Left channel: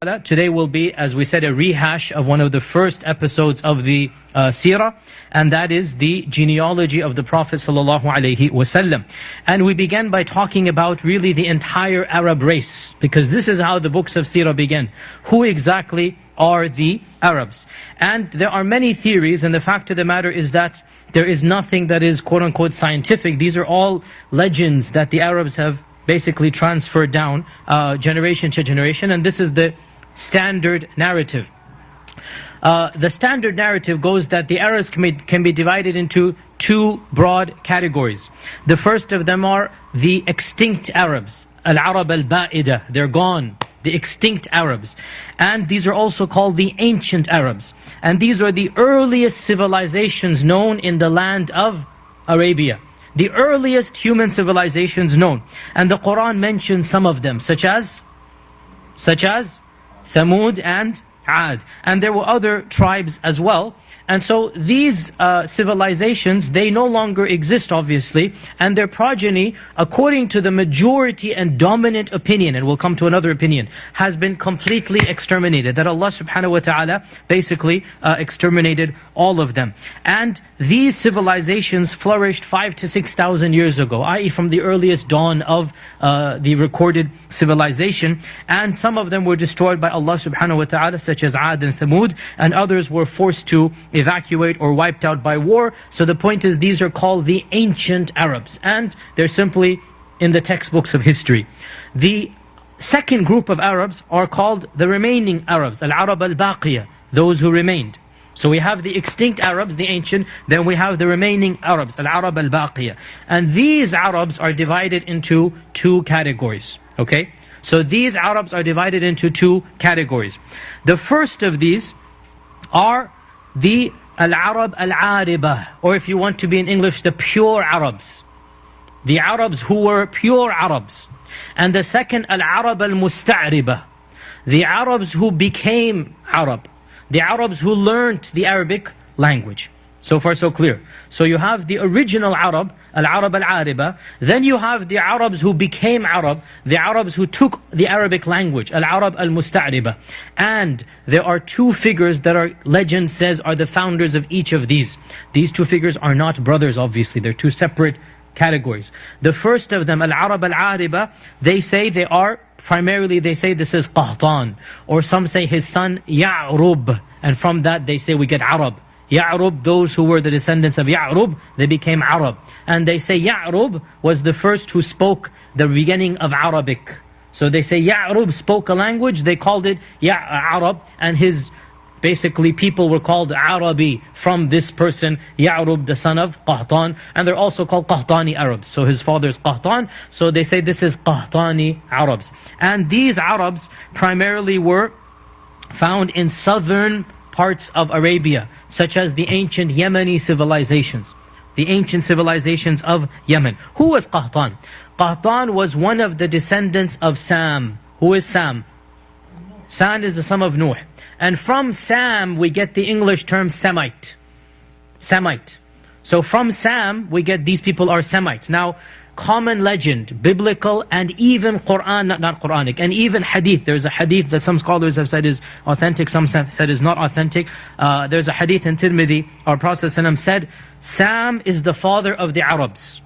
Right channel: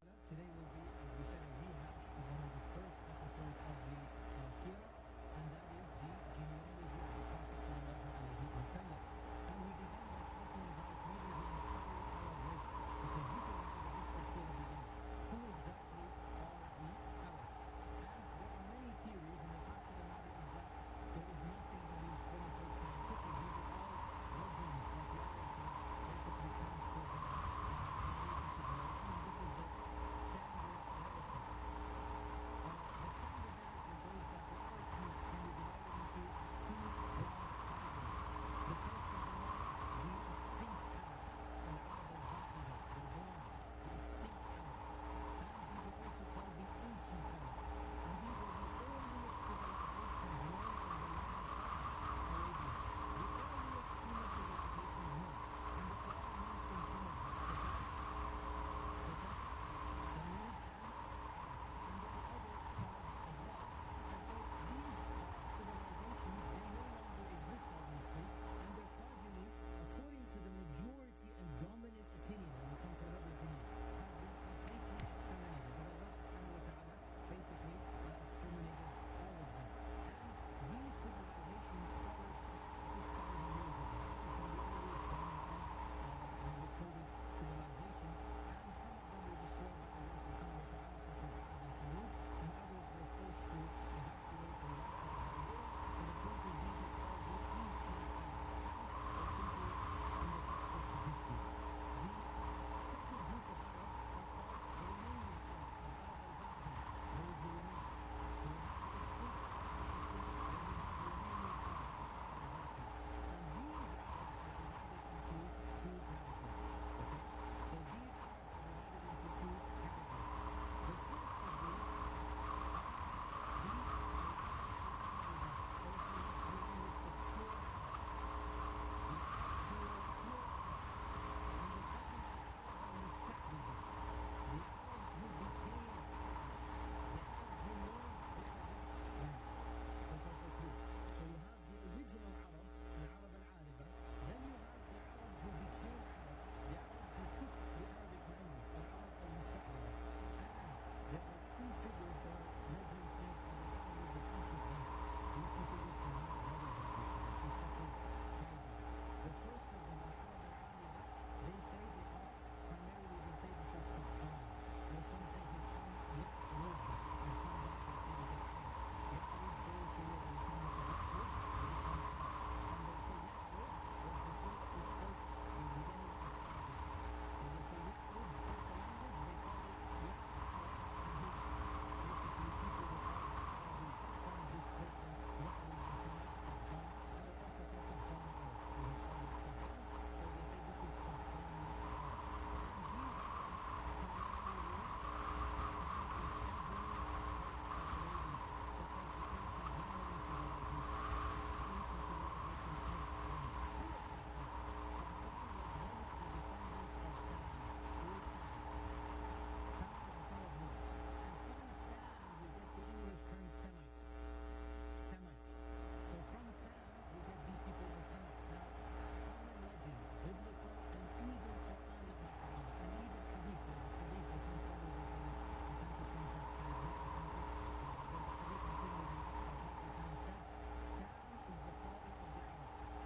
Today will be, as we said, a rehash of one of the first episodes of the Seerah, and that is the genealogy of the Prophet ﷺ. And we began by talking about really the entire Arab race, because this is how the books of Seerah begin. Who exactly are the Arabs? And there are many theories, and the fact of the matter is that there is nothing that is quote-unquote scientific. These are all legends that the Arabs have basically transferred down generation to generation, and this is the standard narrative. The standard narrative goes that the Arabs can be divided into two broad categories. The first of them are the extinct Arabs, Al-Arab al-Ba'ida, they're gone, the extinct Arabs. And these are also called the ancient Arabs. And these are the earliest civilizations known in the land of Arabia. The earliest human civilizations known. And the Quran mentions some of them, such as Thamud and Ad. And there were other tribes as well. And so these civilizations, they no longer exist, obviously, and their progeny, according to the majority and dominant opinion, and we'll come to another opinion, has been completely exterminated. That Allah subhanahu wa ta'ala basically exterminated all of them. And these civilizations flourished 5,000 to 6,000 years ago, i.e. from the earliest dawn of the recorded civilization. And some of them were destroyed by Allah subhanahu wa ta'ala, such as Ad and Thamud, and others were forced to evacuate or wiped out by war. So the point is, these are called the ancient Arabs, and they're simply in the textbooks of history. The second group of Arabs are called the remaining Arabs, Al-Arab al-Baqiyah, those who remained. So we have the extinct Arabs, the ancient, then we have the remaining Arabs, Al-Arab al-Baqiyah. And these Arabs are divided into two categories, okay? So these Arabs are divided into two categories. The first of these are the Al-Arab al-Aribah, or if you want to be in English, the pure Arabs. The Arabs who were pure Arabs. And the second, Al-Arab al-Musta'ribah, the Arabs who became Arab. The Arabs who learned the Arabic language. So far so clear. So you have the original Arab, Al-Arab al-Aribah. Then you have the Arabs who became Arab, the Arabs who took the Arabic language, Al-Arab al-Musta'ribah. And there are two figures that our legend says are the founders of each of these. These two figures are not brothers, obviously. They're two separate categories. The first of them, Al-Arab al-Aribah, they say they are primarily, they say this is Qahtan, or some say his son Ya'rub, and from that they say we get Arab. Ya'rub, those who were the descendants of Ya'rub, they became Arab. And they say Ya'rub was the first who spoke the beginning of Arabic. So they say Ya'rub spoke a language, they called it Arab, and his basically people were called Arabi from this person, Ya'rub, the son of Qahtan. And they're also called Qahtani Arabs. So his father is Qahtan, so they say this is Qahtani Arabs. And these Arabs primarily were found in southern parts of Arabia, such as the ancient Yemeni civilizations. The ancient civilizations of Yemen. Who was Qahtan? Qahtan was one of the descendants of Sam. Who is Sam? Sam is the son of Nuh. And from Sam we get the English term Semite. Semite. So from Sam we get these people are Semites. Now, common legend, biblical, and even Quran, not Quranic, and even hadith. There's a hadith that some scholars have said is authentic, some said is not authentic. There's a hadith in Tirmidhi, our Prophet ﷺ said, Sam is the father of the Arabs,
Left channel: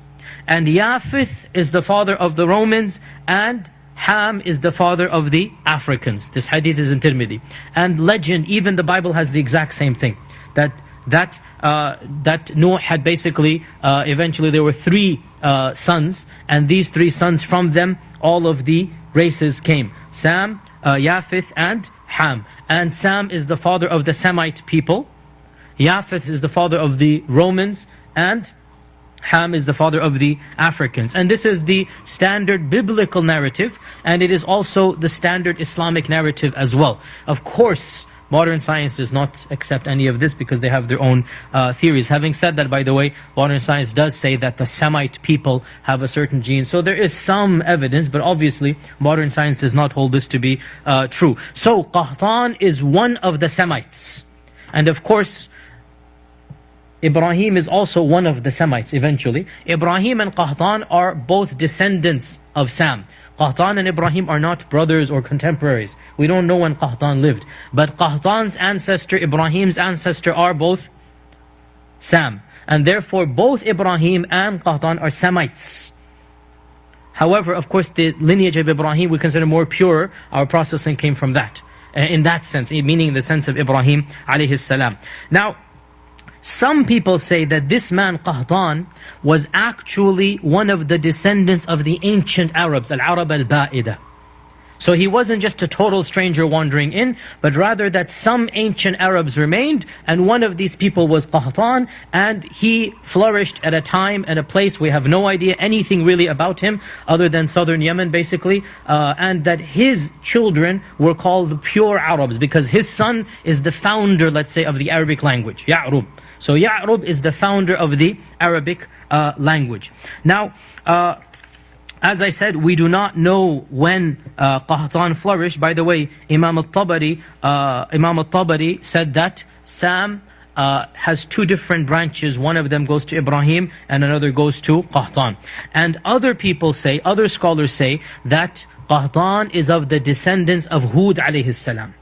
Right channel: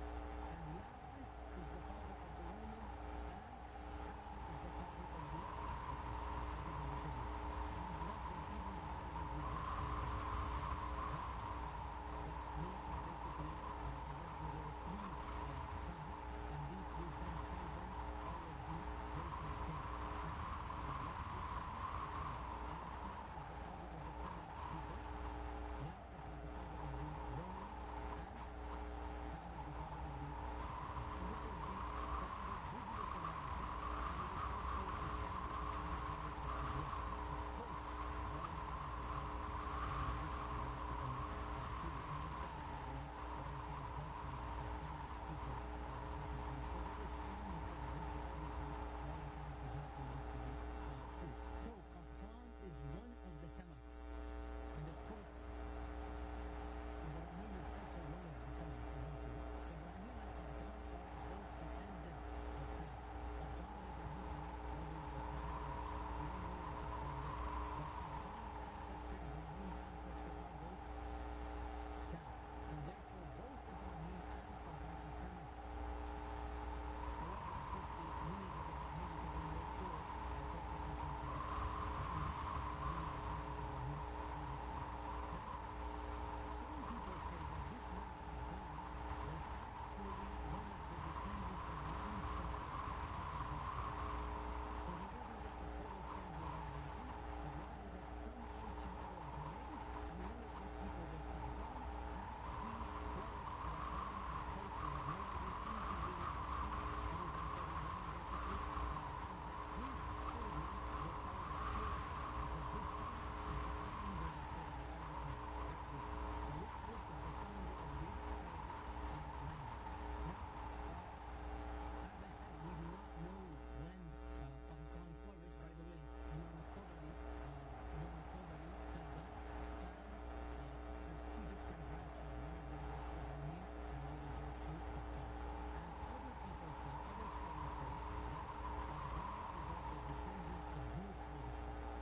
and Yafith is the father of the Romans, and Ham is the father of the Africans. This hadith is in Tirmidhi. And legend, even the Bible has the exact same thing. That Noah had basically, eventually there were three sons, and these three sons, from them all of the races came. Sam, Yafith and Ham. And Sam is the father of the Semite people. Yafith is the father of the Romans, and Ham is the father of the Africans. And this is the standard biblical narrative, and it is also the standard Islamic narrative as well. Of course, modern science does not accept any of this because they have their own theories. Having said that, by the way, modern science does say that the Semite people have a certain gene. So there is some evidence, but obviously modern science does not hold this to be true. So Qahtan is one of the Semites. And of course, Ibrahim is also one of the Semites eventually. Ibrahim and Qahtan are both descendants of Sam. Qahtan and Ibrahim are not brothers or contemporaries. We don't know when Qahtan lived. But Qahtan's ancestor, Ibrahim's ancestor are both Sam. And therefore both Ibrahim and Qahtan are Semites. However, of course, the lineage of Ibrahim we consider more pure. Our processing came from that. In that sense, meaning in the sense of Ibrahim alayhi salam. Now, some people say that this man Qahtan was actually one of the descendants of the ancient Arabs, Al-Arab al-Ba'ida. So he wasn't just a total stranger wandering in, but rather that some ancient Arabs remained, and one of these people was Qahtan, and he flourished at a time and a place we have no idea anything really about him, other than southern Yemen basically, and that his children were called the pure Arabs, because his son is the founder, let's say, of the Arabic language, Ya'rub. So Ya'rub is the founder of the Arabic language. Now, as I said, we do not know when Qahtan flourished. By the way, Imam al-Tabari said that Sam has two different branches. One of them goes to Ibrahim and another goes to Qahtan. And other people say, other scholars say that Qahtan is of the descendants of Hud alayhi salam.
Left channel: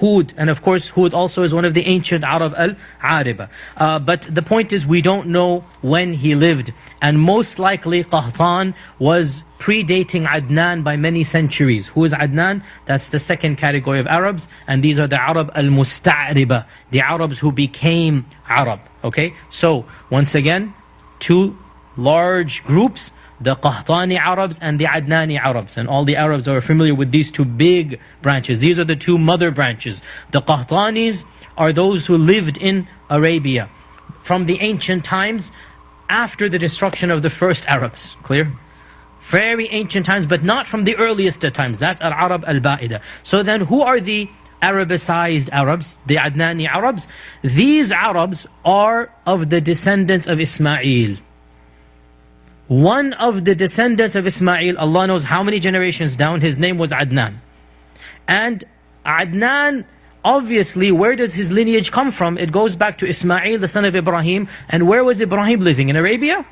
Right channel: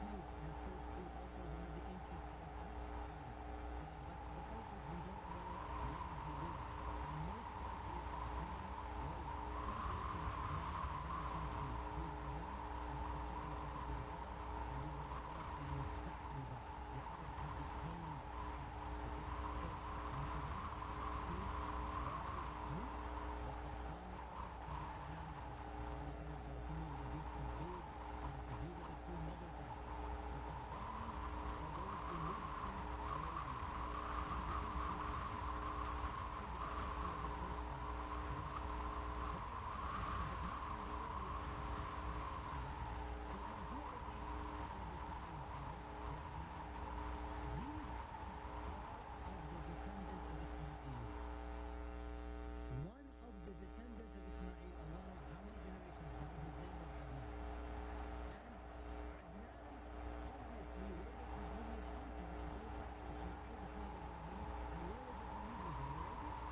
Hud, and of course Hud also is one of the ancient Arab al-Ariba. But the point is we don't know when he lived, and most likely Qahtan was predating Adnan by many centuries. Who is Adnan? That's the second category of Arabs, and these are the Arab al-Musta'riba, the Arabs who became Arab. Okay, so once again, two large groups, the Qahtani Arabs and the Adnani Arabs. And all the Arabs are familiar with these two big branches. These are the two mother branches. The Qahtanis are those who lived in Arabia from the ancient times after the destruction of the first Arabs. Clear? Very ancient times, but not from the earliest times. That's Al-Arab al-Ba'ida. So then who are the Arabicized Arabs? The Adnani Arabs? These Arabs are of the descendants of Ismail. One of the descendants of Ismail, Allah knows how many generations down, his name was Adnan. And Adnan, obviously, where does his lineage come from? It goes back to Ismail, the son of Ibrahim. And where was Ibrahim living? In Arabia?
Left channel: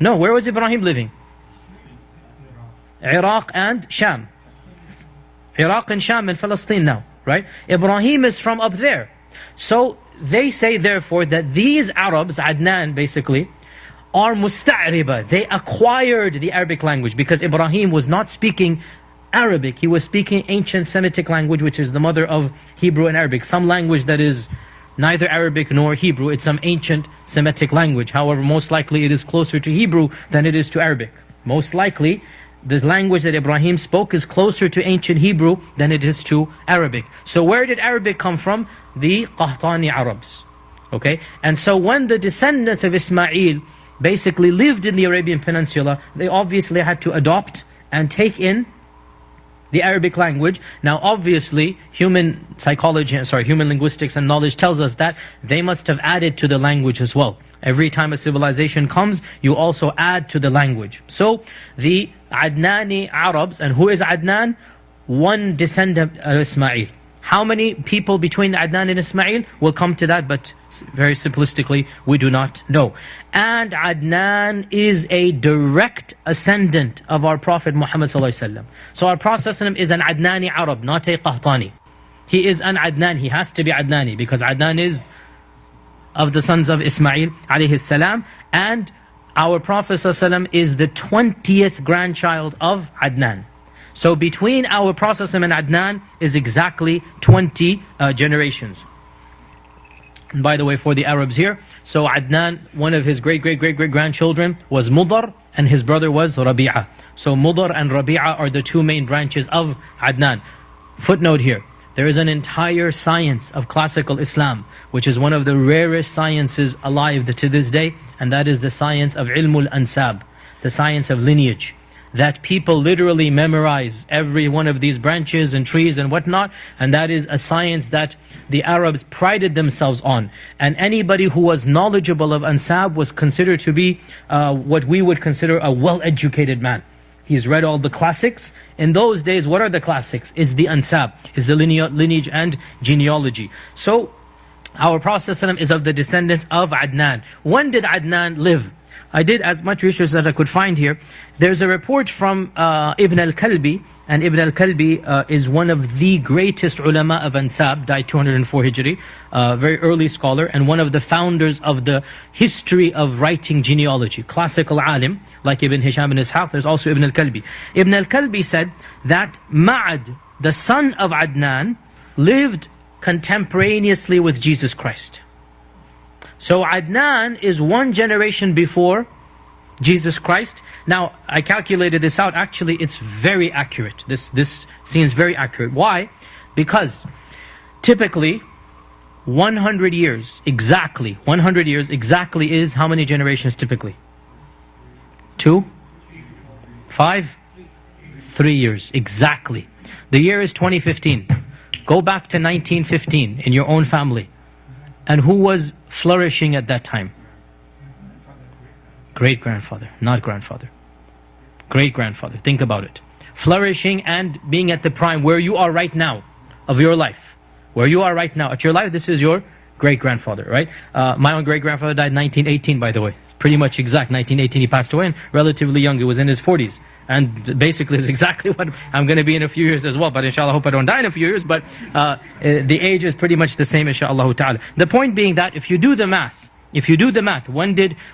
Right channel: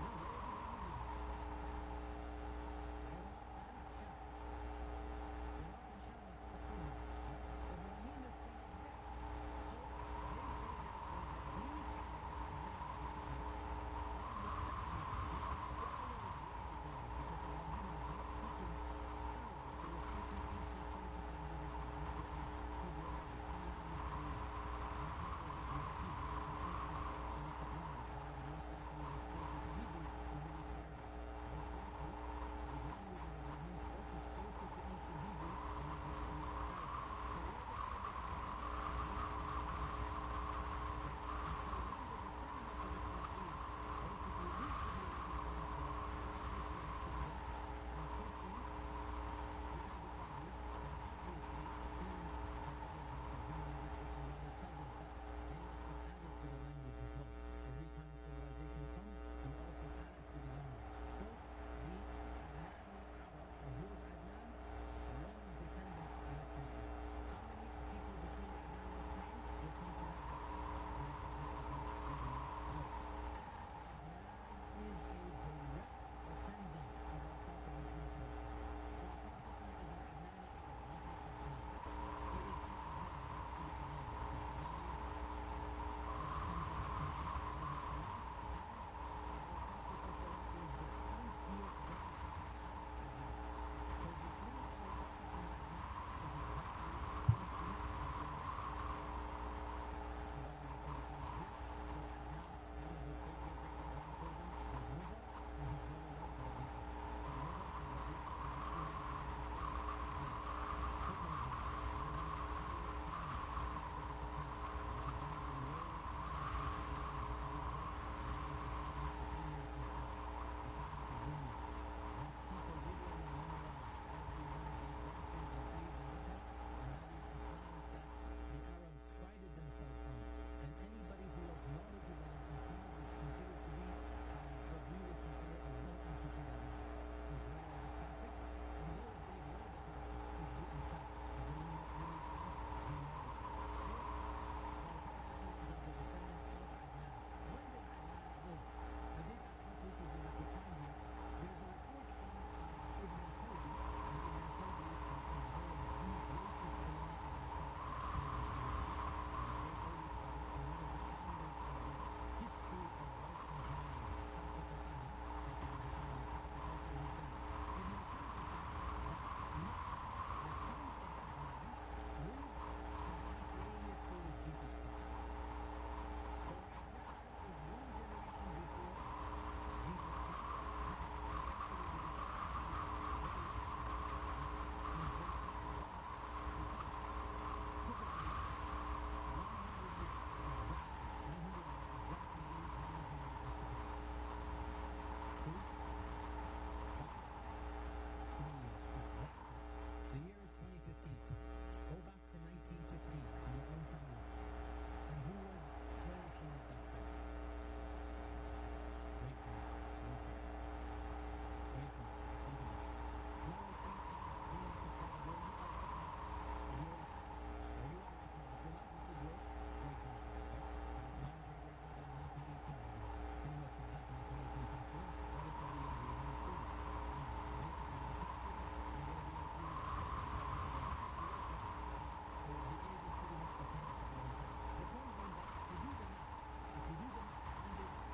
No, where was Ibrahim living? Iraq and Sham. Iraq and Sham and Palestine now, right? Ibrahim is from up there. So they say therefore that these Arabs, Adnan basically, are musta'riba. They acquired the Arabic language because Ibrahim was not speaking Arabic. He was speaking ancient Semitic language, which is the mother of Hebrew and Arabic. Some language that is neither Arabic nor Hebrew. It's some ancient Semitic language. However, most likely it is closer to Hebrew than it is to Arabic. Most likely, this language that Ibrahim spoke is closer to ancient Hebrew than it is to Arabic. So where did Arabic come from? The Qahtani Arabs. Okay? And so when the descendants of Ismail basically lived in the Arabian Peninsula, they obviously had to adopt and take in the Arabic language. Now obviously human linguistics and knowledge tells us that they must have added to the language as well. Every time a civilization comes, you also add to the language. So the Adnani Arabs, and who is Adnan? One descendant of Ismail. How many people between Adnan and Ismail? We'll come to that, but very simplistically, we do not know. And Adnan is a direct ascendant of our Prophet Muhammad ﷺ. So our Prophet ﷺ is an Adnani Arab, not a Qahtani. He is an Adnan, he has to be Adnani, because Adnan is of the sons of Ismail alayhi salam, and our Prophet ﷺ is the 20th grandchild of Adnan. So between our Prophet and Adnan is exactly 20 generations. And by the way, for the Arabs here, so Adnan, one of his great-great-great-great-grandchildren was Mudar, and his brother was Rabi'ah. So Mudar and Rabi'ah are the two main branches of Adnan. Footnote here, there is an entire science of classical Islam, which is one of the rarest sciences alive to this day, and that is the science of Ilmul Ansab, the science of lineage. That people literally memorize every one of these branches and trees and whatnot, and that is a science that the Arabs prided themselves on. And anybody who was knowledgeable of Ansab was considered to be what we would consider a well-educated man. He's read all the classics. In those days, what are the classics? It's the Ansab, is the lineage and genealogy. So our Prophet ﷺ is of the descendants of Adnan. When did Adnan live? I did as much research as I could find here. There's a report from Ibn al-Kalbi, and Ibn al-Kalbi is one of the greatest ulama of Ansab, died 204 Hijri, very early scholar, and one of the founders of the history of writing genealogy. Classical alim, like Ibn Hisham ibn Ishaq, there's also Ibn al-Kalbi. Ibn al-Kalbi said that Ma'ad, the son of Adnan, lived contemporaneously with Jesus Christ. So Adnan is one generation before Jesus Christ. Now, I calculated this out. Actually, it's very accurate. This seems very accurate. Why? Because typically 100 years, exactly 100 years, exactly is how many generations typically? 2? 5? 3 years, exactly. The year is 2015. Go back to 1915 in your own family. And who was flourishing at that time? Great-grandfather, not grandfather. Great-grandfather, think about it. Flourishing and being at the prime where you are right now of your life. Where you are right now at your life, this is your great-grandfather, right? My own great-grandfather died 1918, by the way. Pretty much exact, 1918 he passed away, and relatively young, he was in his 40s. And basically is exactly what I'm going to be in a few years as well. But inshallah, I hope I don't die in a few years. But the age is pretty much the same, inshallah ta'ala. The point being that if you do the math,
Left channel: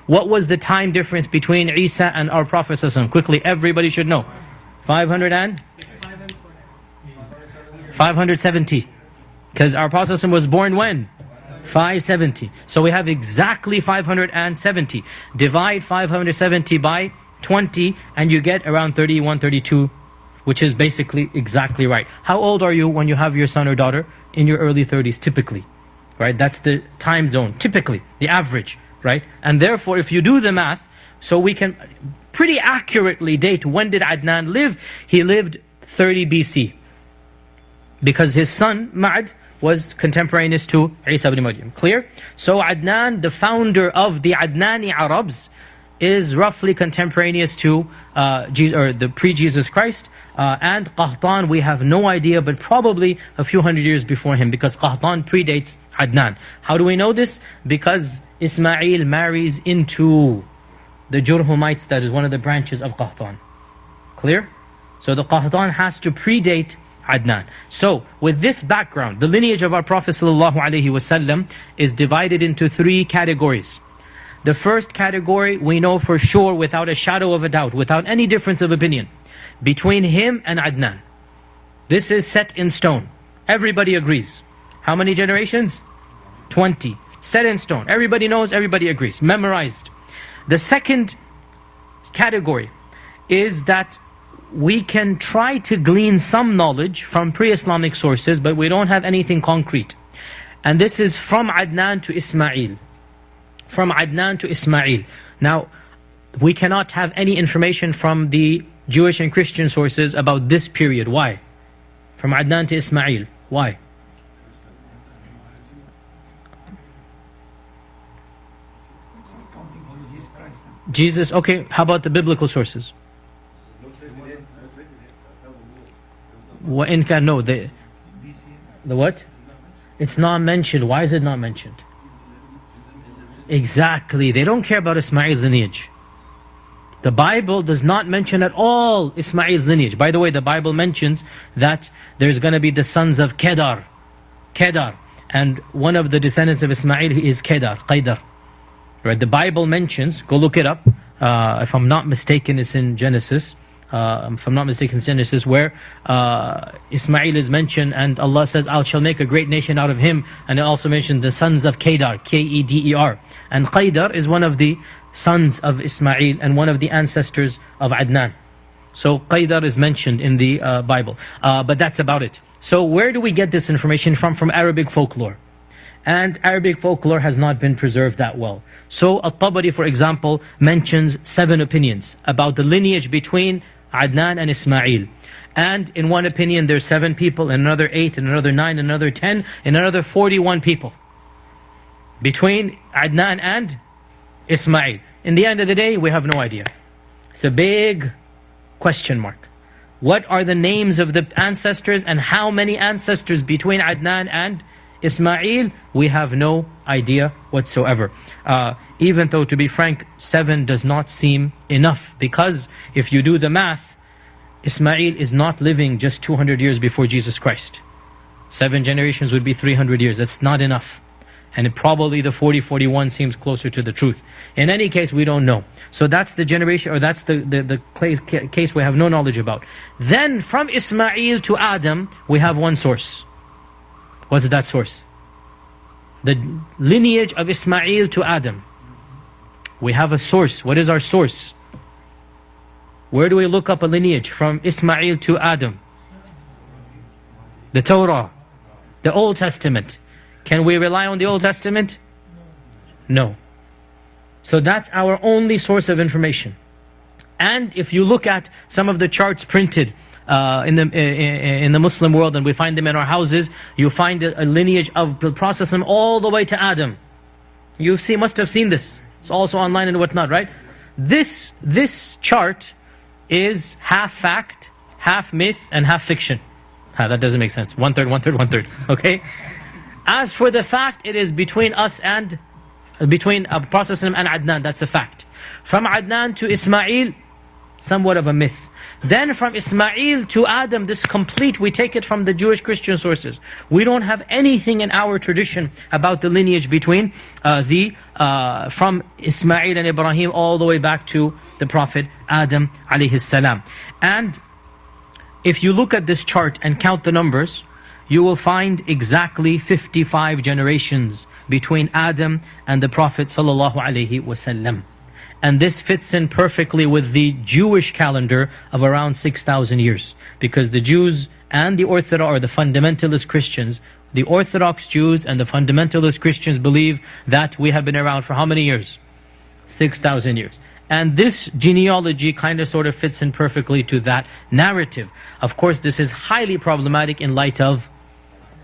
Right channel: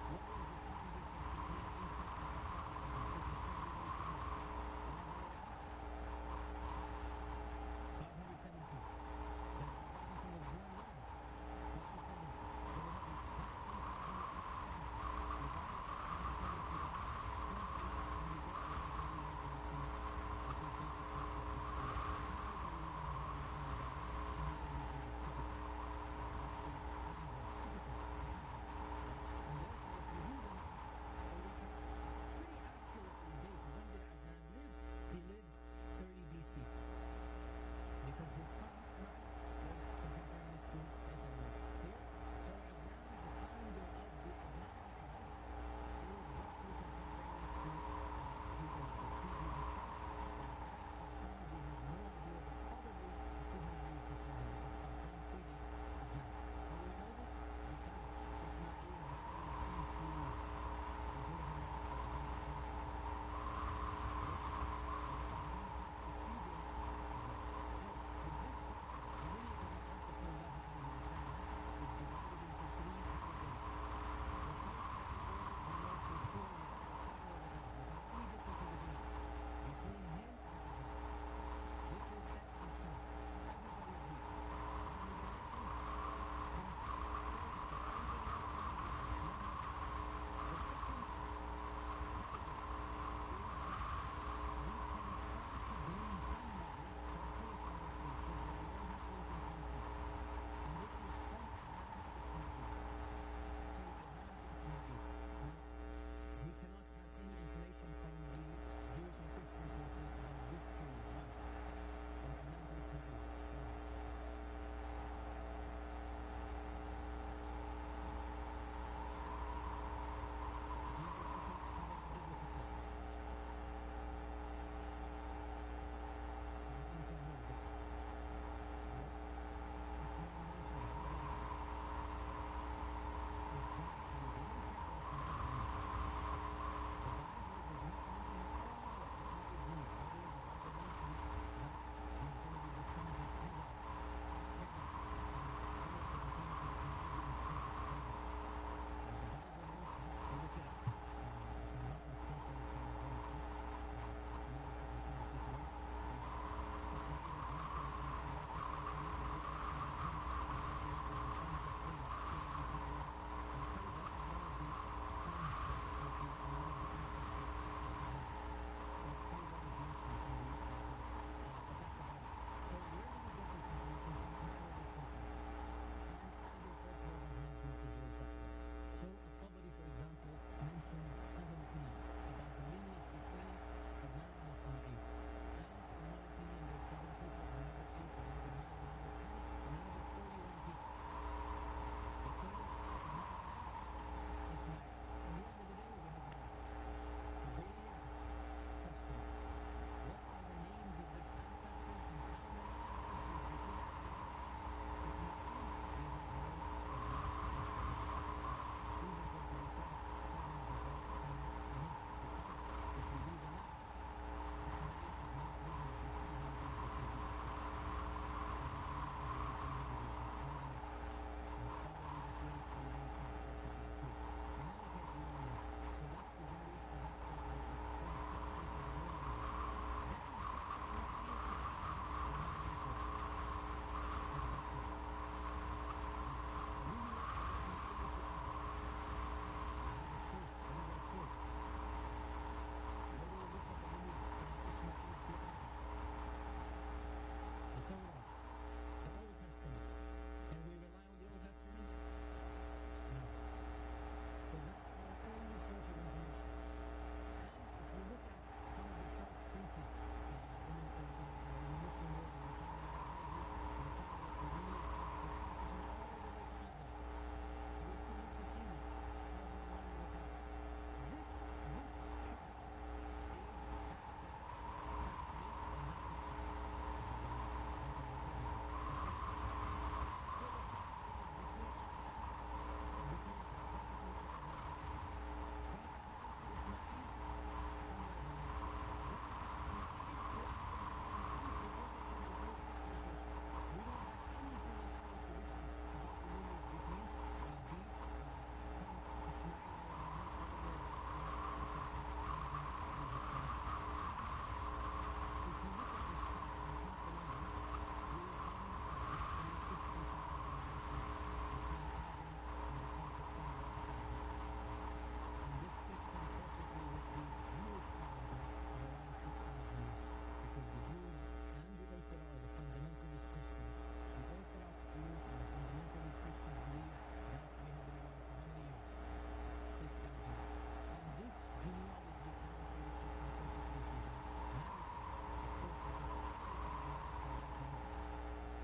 what was the time difference between Isa and our Prophet ﷺ? Quickly, everybody should know. 570. Because our Prophet ﷺ was born when? 570. So we have exactly 570. Divide 570 by 20 and you get around 31, 32, which is basically exactly right. How old are you when you have your son or daughter? In your early 30s, typically. Right? That's the time zone, typically, the average, right? And therefore, if you do the math, so we can pretty accurately date when did Adnan live? He lived 30 BC. Because his son, Ma'ad, was contemporaneous to Isa ibn Maryam. Clear? So Adnan, the founder of the Adnani Arabs, is roughly contemporaneous to the pre-Jesus Christ. And Qahtan, we have no idea, but probably a few hundred years before him, because Qahtan predates Adnan. How do we know this? Because Ismail marries into the Jurhumites, that is one of the branches of Qahtan. Clear? So the Qahtan has to predate Adnan. So with this background, the lineage of our Prophet ﷺ is divided into 3 categories. The first category we know for sure, without a shadow of a doubt, without any difference of opinion, between him and Adnan. This is set in stone. Everybody agrees. How many generations? 20. Set in stone. Everybody knows, everybody agrees. Memorized. The second category is that we can try to glean some knowledge from pre-Islamic sources, but we don't have anything concrete. And this is from Adnan to Ismail. From Adnan to Ismail. Now, we cannot have any information from the Jewish and Christian sources about this period. Why? From Adnan to Ismail. Why? Jesus, okay, how about the biblical sources? No, the what? It's not mentioned. Why is it not mentioned? Exactly, they don't care about Ismail's lineage. The Bible does not mention at all Ismail's lineage. By the way, the Bible mentions that there's going to be the sons of Kedar. And one of the descendants of Ismail is Qaidar. Right? The Bible mentions, go look it up, if I'm not mistaken, it's in Genesis. Where Ismail is mentioned, and Allah says, I shall make a great nation out of him. And it also mentioned the sons of Kedar, K-E-D-E-R. And Qaidar is one of the sons of Ismail and one of the ancestors of Adnan. So Qaidar is mentioned in the Bible. But that's about it. So where do we get this information from? From Arabic folklore. And Arabic folklore has not been preserved that well. So At-Tabari, for example, mentions 7 opinions about the lineage between Adnan and Ismail. And in one opinion there's 7 people, in another 8, in another 9, in another 10, in another 41 people between Adnan and Ismail. In the end of the day, we have no idea. It's a big question mark. What are the names of the ancestors, and how many ancestors between Adnan and Ismail, we have no idea whatsoever. Even though, to be frank, 7 does not seem enough, because if you do the math, Ismail is not living just 200 years before Jesus Christ. 7 generations would be 300 years. That's not enough. And probably the 40-41 seems closer to the truth. In any case, we don't know. So that's the generation, or that's the case we have no knowledge about. Then from Ismail to Adam, we have one source. What's that source? The lineage of Ismail to Adam. We have a source. What is our source? Where do we look up a lineage from Ismail to Adam? The Torah, the Old Testament. Can we rely on the Old Testament? No. So that's our only source of information. And if you look at some of the charts printed in the Muslim world, and we find them in our houses, you find a lineage of the Prophet all the way to Adam. You must have seen this. It's also online and whatnot, right? This chart is half fact, half myth, and half fiction. That doesn't make sense. 1/3, 1/3, 1/3. Okay? As for the fact, it is between us and between Prophet and Adnan. That's a fact. From Adnan to Ismail, somewhat of a myth. Then from Ismail to Adam, this complete, we take it from the Jewish Christian sources. We don't have anything in our tradition about the lineage between from Ismail and Ibrahim all the way back to the Prophet Adam alayhi salam. And if you look at this chart and count the numbers, you will find exactly 55 generations between Adam and the Prophet sallallahu alaihi wasallam. And this fits in perfectly with the Jewish calendar of around 6,000 years. Because the Jews and the Orthodox, or the fundamentalist Christians, the Orthodox Jews and the fundamentalist Christians believe that we have been around for how many years? 6,000 years. And this genealogy kind of sort of fits in perfectly to that narrative. Of course, this is highly problematic in light of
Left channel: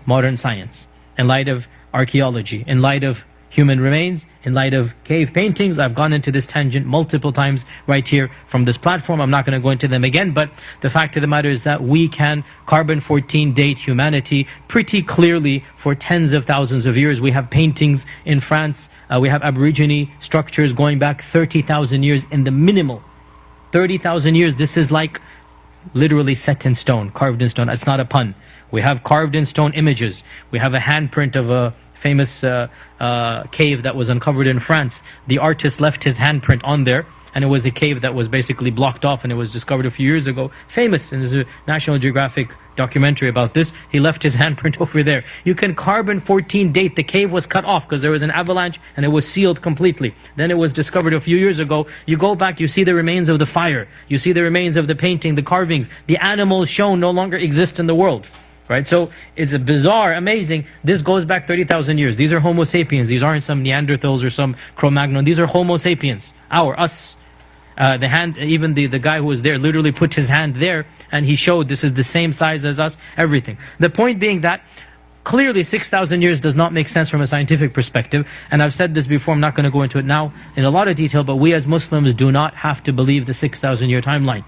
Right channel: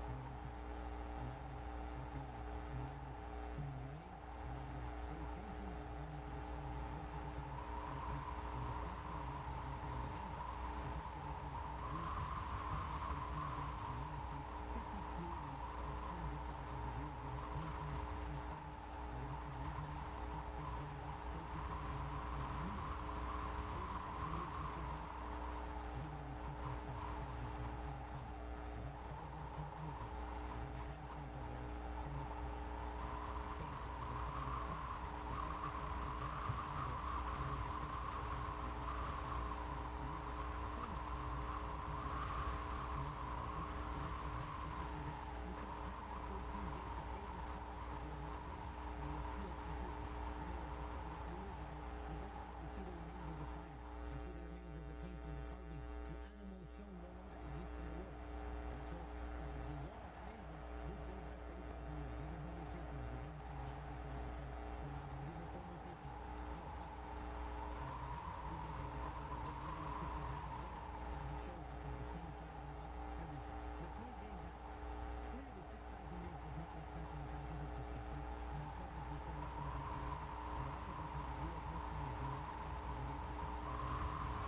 modern science, in light of archaeology, in light of human remains, in light of cave paintings. I've gone into this tangent multiple times right here from this platform. I'm not going to go into them again, but the fact of the matter is that we can carbon-14 date humanity pretty clearly for tens of thousands of years. We have paintings in France, we have Aborigine structures going back 30,000 years in the minimal. 30,000 years, this is like literally set in stone, carved in stone. It's not a pun. We have carved in stone images. We have a handprint of a famous cave that was uncovered in France. The artist left his handprint on there, and it was a cave that was basically blocked off, and it was discovered a few years ago. Famous, and there's a National Geographic documentary about this. He left his handprint over there. You can carbon-14 date. The cave was cut off because there was an avalanche and it was sealed completely. Then it was discovered a few years ago. You go back, you see the remains of the fire. You see the remains of the painting, the carvings. The animals shown no longer exist in the world. Right, so it's a bizarre, amazing. This goes back 30,000 years. These are Homo sapiens. These aren't some Neanderthals or some Cro-Magnon. These are Homo sapiens, us. The hand, even the guy who was there literally put his hand there and he showed this is the same size as us, everything. The point being that clearly 6,000 years does not make sense from a scientific perspective. And I've said this before, I'm not going to go into it now in a lot of detail, but we as Muslims do not have to believe the 6,000 year timeline.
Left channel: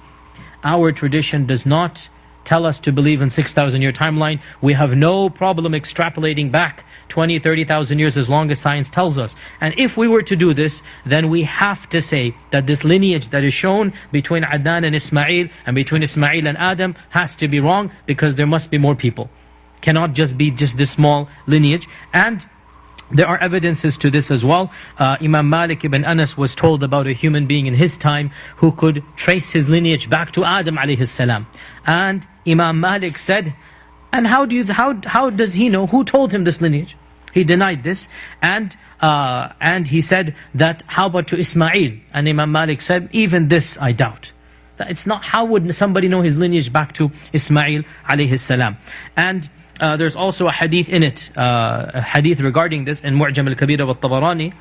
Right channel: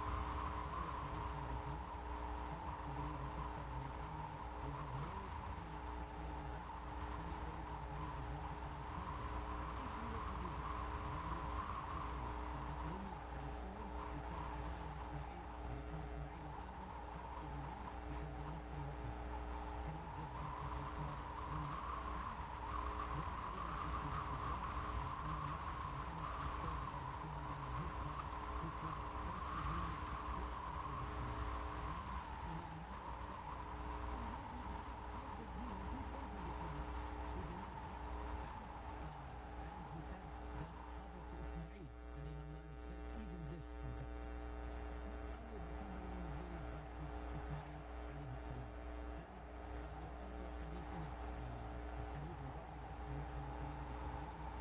Our tradition does not tell us to believe in 6,000 year timeline. We have no problem extrapolating back 20, 30,000 years as long as science tells us. And if we were to do this, then we have to say that this lineage that is shown between Adnan and Ismail and between Ismail and Adam has to be wrong, because there must be more people. Cannot just be this small lineage. And there are evidences to this as well. Imam Malik ibn Anas was told about a human being in his time who could trace his lineage back to Adam alayhi salam. And Imam Malik said, and how does he know? Who told him this lineage? He denied this. And he said that, how about to Ismail? And Imam Malik said, even this I doubt. That it's not, how would somebody know his lineage back to Ismail alayhi salam? And there's also a hadith in it, a hadith regarding this in Mu'jam al-Kabir of al-Tabarani,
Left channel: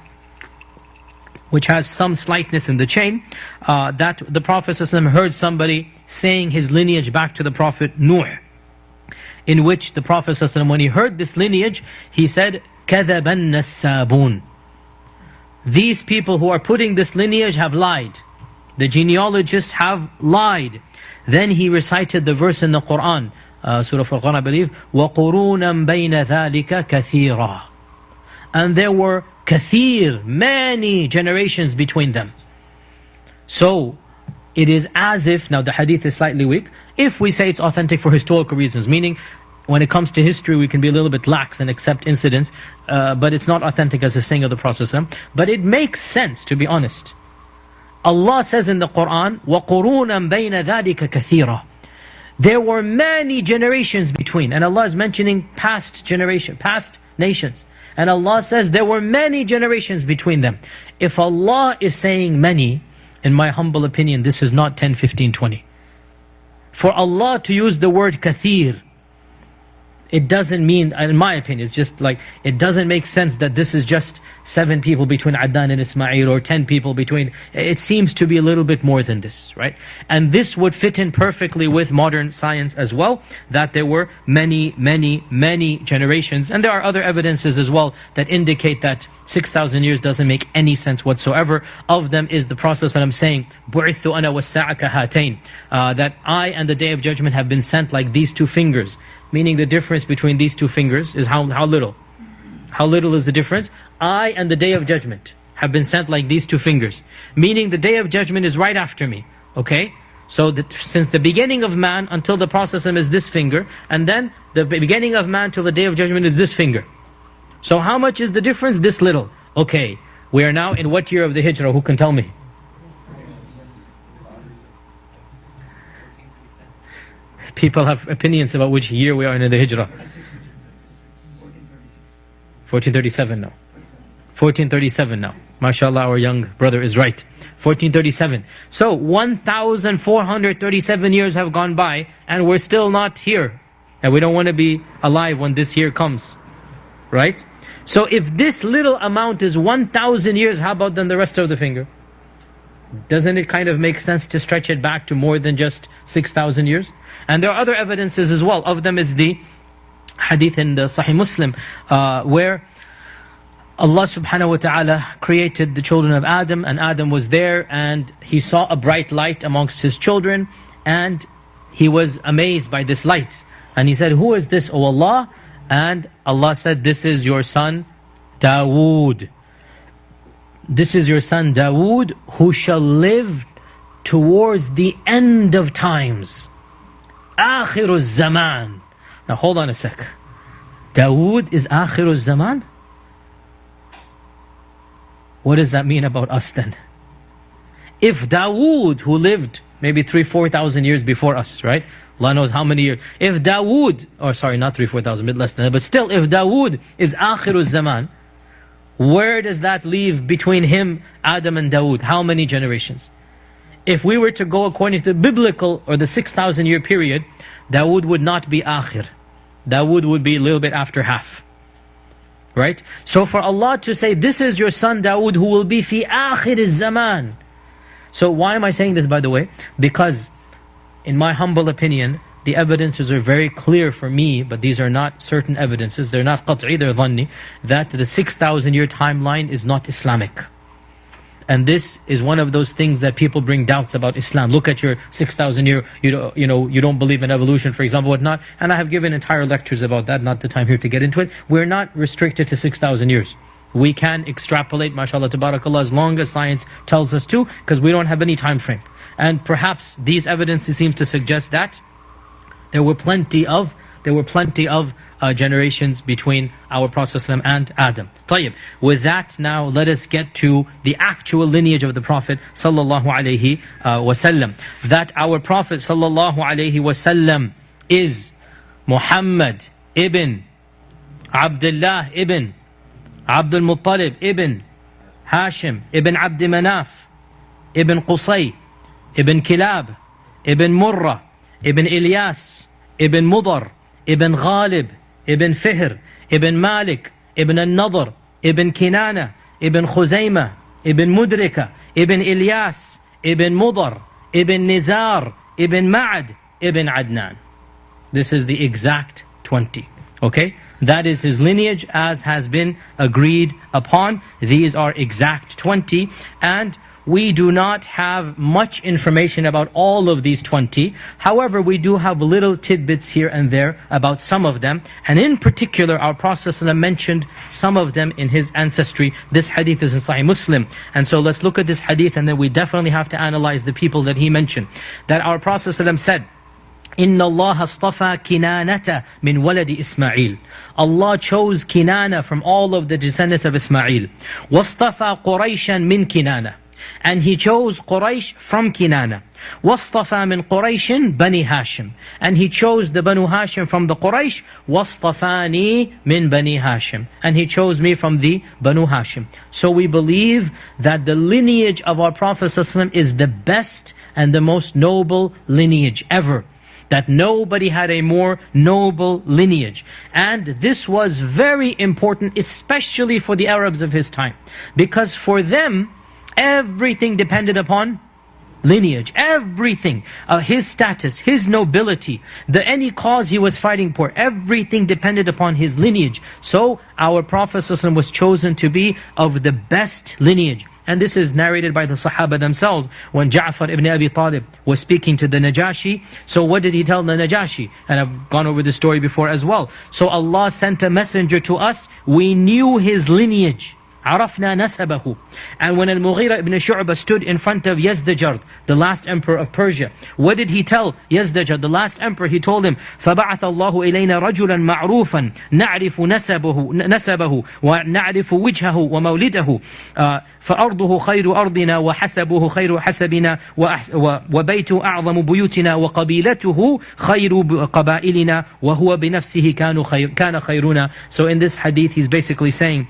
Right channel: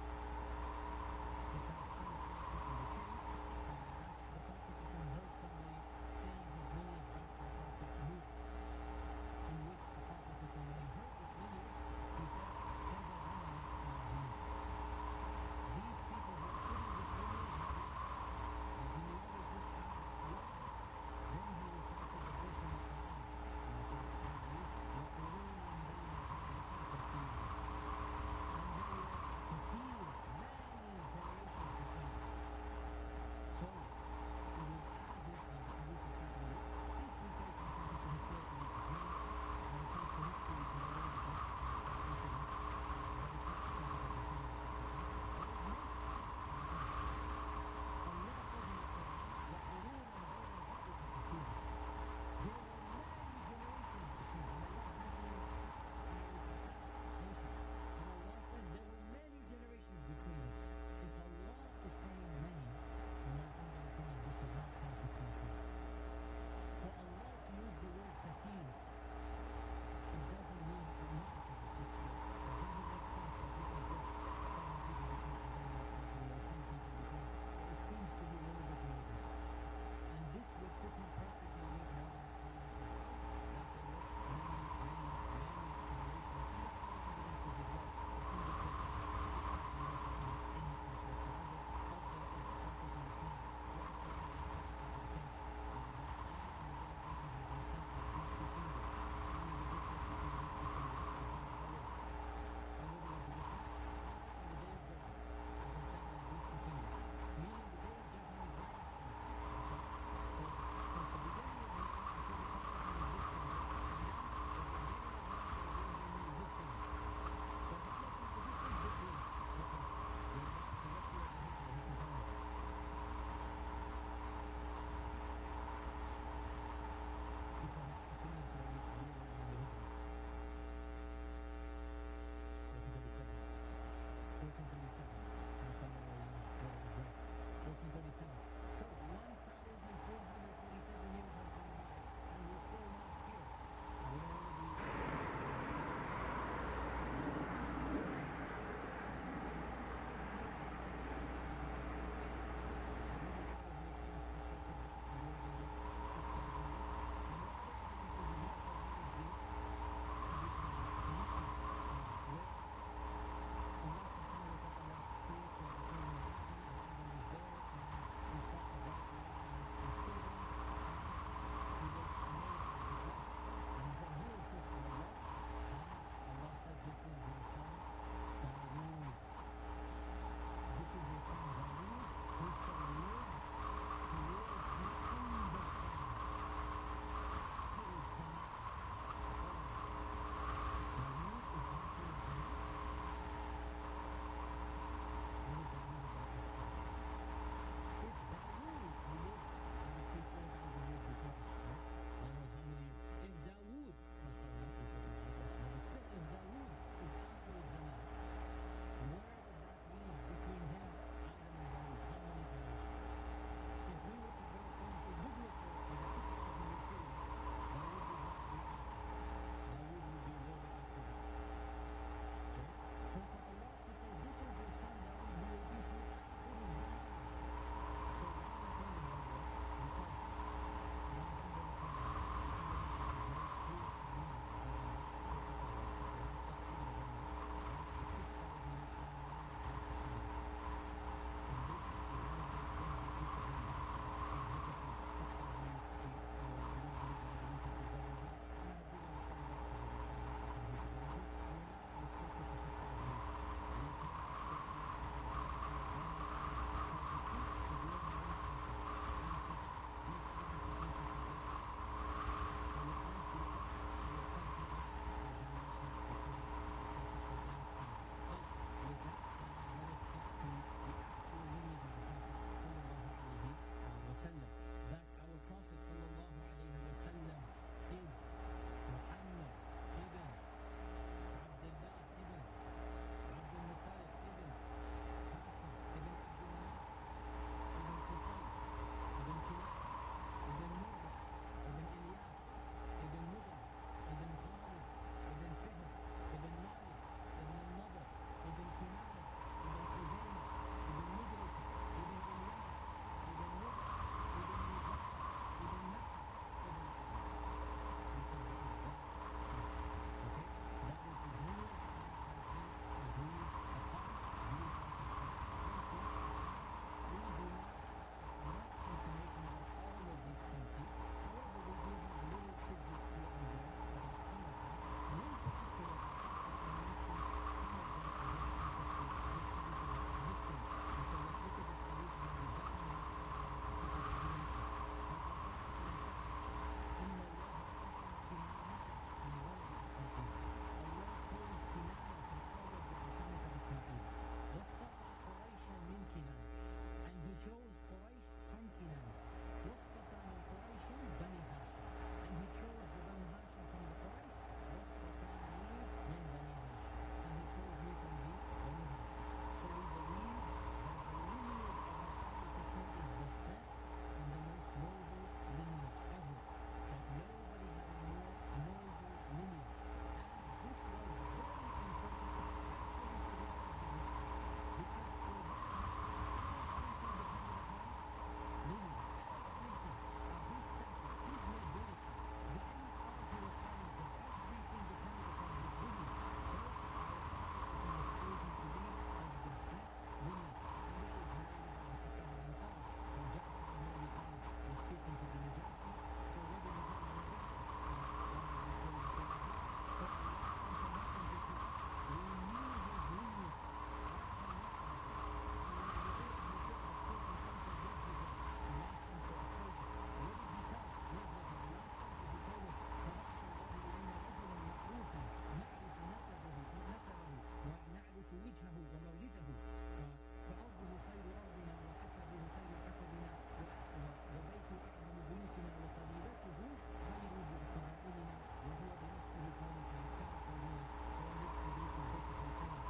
which has some slightness in the chain, that the Prophet ﷺ heard somebody saying his lineage back to the Prophet Nuh, in which the Prophet ﷺ, when he heard this lineage, he said, كَذَبَ النَّسَّابُونَ. These people who are putting this lineage have lied. The genealogists have lied. Then he recited the verse in the Qur'an, Surah Furqan, I believe. وَقُرُونًا بَيْنَ ذَلِكَ كَثِيرًا. And there were kathir, many generations between them. So, it is as if, now the hadith is slightly weak, if we say it's authentic for historical reasons, meaning when it comes to history we can be a little bit lax and accept incidents, but it's not authentic as a saying of the Prophet. But it makes sense, to be honest. Allah says in the Quran, وَقُرُونًا بَيْنَ ذَلِكَ كَثِيرًا. There were many generations between, and Allah is mentioning past nations. And Allah says there were many generations between them. If Allah is saying many, in my humble opinion, this is not 10, 15, 20. For Allah to use the word kathir, it doesn't mean, in my opinion, it's just like, it doesn't make sense that this is just 7 people between Adnan and Ismail, or 10 people between. It seems to be a little bit more than this, right? And this would fit in perfectly with modern science as well, that there were many, many, many generations. And there are other evidences as well that indicate that 6,000 years doesn't make any sense whatsoever. Of them is the Prophet ﷺ saying, بُعِثُّ أَنَا وَالسَّاعَ كَهَاتَيْنِ, that I and the Day of Judgment have been sent like these 2 fingers. Meaning the difference between these 2 fingers is how little? How little is the difference? I and the Day of Judgment have been sent like these 2 fingers. Meaning the Day of Judgment is right after me. Okay? So since the beginning of man until the Prophet is this finger, and then the beginning of man till the Day of Judgment is this finger. So how much is the difference? This little. Okay, we are now in what year of the Hijrah? Who can tell me? People have opinions about which year we are in the Hijrah. 1437 now. 1437 now. MashaAllah, our young brother is right. 1437. So 1,437 years have gone by and we're still not here. And we don't want to be alive when this year comes. Right? So if this little amount is 1,000 years, how about then the rest of the finger? Doesn't it kind of make sense to stretch it back to more than just 6,000 years? And there are other evidences as well. Of them is the hadith in the Sahih Muslim, where Allah subhanahu wa ta'ala created the children of Adam, and Adam was there, and he saw a bright light amongst his children, and he was amazed by this light. And he said, "Who is this, O Allah?" And Allah said, "This is your son Dawood. This is your son Dawood, who shall live towards the end of times. Akhiruz Zaman." Now hold on a sec. Dawood is Akhiruz Zaman? What does that mean about us then? If Dawood, who lived maybe 3,000-4,000 years before us, right? Allah knows how many years. If Dawood, or sorry, not 3,000-4,000, a bit less than that, but still, if Dawood is Akhiruz Zaman, where does that leave between him, Adam and Dawood? How many generations? If we were to go according to the biblical or the 6,000 year period, Dawood would not be Akhir. Dawood would be a little bit after half. Right? So for Allah to say, "This is your son Dawood who will be fi akhir az-zaman." So why am I saying this, by the way? Because in my humble opinion, the evidences are very clear for me, but these are not certain evidences. They're not qat'i, they're dhanni, that the 6,000 year timeline is not Islamic. And this is one of those things that people bring doubts about Islam. Look at your 6,000 year, you don't believe in evolution, for example, whatnot. And I have given entire lectures about that, not the time here to get into it. We're not restricted to 6,000 years. We can extrapolate, mashallah, tabarakallah, as long as science tells us to, because we don't have any time frame. And perhaps these evidences seem to suggest that there were plenty of generations between our Prophet ﷺ and Adam. طيب. With that, now let us get to the actual lineage of the Prophet ﷺ. That our Prophet ﷺ is Muhammad ibn Abdullah ibn Abdul Muttalib ibn Hashim ibn Abd Manaf ibn Qusay ibn Kilab ibn Murrah ibn Ilyas ibn Mudar ibn Ghalib ibn Fihr ibn Malik ibn al-Nadr ibn Kinana ibn Khuzaymah ibn Mudrika ibn Ilyas ibn Mudar ibn Nizar ibn Ma'ad ibn Adnan. This is the exact 20. Okay? That is his lineage as has been agreed upon. These are exact 20. And we do not have much information about all of these 20. However, we do have little tidbits here and there about some of them. And in particular, our Prophet ﷺ mentioned some of them in his ancestry. This hadith is in Sahih Muslim. And so let's look at this hadith, and then we definitely have to analyze the people that he mentioned. That our Prophet ﷺ said, إِنَّ اللَّهَ اصْطَفَى كِنَانَةَ مِنْ وَلَدِ إِسْمَعِيلِ. Allah chose Kinana from all of the descendants of Ismail. وَاصْطَفَى قُرَيْشًا مِنْ كِنَانَةَ. And he chose Quraysh from Kinana. وَاصْطَفَى مِنْ قُرَيْشٍ بَنِي هَاشِمٍ. And he chose the Banu Hashim from the Quraysh. وَاصْطَفَانِي مِنْ بَنِي هَاشِمٍ. And he chose me from the Banu Hashim. So we believe that the lineage of our Prophet ﷺ is the best and the most noble lineage ever. That nobody had a more noble lineage. And this was very important, especially for the Arabs of his time. Because for them, everything depended upon lineage. Everything. His status, his nobility, any cause he was fighting for, everything depended upon his lineage. So our Prophet ﷺ was chosen to be of the best lineage. And this is narrated by the Sahaba themselves. When Ja'far ibn Abi Talib was speaking to the Najashi, so what did he tell the Najashi? And I've gone over this story before as well. So Allah sent a messenger to us. We knew his lineage. عرفنا نسبه. And when Al-Mughira ibn Shu'bah stood in front of Yazdajard, the last emperor of Persia, what did he tell Yazdajard, the last emperor? He told him, فَبَعَثَ اللَّهُ إِلَيْنَا رَجُلًا مَعْرُوفًا نَعْرِفُ نسبه وَنَعْرِفُ وِجْهَهُ وَمَوْلِدَهُ فَأَرْضُهُ خَيْرُ أَرْضِنَا وَحَسَبُهُ خَيْرُ حَسَبِنَا وَبَيْتُ أَعْظَمُ بُيُوتِنَا وَقَبِيلَتُهُ خَيْرُ قَبَائِلِنَا وَهُوَ بِنَفْسِهِ كَانَ خَيْرُنَا. So in this hadith, he's basically saying,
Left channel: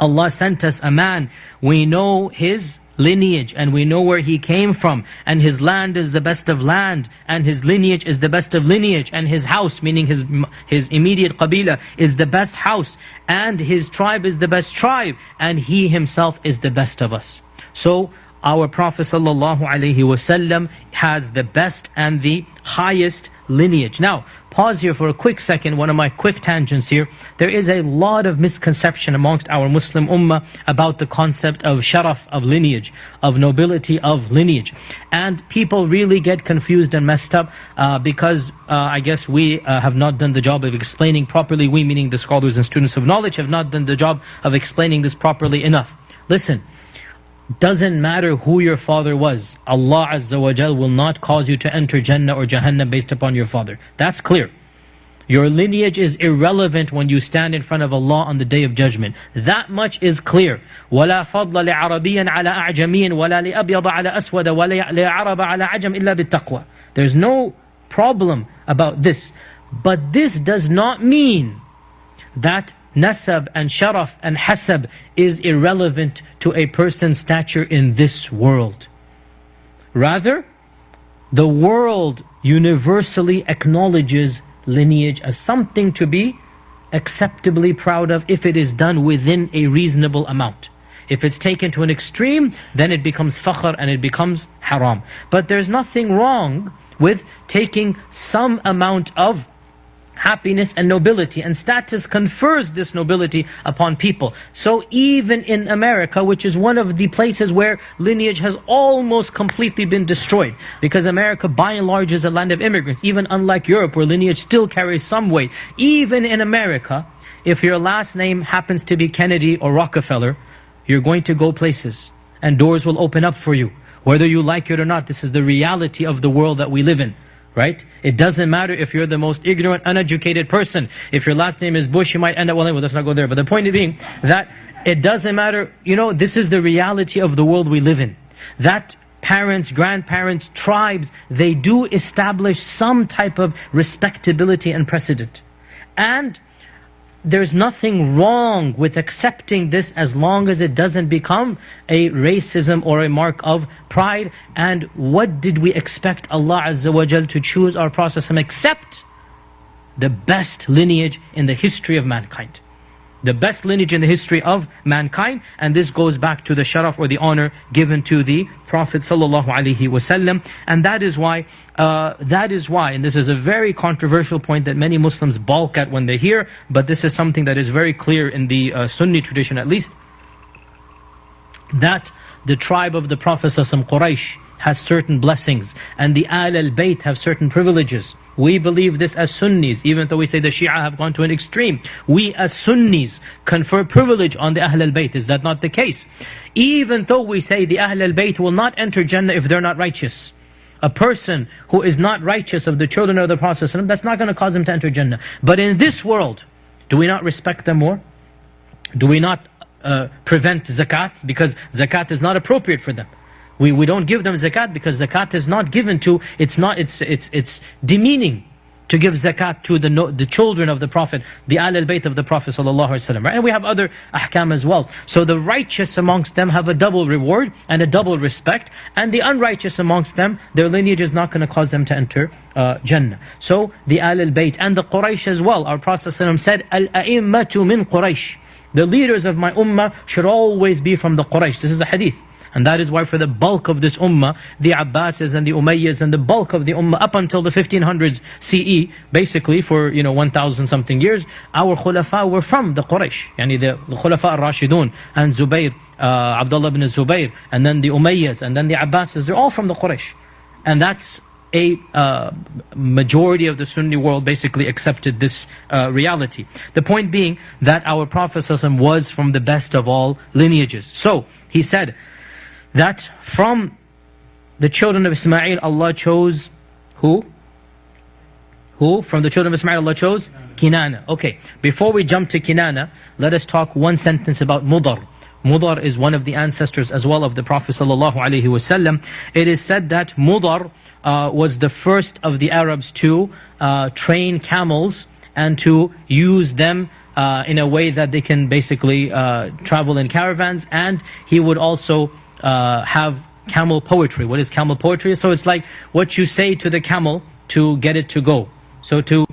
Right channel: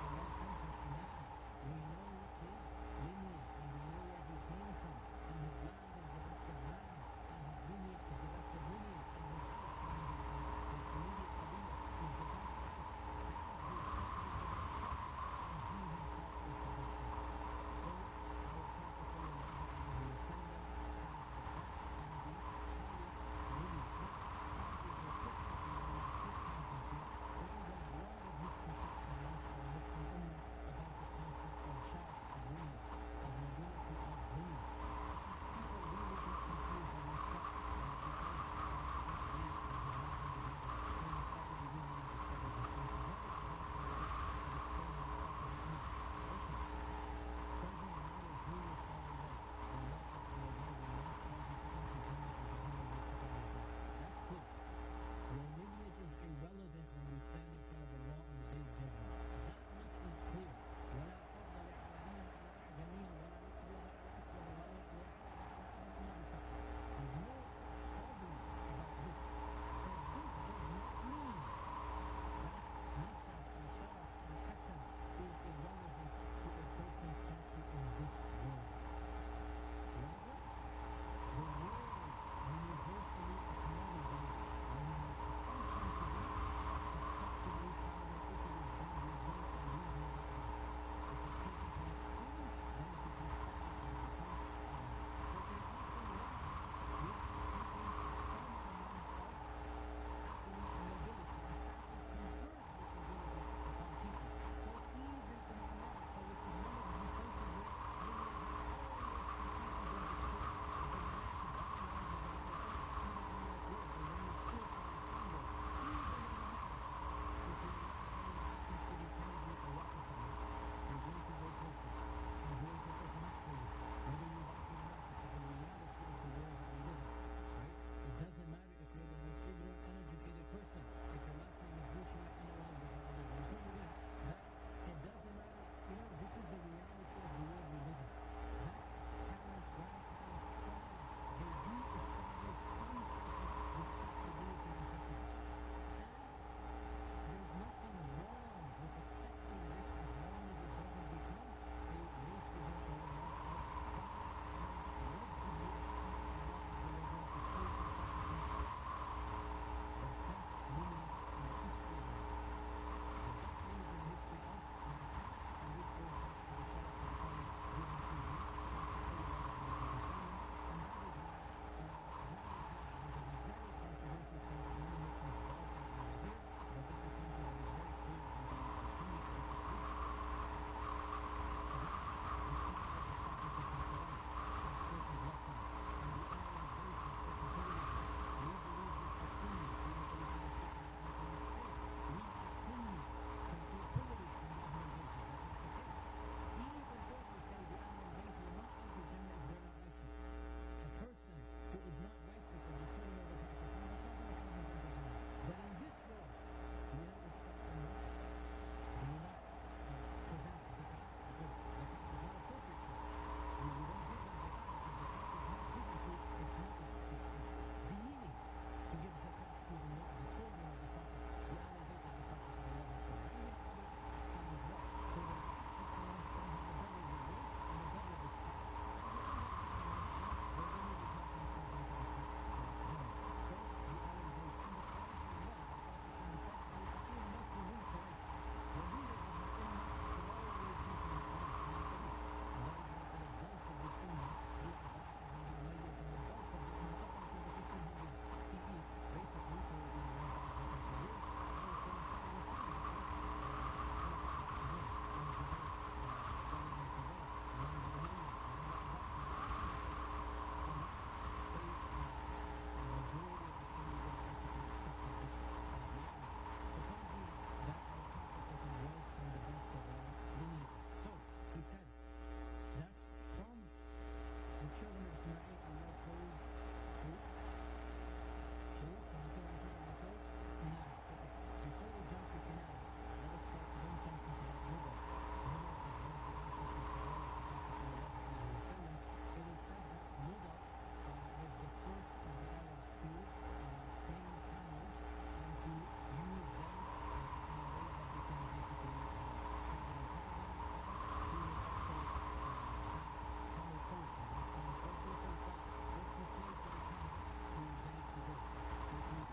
Allah sent us a man, we know his lineage and we know where he came from, and his land is the best of land, and his lineage is the best of lineage, and his house, meaning his immediate qabila, is the best house, and his tribe is the best tribe, and he himself is the best of us. So our Prophet ﷺ has the best and the highest lineage. Now, pause here for a quick second, one of my quick tangents here. There is a lot of misconception amongst our Muslim ummah about the concept of sharaf, of lineage, of nobility of lineage. And people really get confused and messed up because I guess we have not done the job of explaining properly. We, meaning the scholars and students of knowledge, have not done the job of explaining this properly enough. Listen. Doesn't matter who your father was, Allah Azza wa Jal will not cause you to enter Jannah or Jahannam based upon your father. That's clear. Your lineage is irrelevant when you stand in front of Allah on the Day of Judgment. That much is clear. وَلَا فَضْلَ لِعَرَبِيًّا عَلَىٰ أَعْجَمِيٍّ وَلَا لِأَبْيَضَ عَلَىٰ أَسْوَدَ وَلَا لِعَرَبَ عَلَىٰ عَجَمٍ إِلَّا بِالتَّقْوَى. There's no problem about this. But this does not mean that nasab and sharaf and hasab is irrelevant to a person's stature in this world. Rather, the world universally acknowledges lineage as something to be acceptably proud of if it is done within a reasonable amount. If it's taken to an extreme, then it becomes fakhr and it becomes haram. But there's nothing wrong with taking some amount of happiness and nobility, and status confers this nobility upon people. So even in America, which is one of the places where lineage has almost completely been destroyed, because America by and large is a land of immigrants, even unlike Europe where lineage still carries some weight. Even in America, if your last name happens to be Kennedy or Rockefeller, you're going to go places and doors will open up for you, whether you like it or not. This is the reality of the world that we live in. Right? It doesn't matter if you're the most ignorant, uneducated person. If your last name is Bush, you might end up, well, let's not go there. But the point being that it doesn't matter, this is the reality of the world we live in. That parents, grandparents, tribes, they do establish some type of respectability and precedent. And there's nothing wrong with accepting this as long as it doesn't become a racism or a mark of pride. And what did we expect Allah Azza wa Jal to choose our Prophet except the best lineage in the history of mankind? The best lineage in the history of mankind, and this goes back to the sharaf or the honor given to the Prophet ﷺ. And that is why, and this is a very controversial point that many Muslims balk at when they hear, but this is something that is very clear in the Sunni tradition at least. that the tribe of the Prophet Quraysh has certain blessings, and the Ahl al-Bayt have certain privileges. We believe this as Sunnis, even though we say the Shia have gone to an extreme. We as Sunnis confer privilege on the Ahl al-Bayt. Is that not the case? Even though we say the Ahl al-Bayt will not enter Jannah if they're not righteous. A person who is not righteous of the children of the Prophet, that's not going to cause him to enter Jannah. But in this world, do we not respect them more? Do we not prevent zakat? Because zakat is not appropriate for them. We don't give them zakat because zakat is not given to, it's demeaning to give zakat to the children of the Prophet, the Ahl al-Bayt of the Prophet ﷺ, right? And we have other ahkam as well. So the righteous amongst them have a double reward and a double respect, and the unrighteous amongst them, their lineage is not going to cause them to enter Jannah. So the Ahl al-Bayt and the Quraysh as well. Our Prophet ﷺ said, Al-a'immatu min Quraysh. The leaders of my ummah should always be from the Quraysh. This is a hadith. And that is why for the bulk of this ummah, the Abbasids and the Umayyads and the bulk of the ummah up until the 1500s CE, basically for 1000 something years, our khulafa were from the Quraysh. Yani the khulafa al-Rashidun and Zubayr, Abdullah ibn Zubayr, and then the Umayyads and then the Abbasids, they're all from the Quraysh. And that's a majority of the Sunni world basically accepted this reality. The point being that our Prophet ﷺ was from the best of all lineages. So he said that from the children of Ismail Allah chose who? Who? From the children of Ismail Allah chose? Kinana. Okay, before we jump to Kinana, let us talk one sentence about Mudar. Mudar is one of the ancestors as well of the Prophet ﷺ. It is said that Mudar was the first of the Arabs to train camels and to use them in a way that they can basically travel in caravans, and he would also have camel poetry. What is camel poetry? So it's like what you say to the camel to get it to go. So to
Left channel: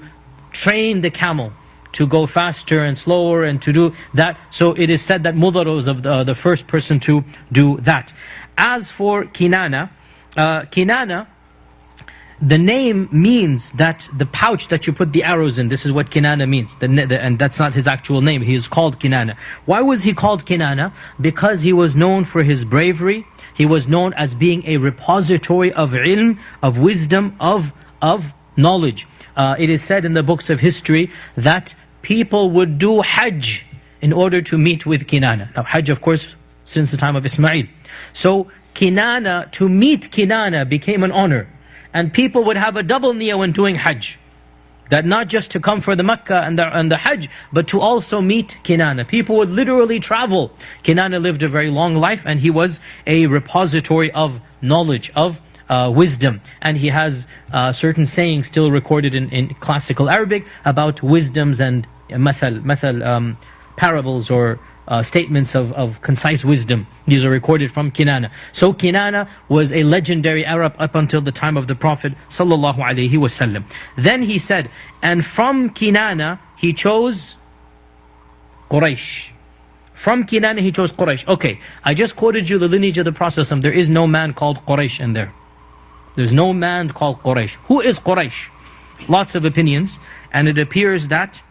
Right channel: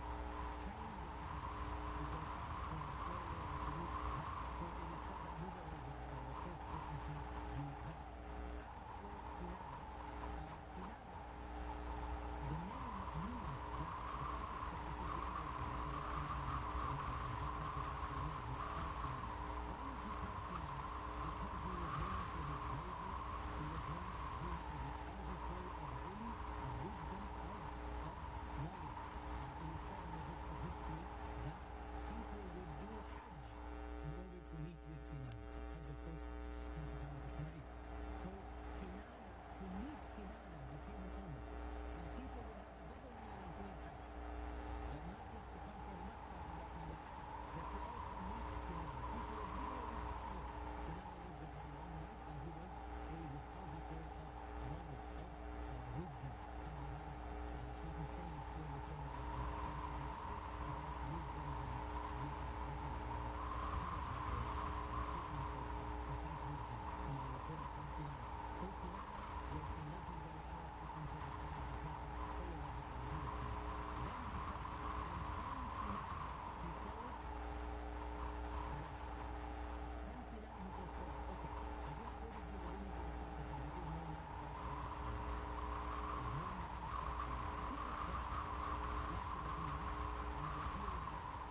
train the camel to go faster and slower and to do that. So it is said that Mudar was of the first person to do that. As for Kinana, Kinana, the name means that the pouch that you put the arrows in, this is what Kinana means. And that's not his actual name. He is called Kinana. Why was he called Kinana? Because he was known for his bravery. He was known as being a repository of ilm, of wisdom, of knowledge. It is said in the books of history that people would do Hajj in order to meet with Kinana. Now Hajj, of course, since the time of Ismail. So Kinana, to meet Kinana became an honor. And people would have a double niyyah when doing Hajj. That not just to come for the Makkah and the Hajj, but to also meet Kinana. People would literally travel. Kinana lived a very long life, and he was a repository of knowledge, of wisdom. And he has certain sayings still recorded in classical Arabic about wisdoms and parables or statements of concise wisdom. These are recorded from Kinana. So Kinana was a legendary Arab up until the time of the Prophet ﷺ. Then he said, and from Kinana he chose Quraysh. From Kinana he chose Quraysh. Okay, I just quoted you the lineage of the Prophet. There is no man called Quraysh in there. There's no man called Quraysh. Who is Quraysh? Lots of opinions, and it appears that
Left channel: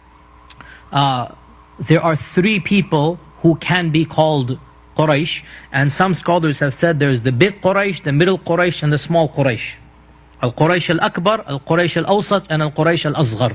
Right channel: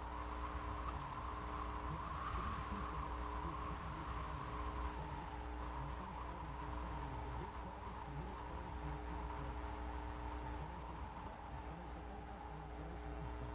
there are three people who can be called Quraysh, and some scholars have said there's the big Quraysh, the middle Quraysh, and the small Quraysh. Al-Quraysh al-Akbar, Al-Quraysh al-Awsat, and Al-Quraysh al-Asghar.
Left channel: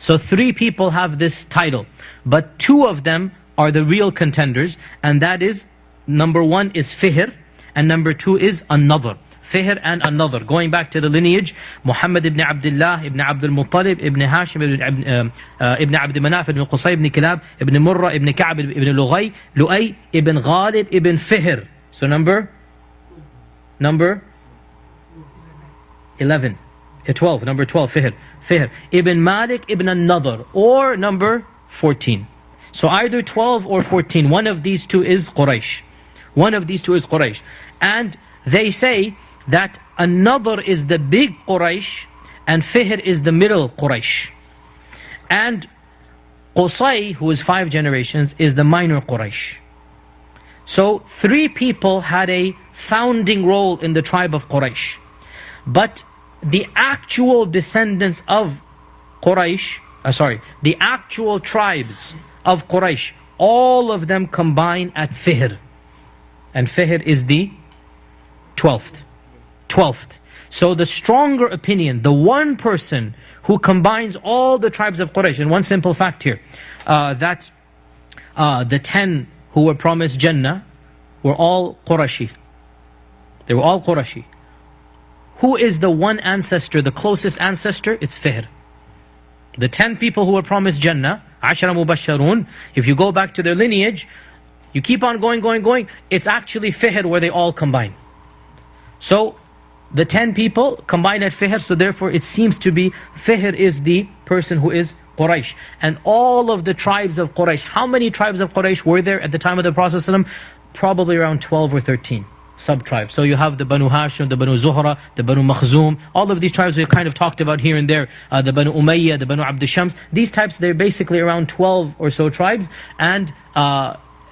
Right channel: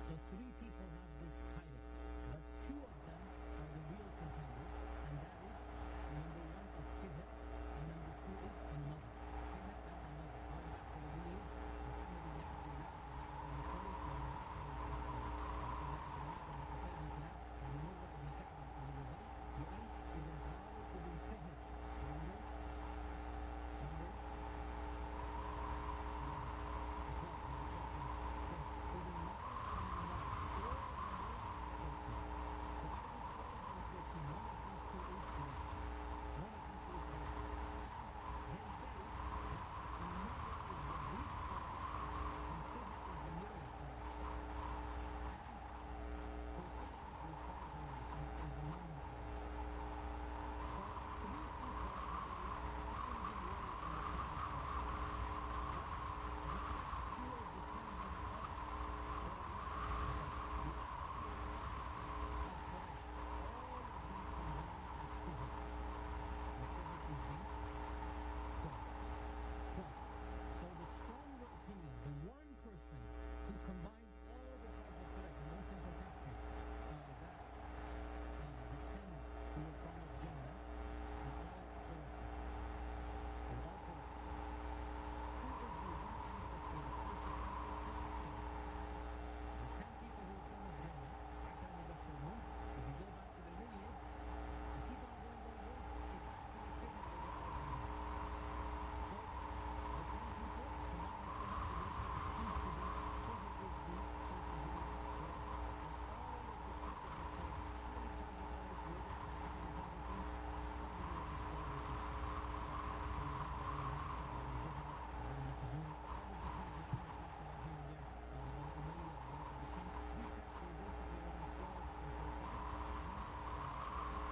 So three people have this title, but two of them are the real contenders, and that is, number one is Fihr, and number two is An-Nadhr. Fihr and An-Nadhr. Going back to the lineage, Muhammed ibn Abdullah, ibn Abdul Muttalib, ibn Hashim, ibn Abd Manaf, ibn Qusay, ibn Kilab, ibn Murrah, ibn Ka'b, ibn Lu'ay, ibn Ghalib, ibn Fihr. So number 11, 12, number 12, Fihr. Ibn Malik, ibn An-Nadhr, or number 14. So either 12 or 14, one of these two is Quraysh. One of these two is Quraysh. And they say that An-Nadhr is the big Quraysh and Fihr is the middle Quraysh. And Qusay, who is 5 generations, is the minor Quraysh. So three people had a founding role in the tribe of Quraysh. But the actual descendants of Quraysh, the actual tribes of Quraysh, all of them combine at Fihr. and Fihr is the 12th. 12th. So the stronger opinion, the one person who combines all the tribes of Quraysh, and one simple fact here, that the 10 who were promised Jannah were all Qurashi. They were all Qurashi. Who is the one ancestor, the closest ancestor? It's Fihr. The 10 people who were promised Jannah, Ashara Mubasharun, if you go back to their lineage, you keep on going, it's actually Fihr where they all combine. So, the 10 people combine at Fihr, so therefore it seems to be Fihr is the person who is Quraysh. And all of the tribes of Quraysh, how many tribes of Quraysh were there at the time of the Prophet ﷺ? Probably around 12 or 13 sub-tribes. So you have the Banu Hashim, the Banu Zuhra, the Banu Makhzum, all of these tribes we've kind of talked about here and there, the Banu Umayyah, the Banu Abd Shams. These types, they're basically around 12 or so tribes, and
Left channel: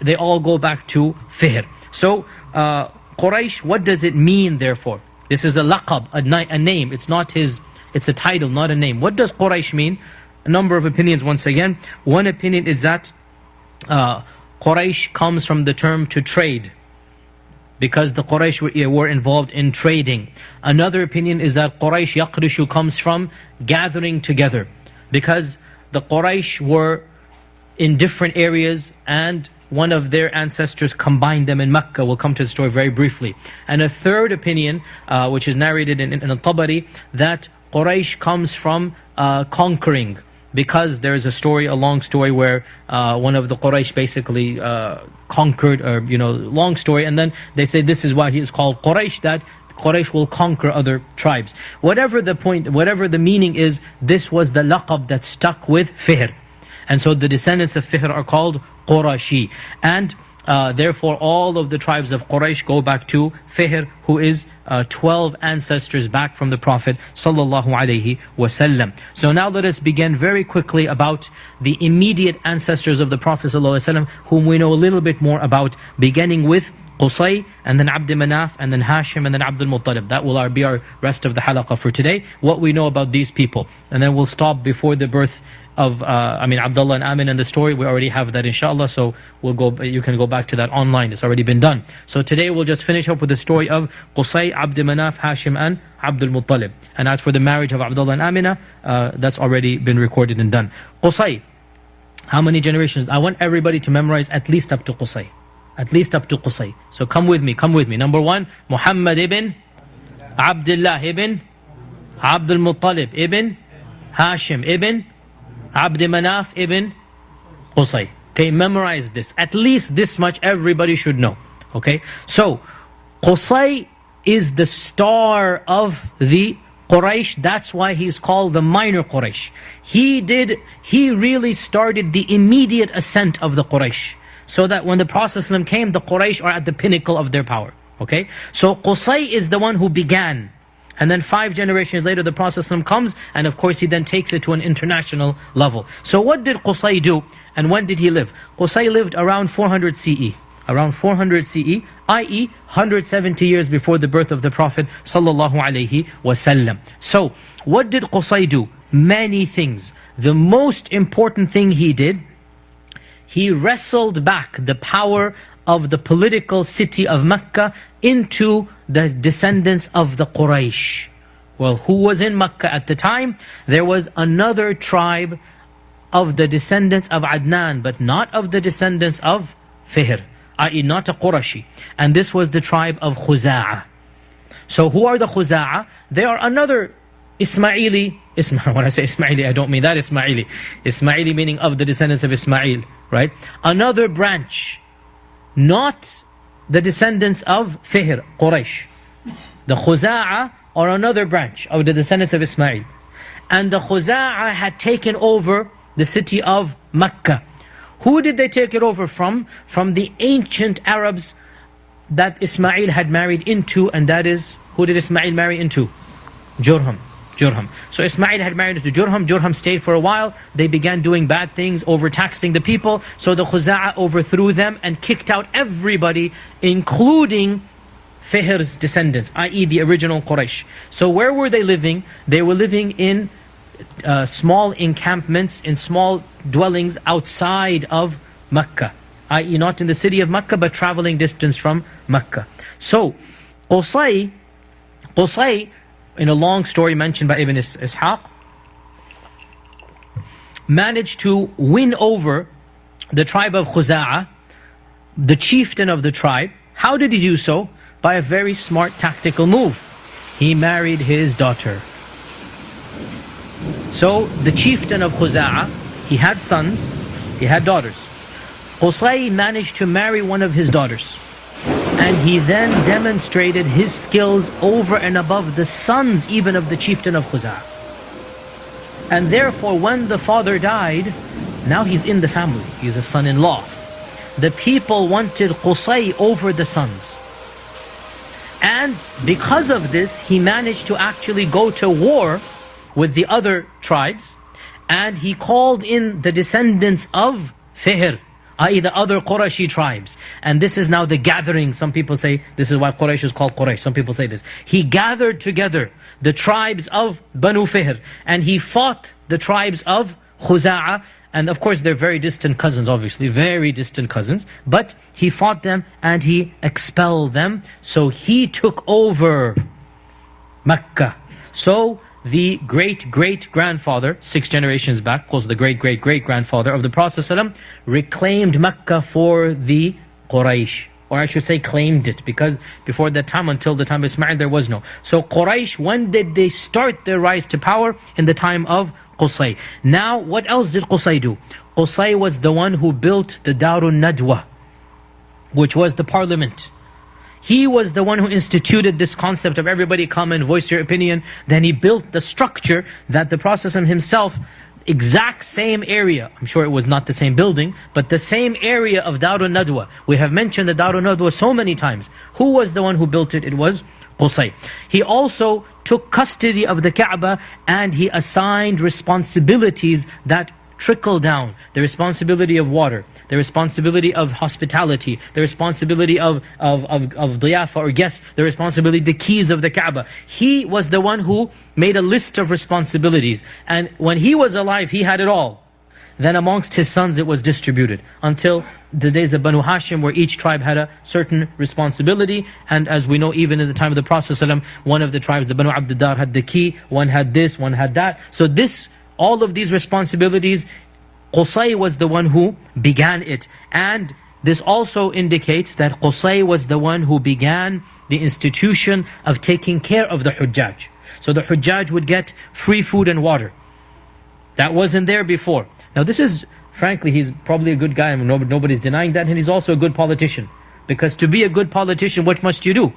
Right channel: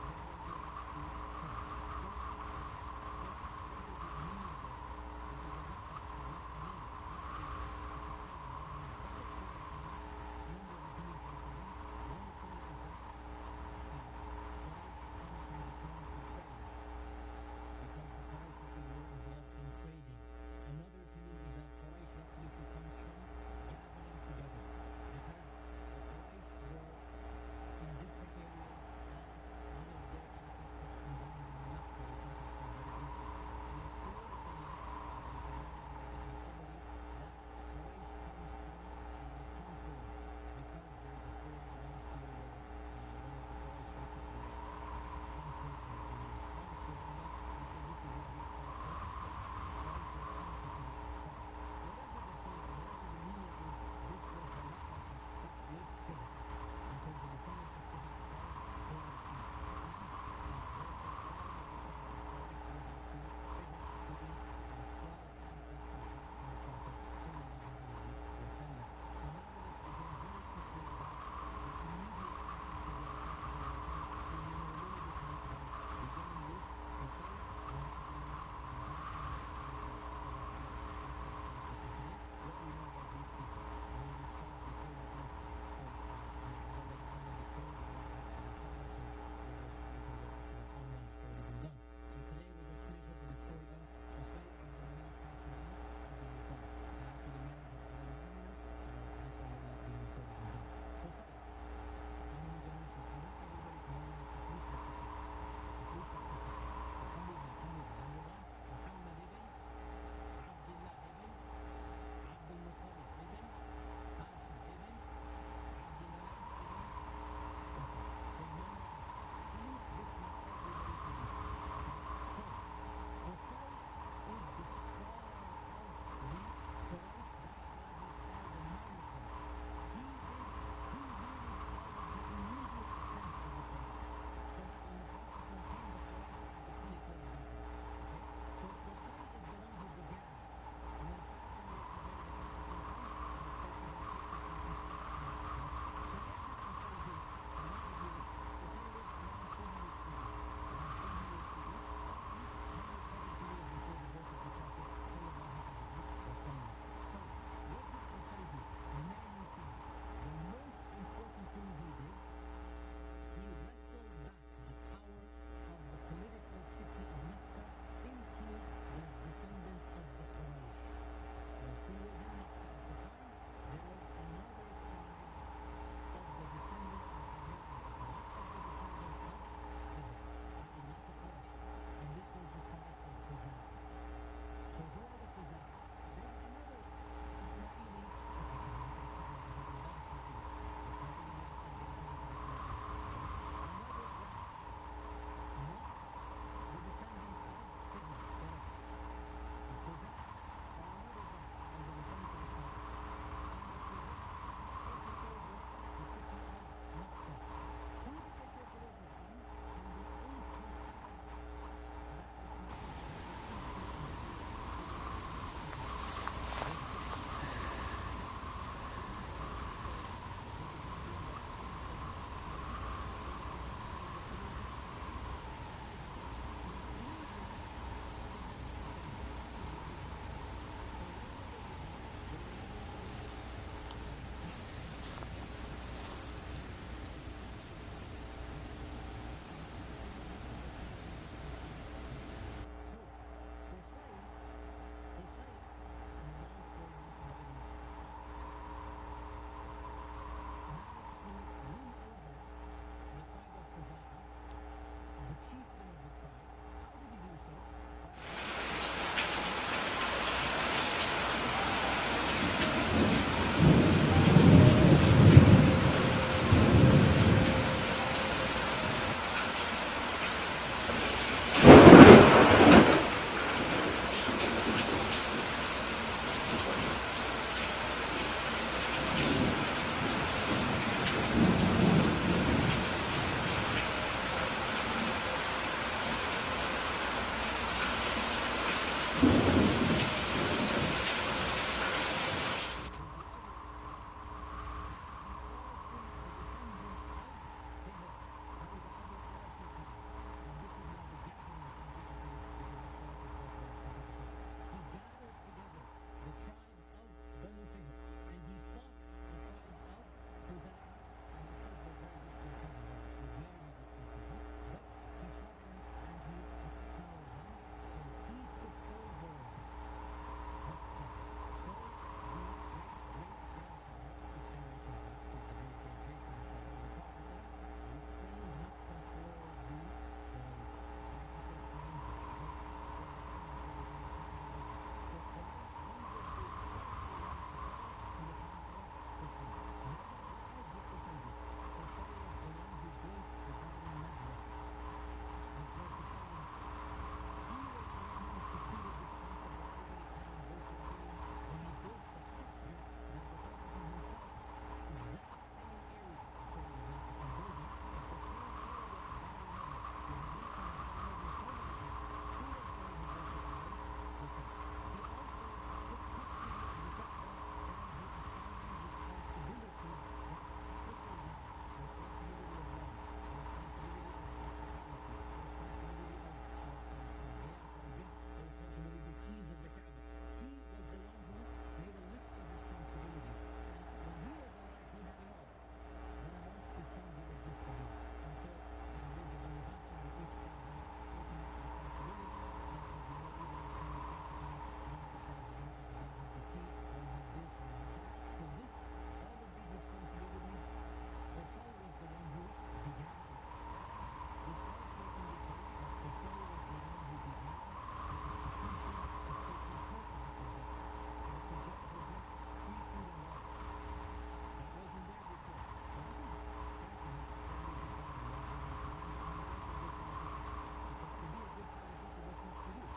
they all go back to Fihr. So Quraysh, what does it mean therefore? This is a laqab, a name. It's not his, it's a title, not a name. What does Quraysh mean? A number of opinions once again. One opinion is that Quraysh comes from the term to trade, because the Quraysh were involved in trading. Another opinion is that Quraysh yaqrishu comes from gathering together, because the Quraysh were in different areas and one of their ancestors combined them in Mecca. We'll come to the story very briefly. And a third opinion, which is narrated in Tabari, that Quraysh comes from conquering, because there's a story, a long story, where one of the Quraysh basically conquered, or long story, and then they say this is why he is called Quraysh, that Quraysh will conquer other tribes. Whatever the point, whatever the meaning is, this was the laqab that stuck with Fihr. And so the descendants of Fihr are called Qurashi. And therefore all of the tribes of Quraysh go back to Fihr, who is 12 ancestors back from the Prophet sallallahu alaihi wasallam. So now let us begin very quickly about the immediate ancestors of the Prophet sallallahu alaihi wasallam, whom we know a little bit more about, beginning with Qusay, and then Abd Manaf, and then Hashim, and then Abdul Muttalib. That will be our rest of the halaqah for today, what we know about these people. And then we'll stop before the birth of Abdullah and Amin and the story. We already have that inshallah, so you can go back to that online. It's already been done. So today we'll just finish up with the story of Qusay, Abd Manaf, Hashim, and Abdul Muttalib. And as for the marriage of Abdullah and Amina, that's already been recorded and done. Qusay, how many generations? I want everybody to memorize at least up to Qusay. At least up to Qusay. So come with me. Number 1, Muhammad ibn Abdullah ibn Abdul Muttalib ibn Hashim ibn Abd Manaf ibn Qusay. Okay, memorize this. At least this much everybody should know. Okay, so Qusay is the star of the Quraysh. That's why he's called the minor Quraysh. He really started the immediate ascent of the Quraysh, so that when the Prophet ﷺ came, the Quraysh are at the pinnacle of their power. Okay, so Qusay is the one who began. And then 5 generations later, the Prophet ﷺ comes, and of course he then takes it to an international level. So what did Qusay do, and when did he live? Qusay lived around 400 CE. Around 400 CE, i.e. 170 years before the birth of the Prophet ﷺ. So, what did Qusay do? Many things. The most important thing he did, he wrestled back the power of the political city of Mecca into the descendants of the Quraysh. Well, who was in Mecca at the time? There was another tribe of the descendants of Adnan, but not of the descendants of Fihr, i.e. not a Qurashi. And this was the tribe of Khuza'a. So who are the Khuza'a? They are another Ismaili. When I say Ismaili, I don't mean that Ismaili. Ismaili meaning of the descendants of Ismail, right? Another branch, not the descendants of Fihr, Quraysh. The Khuza'a are another branch of the descendants of Ismail. And the Khuza'a had taken over the city of Mecca. Who did they take it over from? From the ancient Arabs that Ismail had married into, and that is, who did Ismail marry into? Jurham. So Ismail had married into Jurham. Jurham stayed for a while. They began doing bad things, overtaxing the people. So the Khuza'a overthrew them and kicked out everybody, including Fihr's descendants, i.e. the original Quraysh. So where were they living? They were living in small encampments, in small dwellings outside of Mecca, i.e. not in the city of Mecca, but traveling distance from Mecca. So, Qusay, in a long story mentioned by Ibn Ishaq, managed to win over the tribe of Khuza'a, the chieftain of the tribe. How did he do so? By a very smart tactical move. He married his daughter. So the chieftain of Khuza'a, he had sons, he had daughters. Qusay managed to marry one of his daughters. And he then demonstrated his skills over and above the sons even of the chieftain of Khuza'a. And therefore when the father died, now he's in the family, he's a son-in-law. The people wanted Qusay over the sons. And because of this, he managed to actually go to war with the other tribes, and he called in the descendants of Fihr, i.e. the other Qurayshi tribes. And this is now the gathering. Some people say this is why Quraysh is called Quraysh. Some people say this. He gathered together the tribes of Banu Fihr, and he fought the tribes of Khuza'a. And of course they're very distant cousins, obviously, very distant cousins. But he fought them and he expelled them. So he took over Mecca. So the great-great-grandfather, 6 generations back, close to the great-great-great-grandfather of the Prophet ﷺ, reclaimed Mecca for the Quraysh. Or I should say claimed it, because before that time, until the time of Ismail, there was no. So Quraysh, when did they start their rise to power? In the time of Qusay. Now, what else did Qusay do? Qusay was the one who built the Darun Nadwa, which was the parliament. He was the one who instituted this concept of everybody come and voice your opinion. Then he built the structure that the Prophet himself, exact same area, I'm sure it was not the same building, but the same area of Darun Nadwa. We have mentioned the Darun Nadwa so many times. Who was the one who built it? It was Qusay. He also took custody of the Kaaba, and he assigned responsibilities that trickle down. The responsibility of water, the responsibility of hospitality, the responsibility of diyafa or guests, the responsibility, the keys of the Kaaba. He was the one who made a list of responsibilities. And when he was alive, he had it all. Then amongst his sons it was distributed until the days of Banu Hashim, where each tribe had a certain responsibility. And as we know, even in the time of the Prophet ﷺ, one of the tribes, the Banu Abdiddar, had the key, one had this, one had that. So this, all of these responsibilities, Qusay was the one who began it. And this also indicates that Qusay was the one who began the institution of taking care of the Hujjaj. So the Hujjaj would get free food and water. That wasn't there before. Now this is, frankly, he's probably a good guy. I mean, nobody's denying that. And he's also a good politician. Because to be a good politician, what must you do?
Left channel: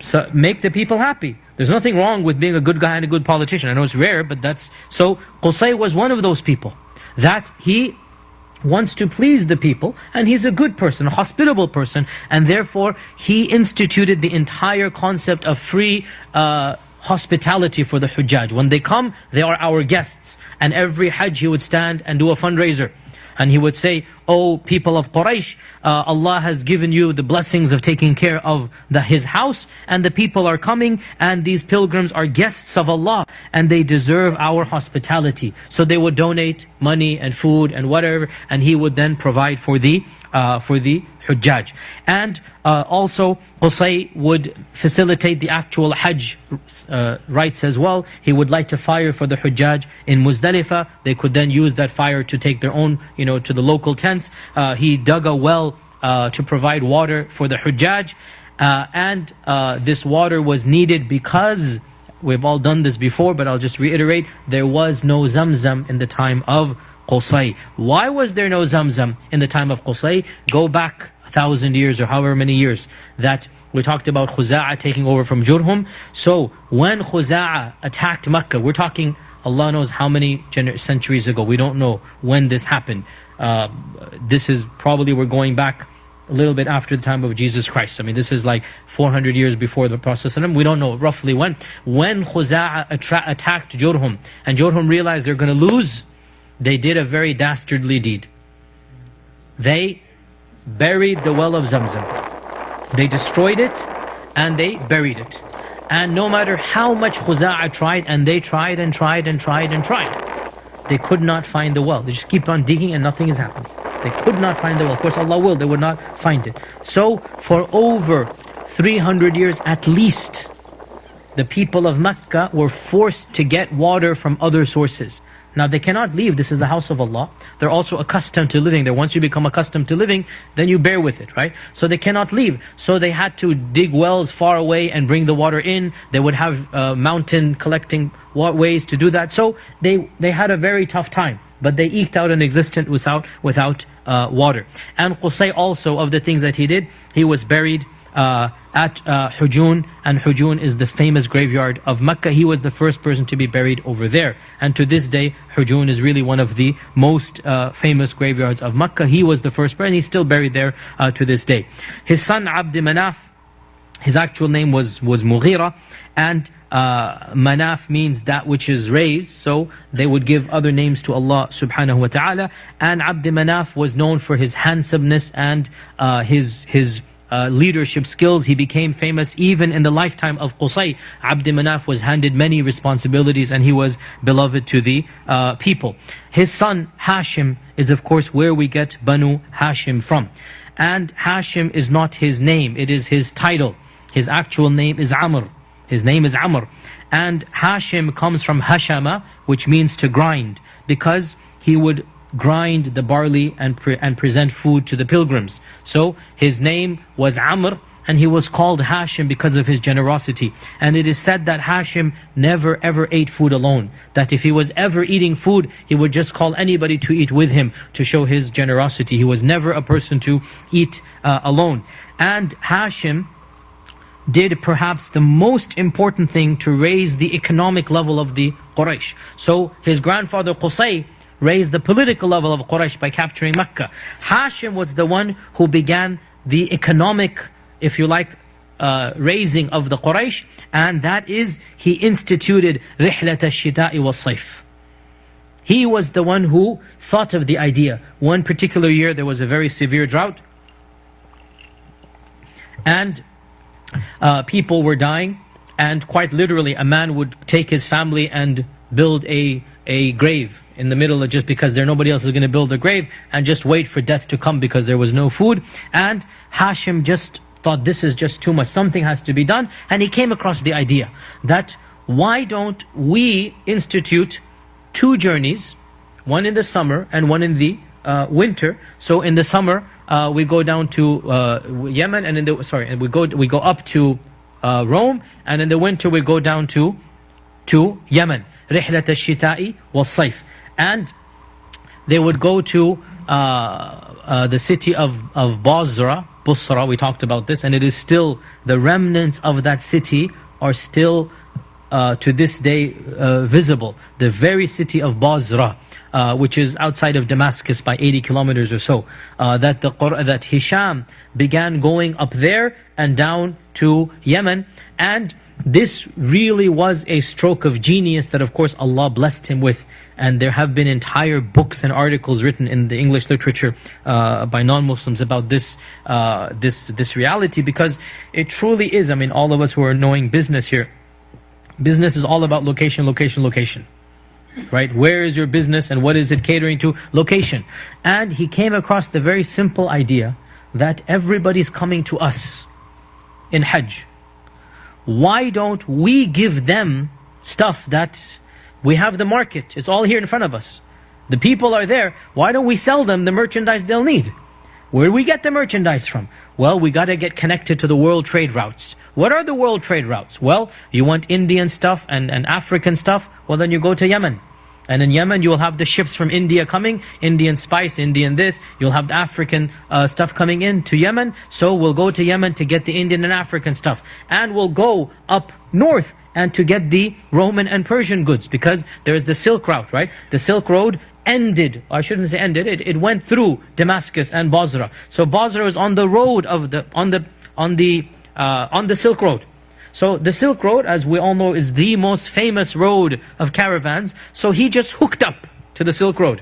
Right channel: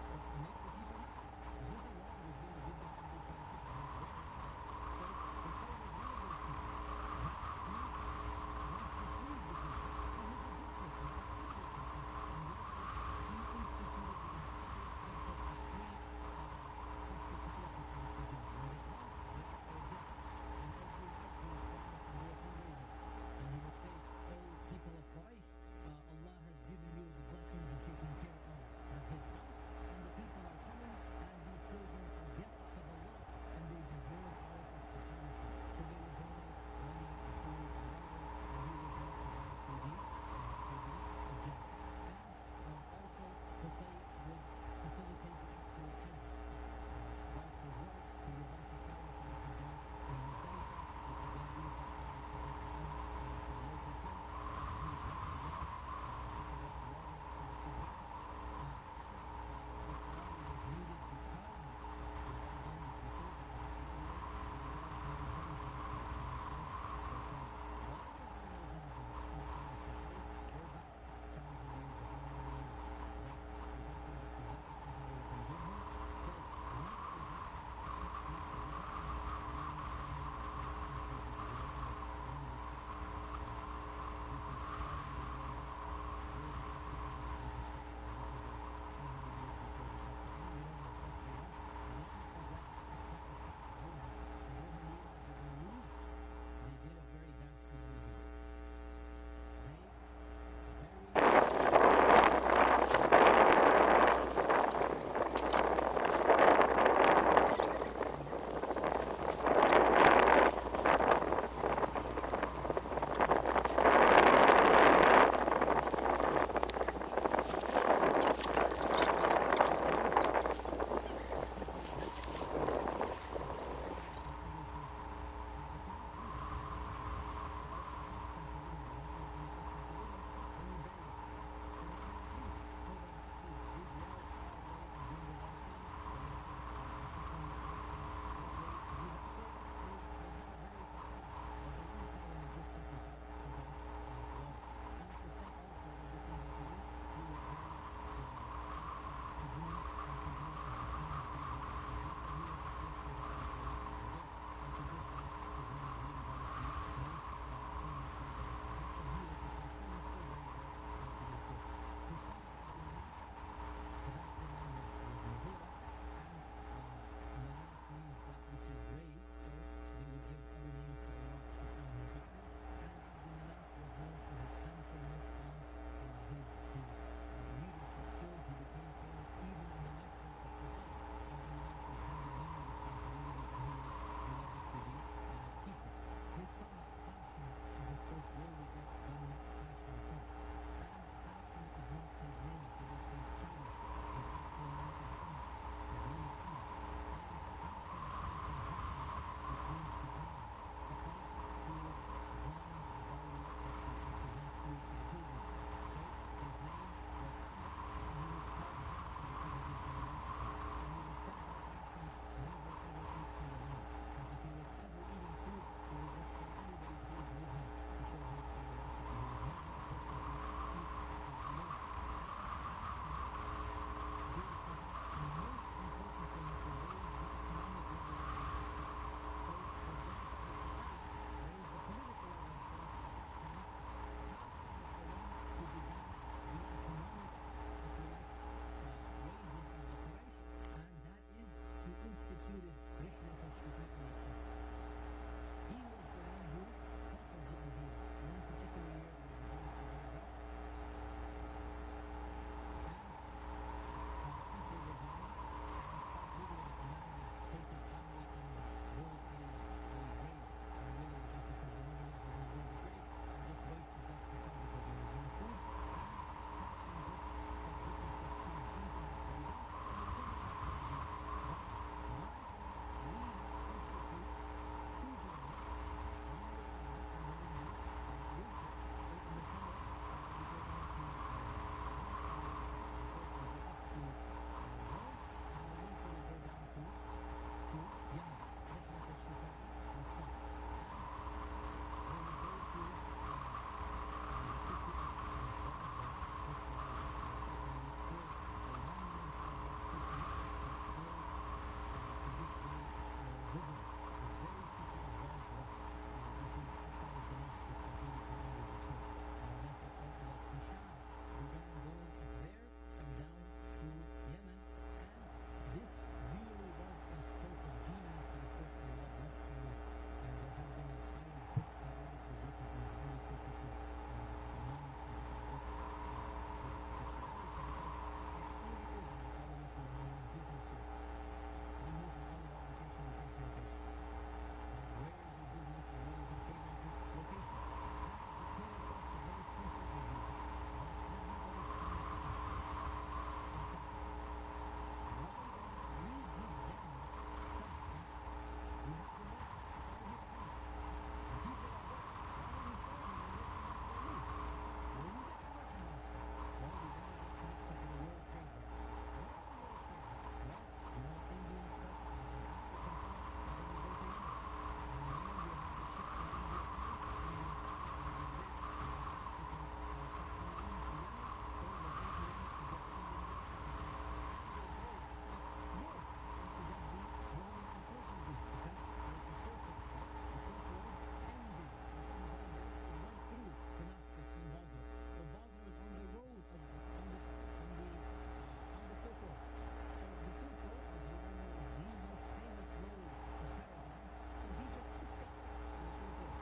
So make the people happy. There's nothing wrong with being a good guy and a good politician. I know it's rare, but that's... So Qusay was one of those people, that he wants to please the people, and he's a good person, a hospitable person, and therefore he instituted the entire concept of free hospitality for the Hujjaj. When they come, they are our guests. And every Hajj he would stand and do a fundraiser. And he would say, "Oh people of Quraysh, Allah has given you the blessings of taking care of His house, and the people are coming, and these pilgrims are guests of Allah, and they deserve our hospitality." So they would donate money and food and whatever, and he would then provide for the Hujjaj. And also Qusay would facilitate the actual Hajj rites as well. He would light a fire for the Hujjaj in Muzdalifah. They could then use that fire to take their own, to the local tents. He dug a well to provide water for the Hujjaj. And this water was needed because, we've all done this before, but I'll just reiterate, there was no Zamzam in the time of Qusay. Why was there no Zamzam in the time of Qusay? Go back 1,000 years or however many years that we talked about Khuza'a taking over from Jurhum. So when Khuza'a attacked Mecca, we're talking, Allah knows how many centuries ago. We don't know when this happened. This is probably, we're going back a little bit after the time of Jesus Christ. I mean, this is like 400 years before the Prophet ﷺ. We don't know roughly when. When Khuza'a attacked Jurhum, and Jurhum realized they're going to lose, they did a very dastardly deed. They buried the well of Zamzam. They destroyed it and they buried it. And no matter how much Khuza'a tried, and they tried and tried and tried and tried, they could not find the well. They just keep on digging and nothing is happening. They could not find the well. Of course, Allah will, they would not find it. So, for over 300 years at least, the people of Mecca were forced to get water from other sources. Now they cannot leave, this is the house of Allah. They're also accustomed to living there. Once you become accustomed to living, then you bear with it, right? So they cannot leave. So they had to dig wells far away and bring the water in. They would have mountain collecting ways to do that. So they had a very tough time. But they eked out an existence without water. And Qusay also, of the things that he did, he was buried at Hujun, and Hujun is the famous graveyard of Mecca. He was the first person to be buried over there. And to this day, Hujun is really one of the most famous graveyards of Mecca. He was the first person, he's still buried there to this day. His son Abd Manaf, his actual name was Mughira, and Manaf means that which is raised, so they would give other names to Allah subhanahu wa ta'ala. And Abd Manaf was known for his handsomeness and his leadership skills. He became famous even in the lifetime of Qusay. Abd Manaf was handed many responsibilities and he was beloved to the people. His son Hashim is of course where we get Banu Hashim from. And Hashim is not his name, it is his title. His actual name is Amr. His name is Amr. And Hashim comes from Hashama, which means to grind, because he would grind the barley and present food to the pilgrims. So his name was Amr, and he was called Hashim because of his generosity. And it is said that Hashim never ever ate food alone. That if he was ever eating food, he would just call anybody to eat with him to show his generosity. He was never a person to eat alone. And Hashim did perhaps the most important thing to raise the economic level of the Quraysh. So his grandfather Qusay raised the political level of Quraysh by capturing Mecca. Hashim was the one who began the economic, if you like, raising of the Quraysh, and that is, he instituted Rihlat al-Shita'i wal-Sayf. He was the one who thought of the idea. One particular year there was a very severe drought, and people were dying, and quite literally a man would take his family and build a grave in the middle of, just because nobody else is going to build a grave, and just wait for death to come because there was no food. And Hashim just thought, this is just too much, something has to be done. And he came across the idea that why don't we institute 2 journeys, one in the summer and one in the winter. So in the summer we go down to Yemen, and we go up to Rome, and in the winter we go down to Yemen. Rihlat al-Shita'i wal-Sayf. And they would go to the city of Basra, we talked about this, and it is still, the remnants of that city are still to this day visible. The very city of Basra, which is outside of Damascus by 80 kilometers or so, that Hisham began going up there and down to Yemen. And this really was a stroke of genius that of course Allah blessed him with. And there have been entire books and articles written in the English literature by non-Muslims about this reality, because it truly is, I mean, all of us who are knowing business here, business is all about location, location, location. Right? Where is your business and what is it catering to? Location. And he came across the very simple idea that everybody's coming to us in Hajj. Why don't we give them stuff that we have the market? It's all here in front of us. The people are there. Why don't we sell them the merchandise they'll need? Where do we get the merchandise from? Well, we got to get connected to the world trade routes. What are the world trade routes? Well, you want Indian stuff and African stuff? Well, then you go to Yemen. And in Yemen, you will have the ships from India coming, Indian spice, Indian this. You'll have the African stuff coming in to Yemen. So we'll go to Yemen to get the Indian and African stuff. And we'll go up north and to get the Roman and Persian goods, because there's the Silk Route, right? The Silk Road ended, I shouldn't say ended, it went through Damascus and Basra. So Basra is on the road of on the Silk Road. So the Silk Road, as we all know, is the most famous road of caravans. So he just hooked up to the Silk Road,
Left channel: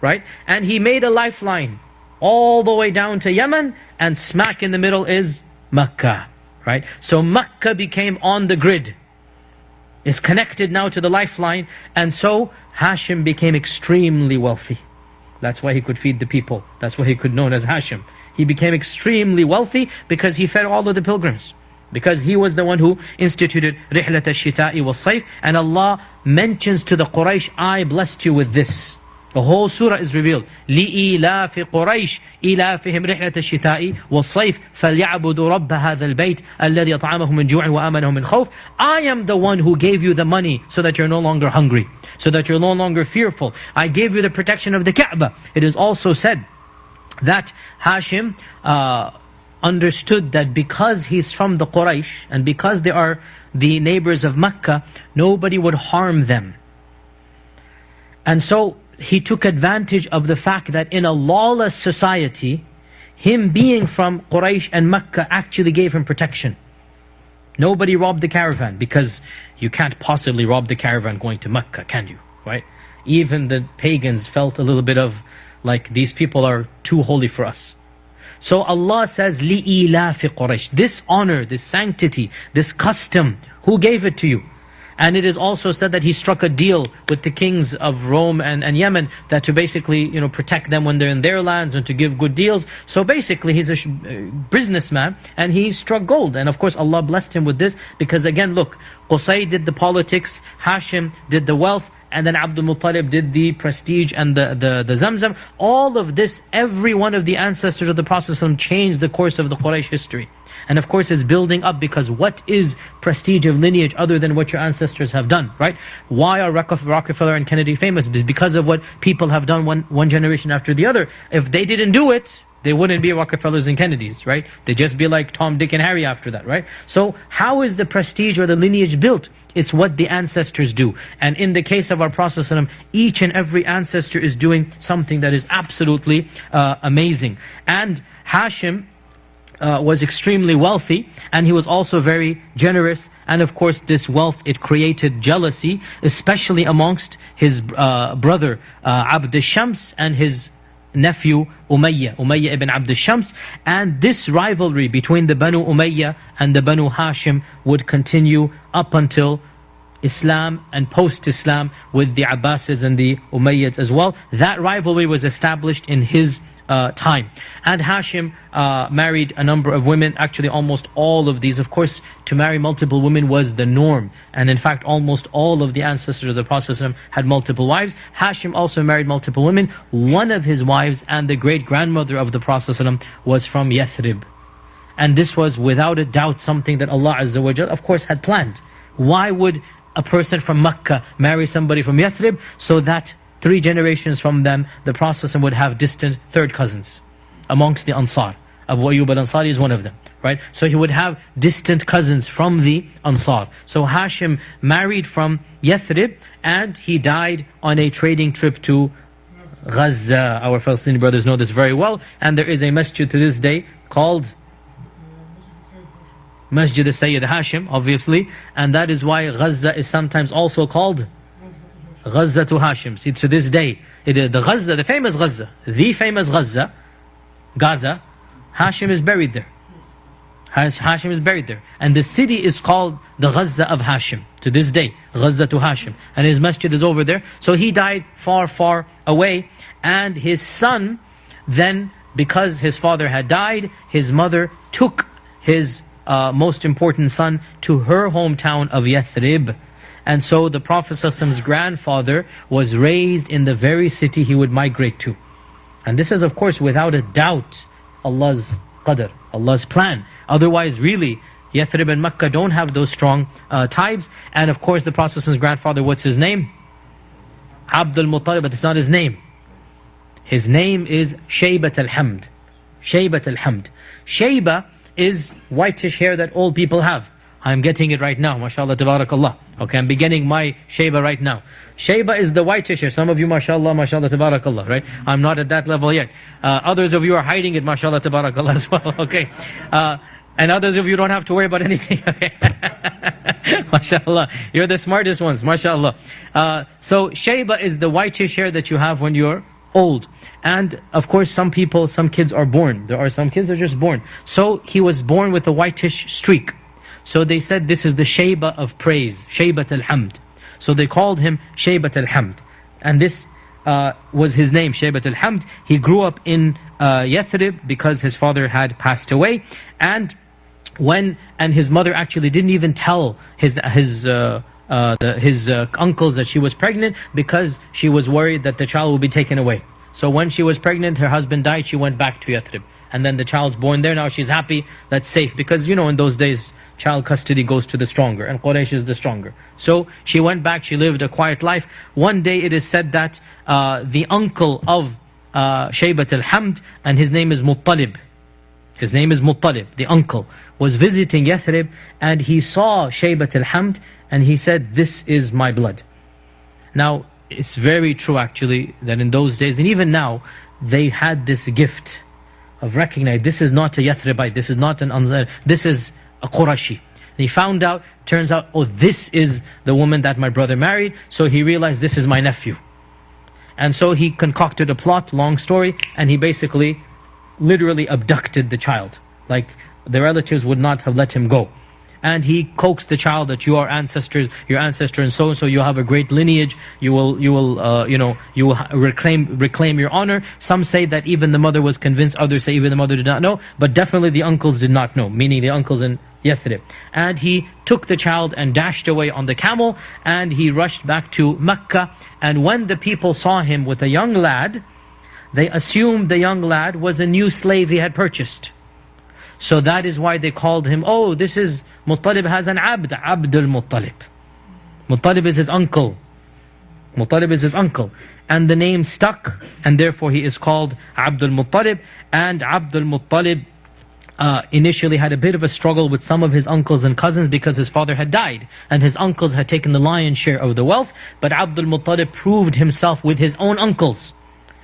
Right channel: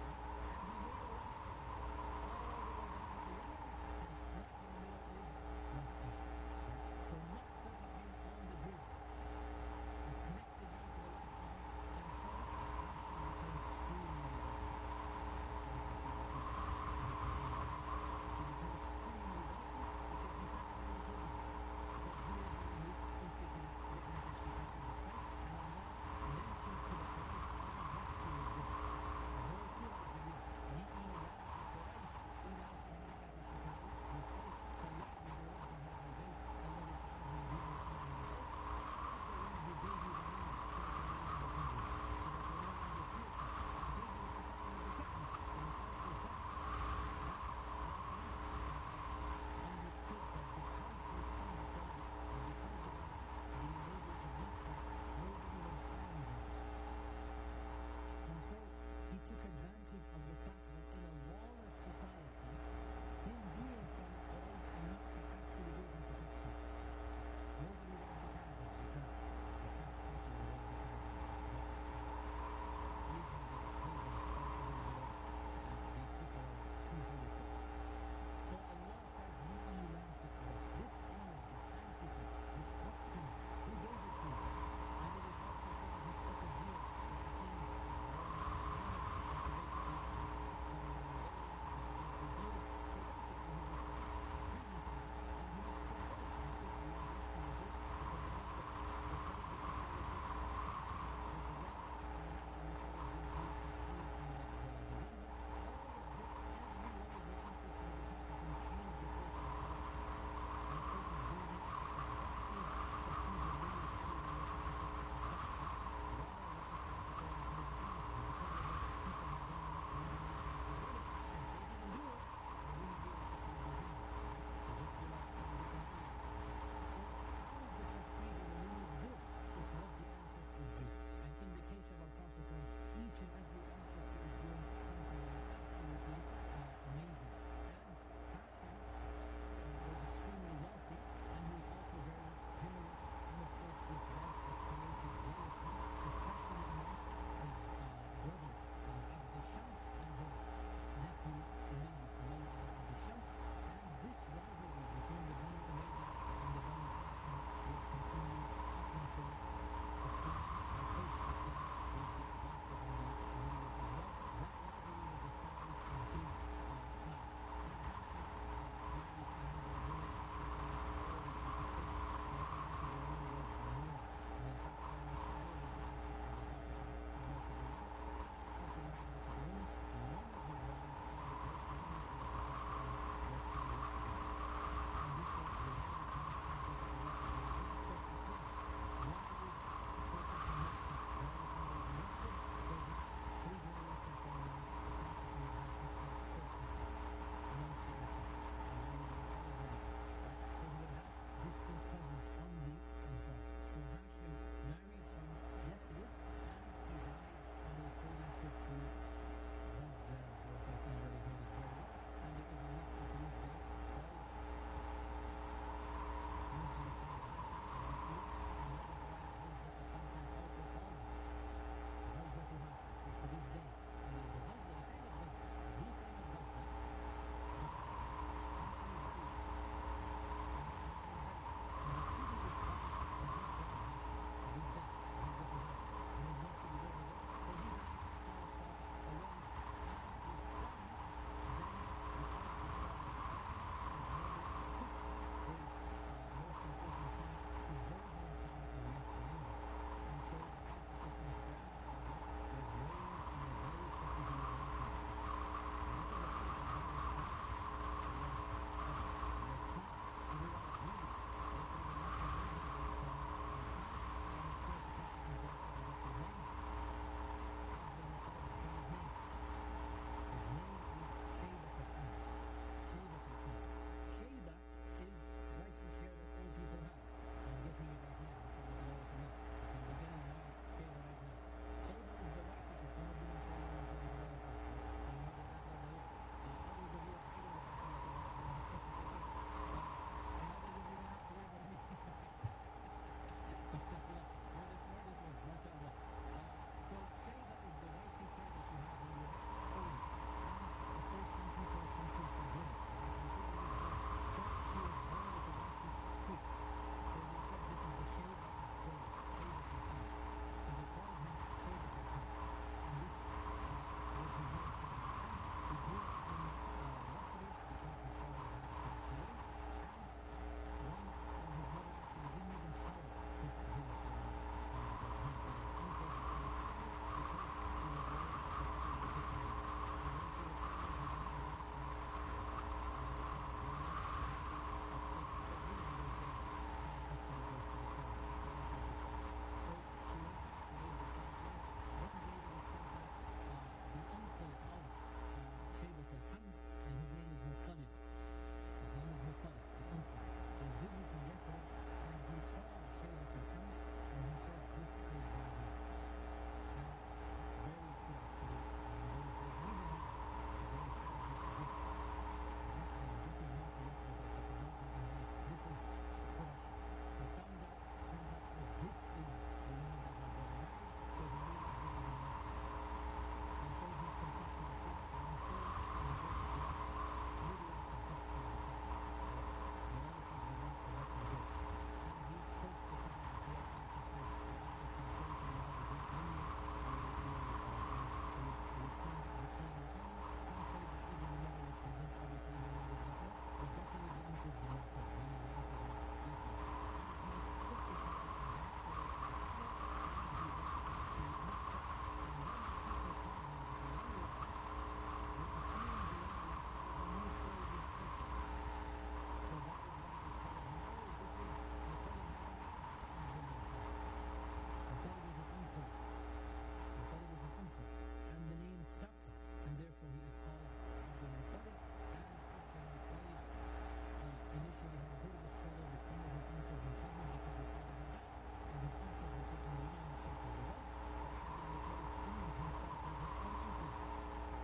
right? And he made a lifeline all the way down to Yemen, and smack in the middle is Mecca, right? So Mecca became on the grid. It's connected now to the lifeline, and so Hashim became extremely wealthy. That's why he could feed the people. That's why he could be known as Hashim. He became extremely wealthy because he fed all of the pilgrims. Because he was the one who instituted Rihlat al-Shita'i wal-Sayf. And Allah mentions to the Quraysh, I blessed you with this. The whole surah is revealed. لِإِيلَافِ قُرَيْشِ إِيلَافِهِمْ رِحْلَةَ الشِّتَاءِ وَالصَّيْفِ فَلْيَعْبُدُوا رَبَّ هَذَا الْبَيْتِ الَّذِي أَطْعَمَهُم مِّن جُوعٍ وَآمَنَهُم مِّن خَوْفٍ. I am the one who gave you the money so that you're no longer hungry, so that you're no longer fearful. I gave you the protection of the Kaaba. It is also said that Hashim understood that because he's from the Quraysh and because they are the neighbors of Mecca, nobody would harm them. And so he took advantage of the fact that in a lawless society, him being from Quraysh and Mecca actually gave him protection. Nobody robbed the caravan, because you can't possibly rob the caravan going to Mecca, can you? Right? Even the pagans felt a little bit of like, these people are too holy for us. So Allah says, لِإِيلَافِ قُرَيْشٍ. This honor, this sanctity, this custom, who gave it to you? And it is also said that he struck a deal with the kings of Rome and Yemen, that to basically, protect them when they're in their lands and to give good deals. So basically he's a businessman and he struck gold. And of course Allah blessed him with this, because again, look, Qusay did the politics, Hashim did the wealth, and then Abdul Muttalib did the prestige and the Zamzam. All of this, every one of the ancestors of the Prophet ﷺ changed the course of the Quraysh history. And of course it's building up, because what is prestige of lineage other than what your ancestors have done, right? Why are Rockefeller and Kennedy famous? It's because of what people have done one generation after the other. If they didn't do it, they wouldn't be Rockefellers and Kennedys, right? They'd just be like Tom, Dick and Harry after that, right? So how is the prestige or the lineage built? It's what the ancestors do. And in the case of our Prophet ﷺ, each and every ancestor is doing something that is absolutely amazing. And Hashim was extremely wealthy, and he was also very generous. And of course this wealth, it created jealousy, especially amongst his brother Abd al-Shams and his nephew Umayyah ibn Abd al-Shams. And this rivalry between the Banu Umayyah and the Banu Hashim would continue up until Islam and post-Islam, with the Abbasids and the Umayyads as well. That rivalry was established in his time. And Hashim married a number of women, actually almost all of these. Of course, to marry multiple women was the norm. And in fact, almost all of the ancestors of the Prophet ﷺ had multiple wives. Hashim also married multiple women. One of his wives and the great-grandmother of the Prophet ﷺ was from Yathrib. And this was without a doubt something that Allah Azza wa Jal, of course, had planned. Why would a person from Mecca marry somebody from Yathrib? So that 3 generations from them, the Prophet would have distant third cousins amongst the Ansar. Abu Ayyub al-Ansari is one of them, right? So he would have distant cousins from the Ansar. So Hashim married from Yathrib, and he died on a trading trip to Gaza. Our Palestinian brothers know this very well. And there is a masjid to this day called Masjid al-Sayyid Hashim, obviously. And that is why Gaza is sometimes also called Gaza to Hashim. See, to this day, the Gaza, the famous Gaza, Gaza, Hashim is buried there. Hashim is buried there. And the city is called the Gaza of Hashim. To this day, Gaza to Hashim. And his masjid is over there. So he died far, far away. And his son, then, because his father had died, his mother took his most important son to her hometown of Yathrib. And so the Prophet ﷺ's grandfather was raised in the very city he would migrate to. And this is, of course, without a doubt, Allah's qadr, Allah's plan. Otherwise, really, Yathrib and Makkah don't have those strong ties. And of course, the Prophet ﷺ's grandfather, what's his name? Abdul Muttalib, but it's not his name. His name is Shaybat al-Hamd. Shaybat al-Hamd. Shayba is whitish hair that old people have. I'm getting it right now, mashallah, tabarakallah. Okay, I'm beginning my Shayba right now. Shayba is the whitish hair. Some of you, mashallah, mashallah, tabarakallah, right? I'm not at that level yet. Others of you are hiding it, mashallah, tabarakallah as well, okay? And others of you don't have to worry about anything, okay? Mashallah, you're the smartest ones, mashallah. So Shayba is the whitish hair that you have when you're old. And of course, some kids are born. There are some kids that are just born. So he was born with a whitish streak. So they said this is the Shayba of praise, Shaybat al-Hamd. So they called him Shaybat al-Hamd. And this was his name, Shaybat al-Hamd. He grew up in Yathrib because his father had passed away. And his mother actually didn't even tell his uncles that she was pregnant, because she was worried that the child would be taken away. So when she was pregnant, her husband died, she went back to Yathrib. And then the child's born there. Now she's happy, that's safe. Because in those days, child custody goes to the stronger, and Quraysh is the stronger. So she went back, she lived a quiet life. One day it is said that the uncle of Shaybat al-Hamd, and his name is Muttalib. His name is Muttalib, the uncle, was visiting Yathrib, and he saw Shaybat al-Hamd, and he said, "This is my blood." Now, it's very true actually that in those days, and even now, they had this gift of recognizing this is not a Yathribite, this is not an Ansar, this is a Qurashi. And he found out, turns out, oh, this is the woman that my brother married, so he realized this is my nephew. And so he concocted a plot, long story, and he basically literally abducted the child. Like, the relatives would not have let him go. And he coaxed the child that your ancestor and so you have a great lineage, you will reclaim your honor. Some say that even the mother was convinced, others say even the mother did not know, but definitely the uncles did not know, meaning the uncles in Yathrib. And he took the child and dashed away on the camel, and he rushed back to Mecca. And when the people saw him with a young lad, they assumed the young lad was a new slave he had purchased. So that is why they called him, oh, this is, Muttalib has an Abd al-Muttalib. Muttalib is his uncle. Muttalib is his uncle. And the name stuck, and therefore he is called Abd al-Muttalib. And Abd al-Muttalib initially had a bit of a struggle with some of his uncles and cousins, because his father had died, and his uncles had taken the lion's share of the wealth. But Abd al-Muttalib proved himself with his own uncles,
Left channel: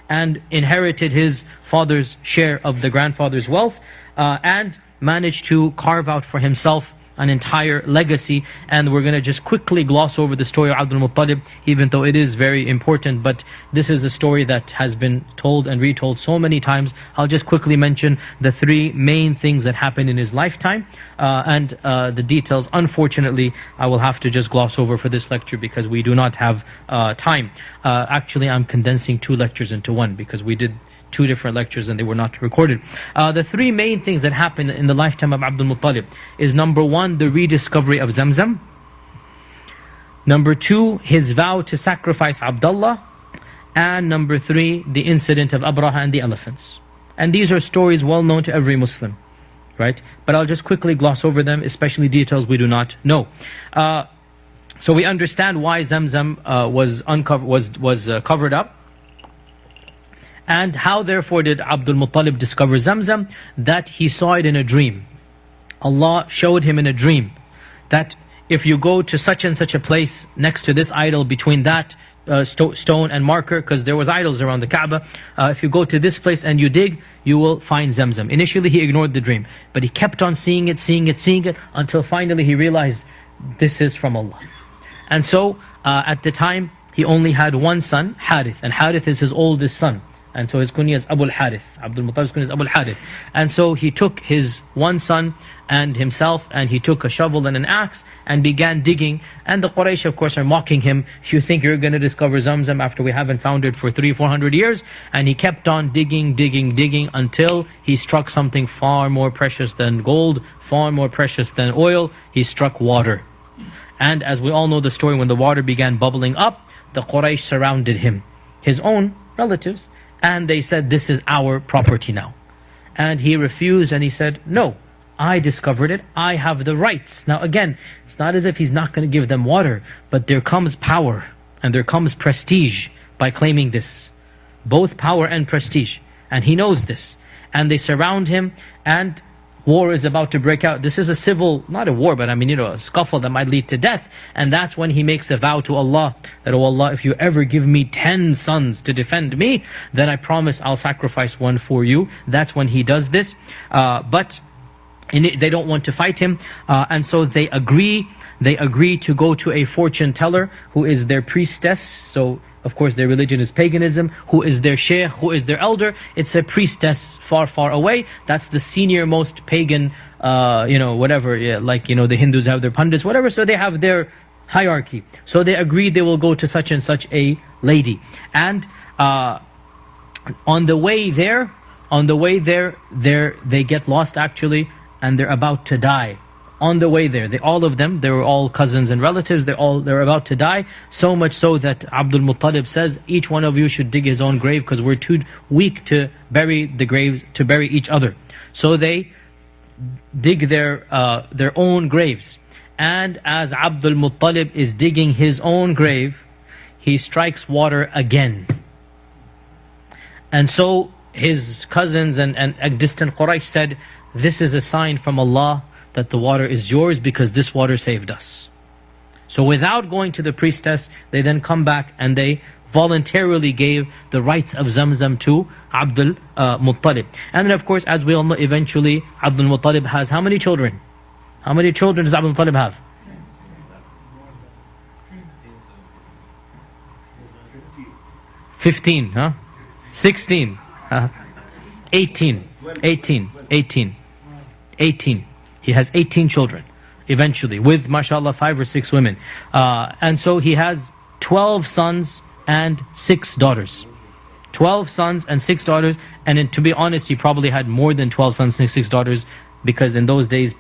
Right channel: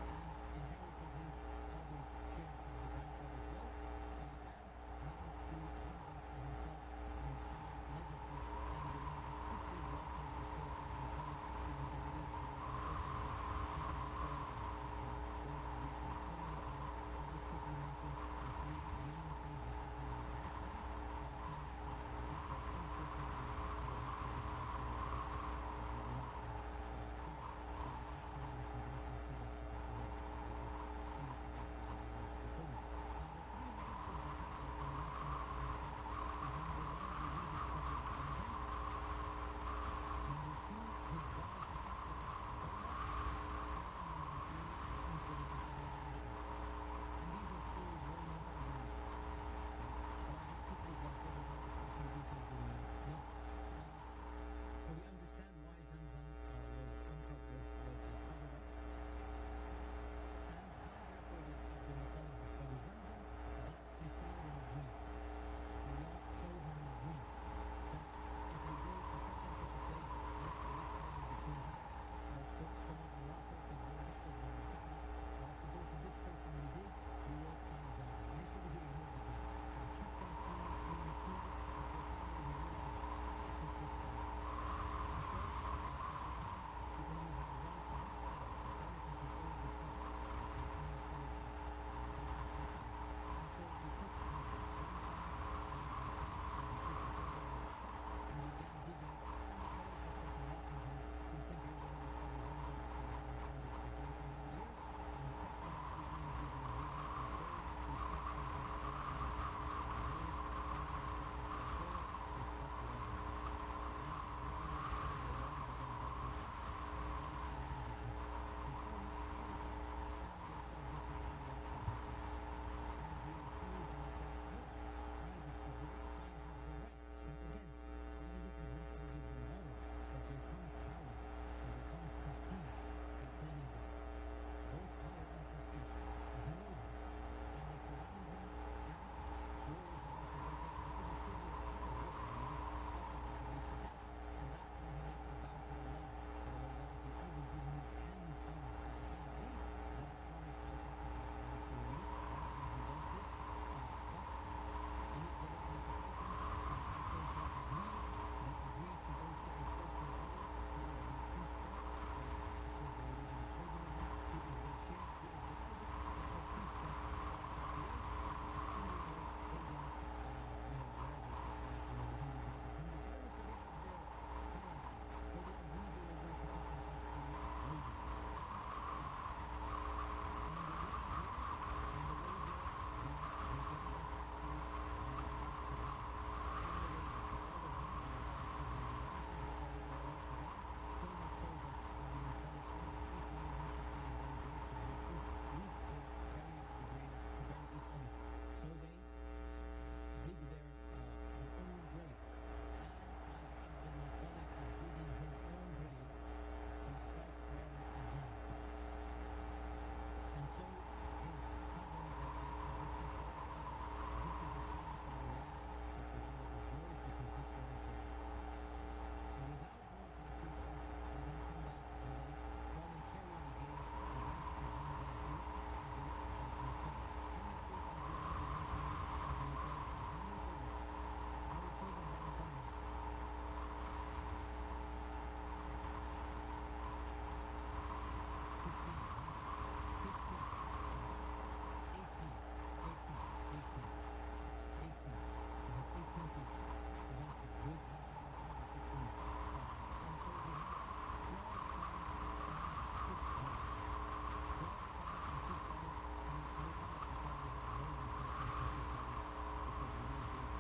and inherited his father's share of the grandfather's wealth, and managed to carve out for himself an entire legacy. And we're going to just quickly gloss over the story of Abdul Muttalib, even though it is very important. But this is a story that has been told and retold so many times. I'll just quickly mention the three main things that happened in his lifetime, and the details, unfortunately, I will have to just gloss over for this lecture because we do not have time. Actually, I'm condensing 2 lectures into one, because we did 2 different lectures and they were not recorded. The 3 main things that happened in the lifetime of Abdul Muttalib is, number 1, the rediscovery of Zamzam. Number 2, his vow to sacrifice Abdullah. And number 3, the incident of Abraha and the elephants. And these are stories well known to every Muslim, right? But I'll just quickly gloss over them, especially details we do not know. So we understand why Zamzam was covered up. And how therefore did Abdul Muttalib discover Zamzam? That he saw it in a dream. Allah showed him in a dream that if you go to such and such a place, next to this idol, between that stone and marker, because there was idols around the Kaaba, if you go to this place and you dig, you will find Zamzam. Initially he ignored the dream, but he kept on seeing it, until finally he realized this is from Allah. And so at the time he only had one son, Harith, and Harith is his oldest son. And so his kunya is Abu al-Harith. Abdul Muttalib's kunya is Abu al-Harith. And so he took his one son and himself, and he took a shovel and an axe and began digging. And the Quraysh, of course, are mocking him. You think you're going to discover Zamzam after we haven't found it for 300-400 years? And he kept on digging until he struck something far more precious than gold, far more precious than oil. He struck water. And as we all know the story, when the water began bubbling up, the Quraysh surrounded him, his own relatives, and they said, this is our property now. And he refused, and he said, no, I discovered it, I have the rights. Now again, it's not as if he's not going to give them water, but there comes power and there comes prestige by claiming this. Both power and prestige. And he knows this. And they surround him, and war is about to break out. This is a civil, not a war, but a scuffle that might lead to death. And that's when he makes a vow to Allah that, oh Allah, if you ever give me 10 sons to defend me, then I promise I'll sacrifice one for you. That's when he does this. But they don't want to fight him. And so they agree to go to a fortune teller who is their priestess. So of course their religion is paganism. Who is their sheikh, who is their elder? It's a priestess far away. That's the senior most pagan, whatever, the Hindus have their pundits, whatever, so they have their hierarchy. So they agree they will go to such and such a lady. And On the way there, they get lost actually, and they're about to die. On the way there, all of them, they were all cousins and relatives, they're about to die, so much so that Abdul Muttalib says, each one of you should dig his own grave, because we're too weak to bury the graves, to bury each other. So they dig their own graves. And as Abdul Muttalib is digging his own grave, he strikes water again. And so his cousins and distant Quraysh said, this is a sign from Allah that the water is yours, because this water saved us. So without going to the priestess, they then come back and they voluntarily gave the rights of Zamzam to Abdul Muttalib. And then of course, as we all know, eventually Abdul Muttalib has how many children? How many children does Abdul Muttalib have? 15, huh? 16, 18. He has 18 children eventually, with mashallah 5 or 6 women. And so he has 12 sons and 6 daughters. 12 sons and 6 daughters. And to be honest, he probably had more than 12 sons and 6 daughters, because in those days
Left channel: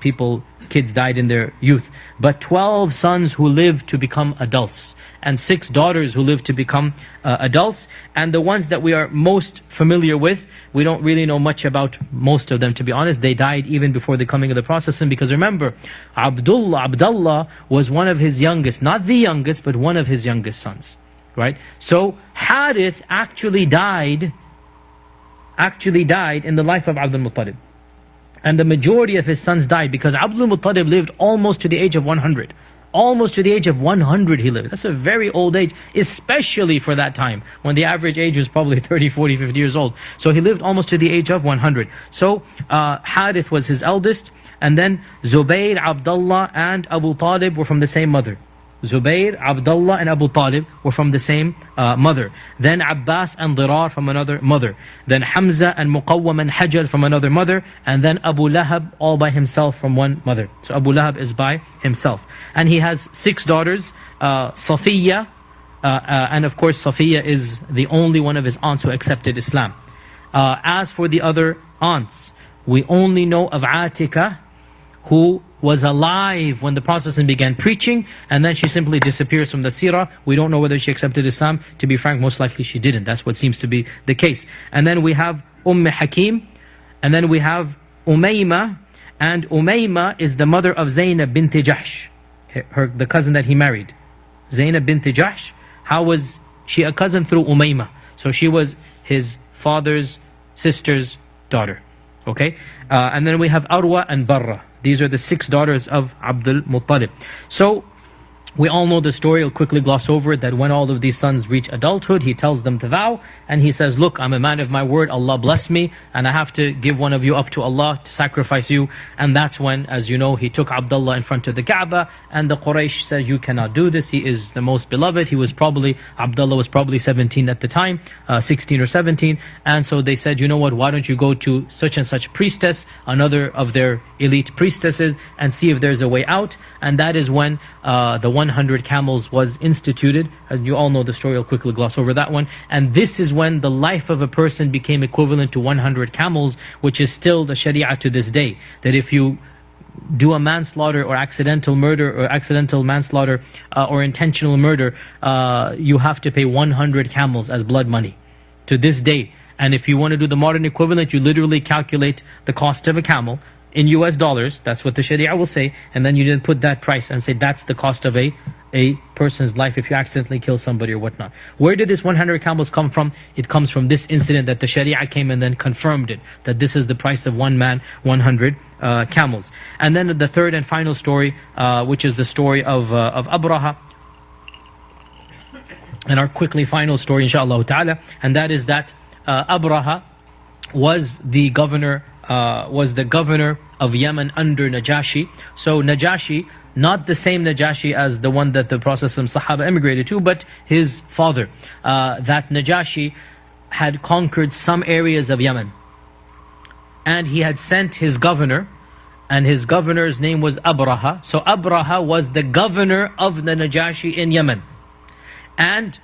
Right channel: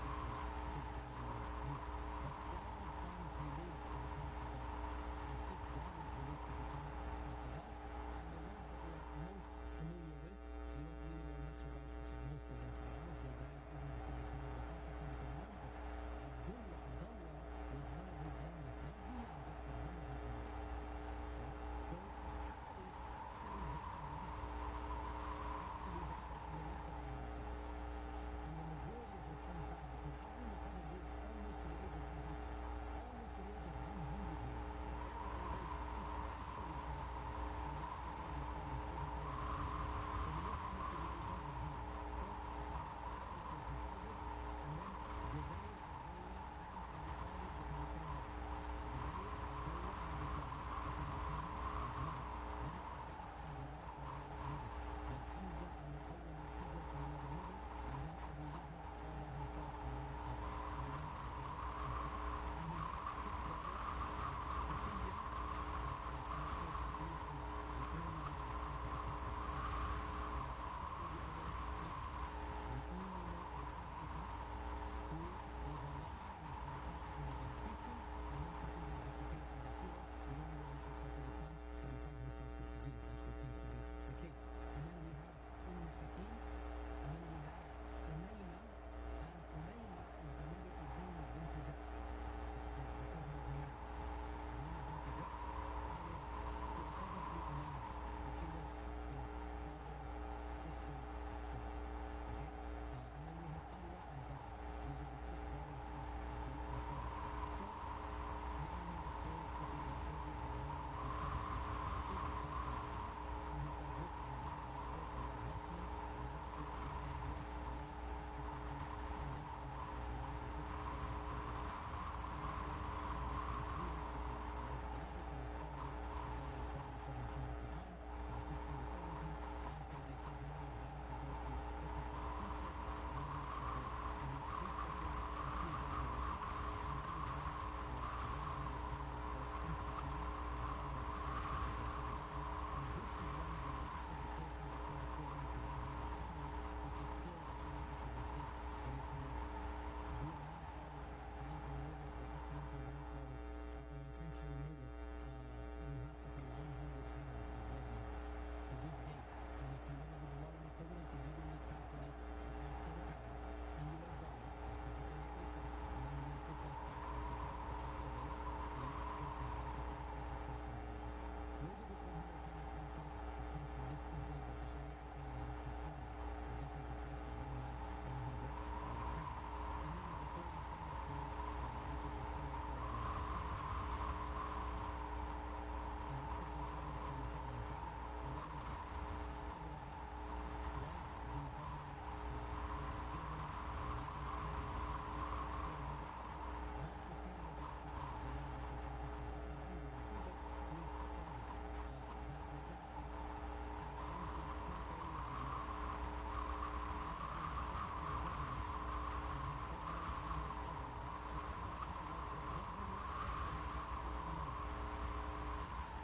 kids died in their youth. But 12 sons who lived to become adults, and 6 daughters who lived to become adults. And the ones that we are most familiar with, we don't really know much about most of them, to be honest. They died even before the coming of the Prophet. Because remember, Abdullah was one of his youngest, not the youngest, but one of his youngest sons, right? So Harith actually died in the life of Abdul Muttalib. And the majority of his sons died, because Abdul Muttalib lived almost to the age of 100. Almost to the age of 100 he lived. That's a very old age, especially for that time, when the average age was probably 30, 40, 50 years old. So he lived almost to the age of 100. So Harith was his eldest, and then Zubayr, Abdullah and Abu Talib were from the same mother. Zubayr, Abdullah and Abu Talib were from the same mother. Then Abbas and Dirar from another mother. Then Hamza and Muqawwam and Hajar from another mother. And then Abu Lahab all by himself from one mother. So Abu Lahab is by himself. And he has 6 daughters, Safiya, and of course Safiya is the only one of his aunts who accepted Islam. As for the other aunts, we only know of Atika, who was alive when the Prophet began preaching, and then she simply disappears from the seerah. We don't know whether she accepted Islam. To be frank, most likely she didn't. That's what seems to be the case. And then we have Hakim, and then we have Umayma, and Umayma is the mother of Zaynab bint Jahsh, the cousin that he married. Zaynab bint Jahsh, how was she a cousin? Through Umayma. So she was his father's sister's daughter. Okay? And then we have Arwa and Barra. These are the 6 daughters of Abdul Muttalib. So we all know the story. I'll quickly gloss over it, that when all of these sons reach adulthood, he tells them to vow, and he says, look, I'm a man of my word, Allah bless me, and I have to give one of you up to Allah, to sacrifice you. And that's when, as you know, he took Abdullah in front of the Kaaba, and the Quraysh said, you cannot do this, he is the most beloved. Abdullah was probably 17 at the time, 16 or 17, and so they said, you know what, why don't you go to such and such priestess, another of their elite priestesses, and see if there's a way out. And that is when the 100 camels was instituted. As you all know the story, I'll quickly gloss over that one. And this is when the life of a person became equivalent to 100 camels, which is still the Sharia to this day. That if you do a manslaughter or accidental murder or accidental manslaughter or intentional murder, you have to pay 100 camels as blood money to this day. And if you want to do the modern equivalent, you literally calculate the cost of a camel in US dollars, that's what the Sharia will say, and then you then put that price and say that's the cost of a person's life if you accidentally kill somebody or whatnot. Where did this 100 camels come from? It comes from this incident that the Sharia came and then confirmed it, that this is the price of one man, 100 camels. And then the third and final story, which is the story of Abraha, and our quickly final story inshaAllah ta'ala, and that is that Abraha was the governor of Yemen under Najashi. So Najashi, not the same Najashi as the one that the Prophet Sahaba emigrated to, but his father. That Najashi had conquered some areas of Yemen, and he had sent his governor, and his governor's name was Abraha. So Abraha was the governor of the Najashi in Yemen, and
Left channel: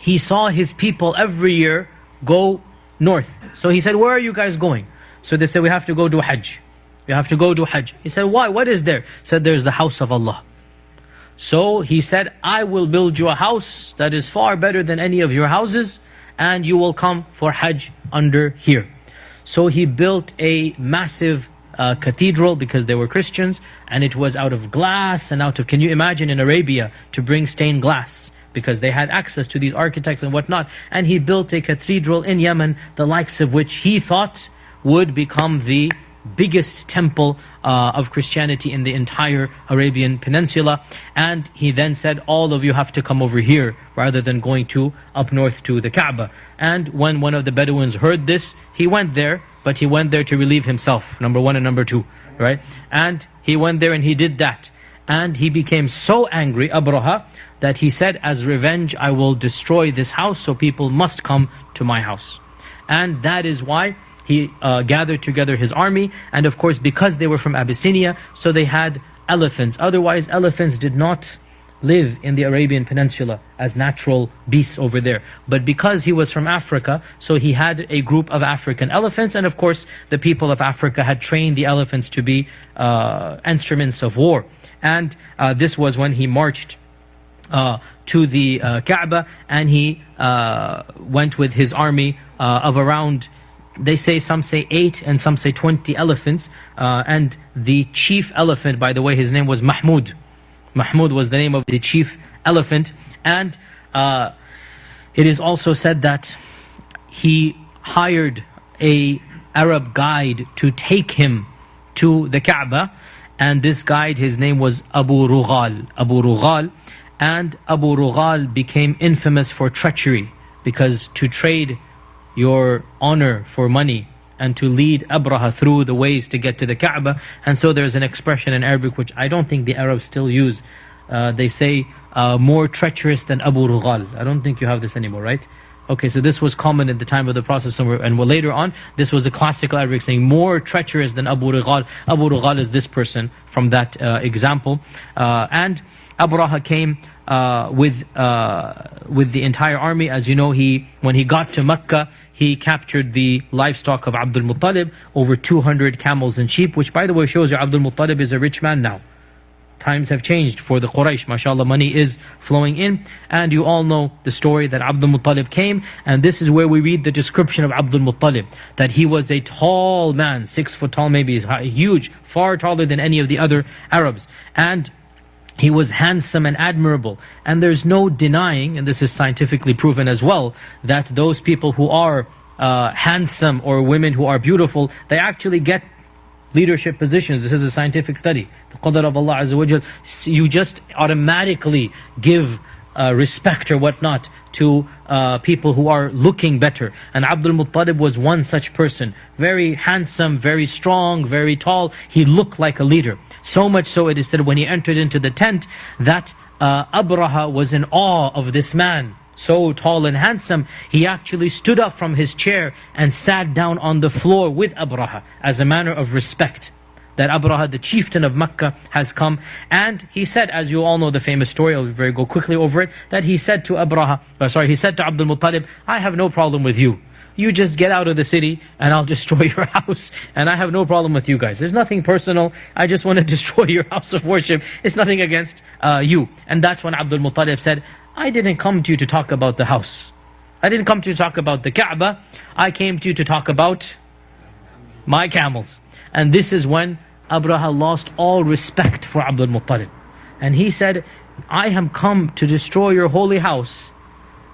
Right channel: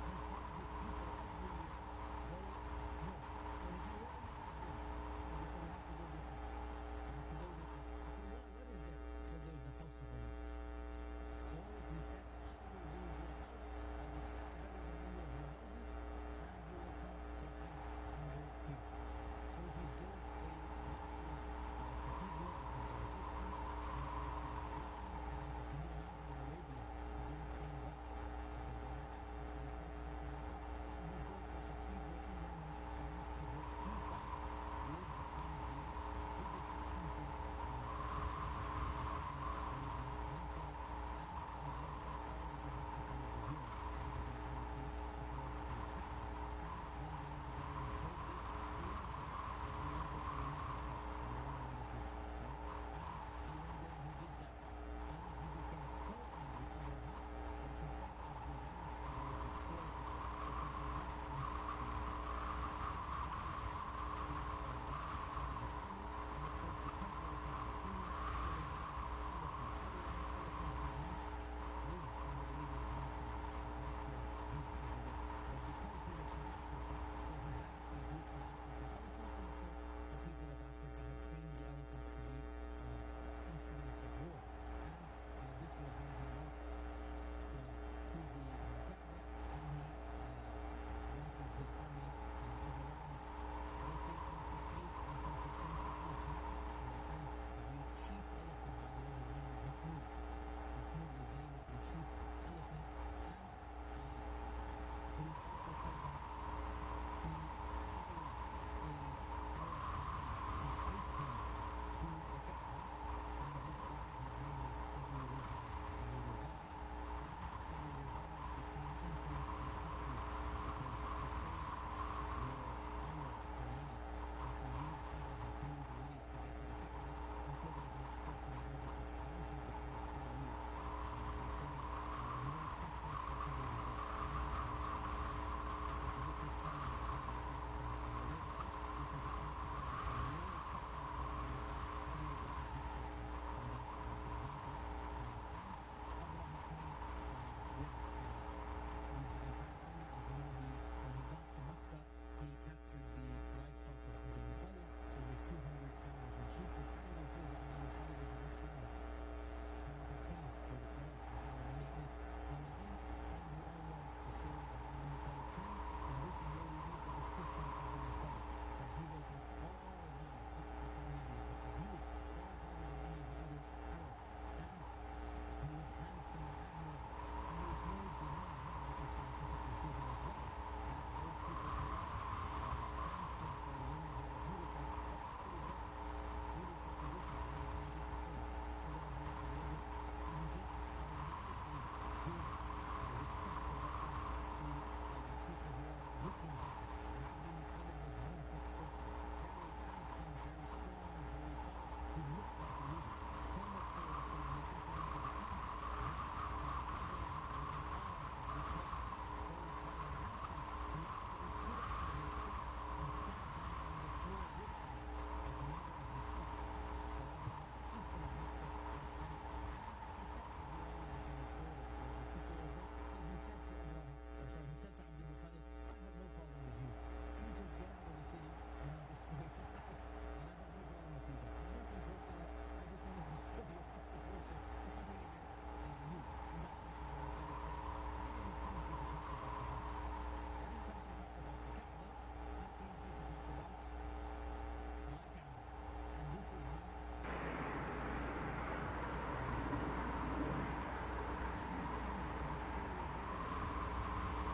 he saw his people every year go north. So he said, where are you guys going? So they said, we have to go do Hajj. We have to go do Hajj. He said, why? What is there? He said, there's the house of Allah. So he said, I will build you a house that is far better than any of your houses, and you will come for Hajj under here. So he built a massive cathedral, because they were Christians, and it was out of glass and out of, can you imagine in Arabia to bring stained glass? Because they had access to these architects and whatnot. And he built a cathedral in Yemen, the likes of which he thought would become the biggest temple of Christianity in the entire Arabian Peninsula. And he then said, all of you have to come over here, rather than going to up north to the Kaaba. And when one of the Bedouins heard this, he went there, but he went there to relieve himself, number one and number two, right? And he went there and he did that. And he became so angry, Abraha, that he said, as revenge, I will destroy this house, so people must come to my house. And that is why he gathered together his army. And of course, because they were from Abyssinia, so they had elephants. Otherwise, elephants did not live in the Arabian Peninsula as natural beasts over there. But because he was from Africa, so he had a group of African elephants. And of course, the people of Africa had trained the elephants to be instruments of war. And this was when he marched to the Kaaba, and he went with his army of around, they say, some say 8 and some say 20 elephants. And the chief elephant, by the way, his name was Mahmud. Mahmud was the name of the chief elephant. And it is also said that he hired a Arab guide to take him to the Kaaba. And this guide, his name was Abu Rughal. Abu Rughal. And Abu Rughal became infamous for treachery, because to trade your honor for money and to lead Abraha through the ways to get to the Kaaba. And so there's an expression in Arabic which I don't think the Arabs still use. They say, more treacherous than Abu Rughal. I don't think you have this anymore, right? Okay, so this was common at the time of the Prophet, and later on, this was a classical Arabic saying, more treacherous than Abu Rughal. Abu Rughal is this person from that example. And Abraha came with the entire army. As you know, when he got to Mecca, he captured the livestock of Abdul Muttalib, over 200 camels and sheep, which by the way shows you Abdul Muttalib is a rich man now. Times have changed for the Quraysh, mashallah, money is flowing in. And you all know the story that Abdul Muttalib came, and this is where we read the description of Abdul Muttalib, that he was a tall man, 6 foot tall, maybe huge, far taller than any of the other Arabs. And he was handsome and admirable. And there's no denying, and this is scientifically proven as well, that those people who are handsome, or women who are beautiful, they actually get leadership positions. This is a scientific study. The qadr of Allah Azza wa Jal, you just automatically give respect or whatnot to people who are looking better. And Abdul Muttalib was one such person. Very handsome, very strong, very tall. He looked like a leader. So much so, it is said, when he entered into the tent, that Abraha was in awe of this man. So tall and handsome, he actually stood up from his chair and sat down on the floor with Abraha as a manner of respect. That Abraha, the chieftain of Mecca, has come. And he said, as you all know the famous story, I'll go quickly over it, that he said to he said to Abdul Muttalib, I have no problem with you. You just get out of the city and I'll destroy your house. And I have no problem with you guys. There's nothing personal. I just want to destroy your house of worship. It's nothing against you. And that's when Abdul Muttalib said, I didn't come to you to talk about the house. I didn't come to you to talk about the Kaaba. I came to you to talk about my camels. And this is when Abraha lost all respect for Abdul Muttalib. And he said, I have come to destroy your holy house,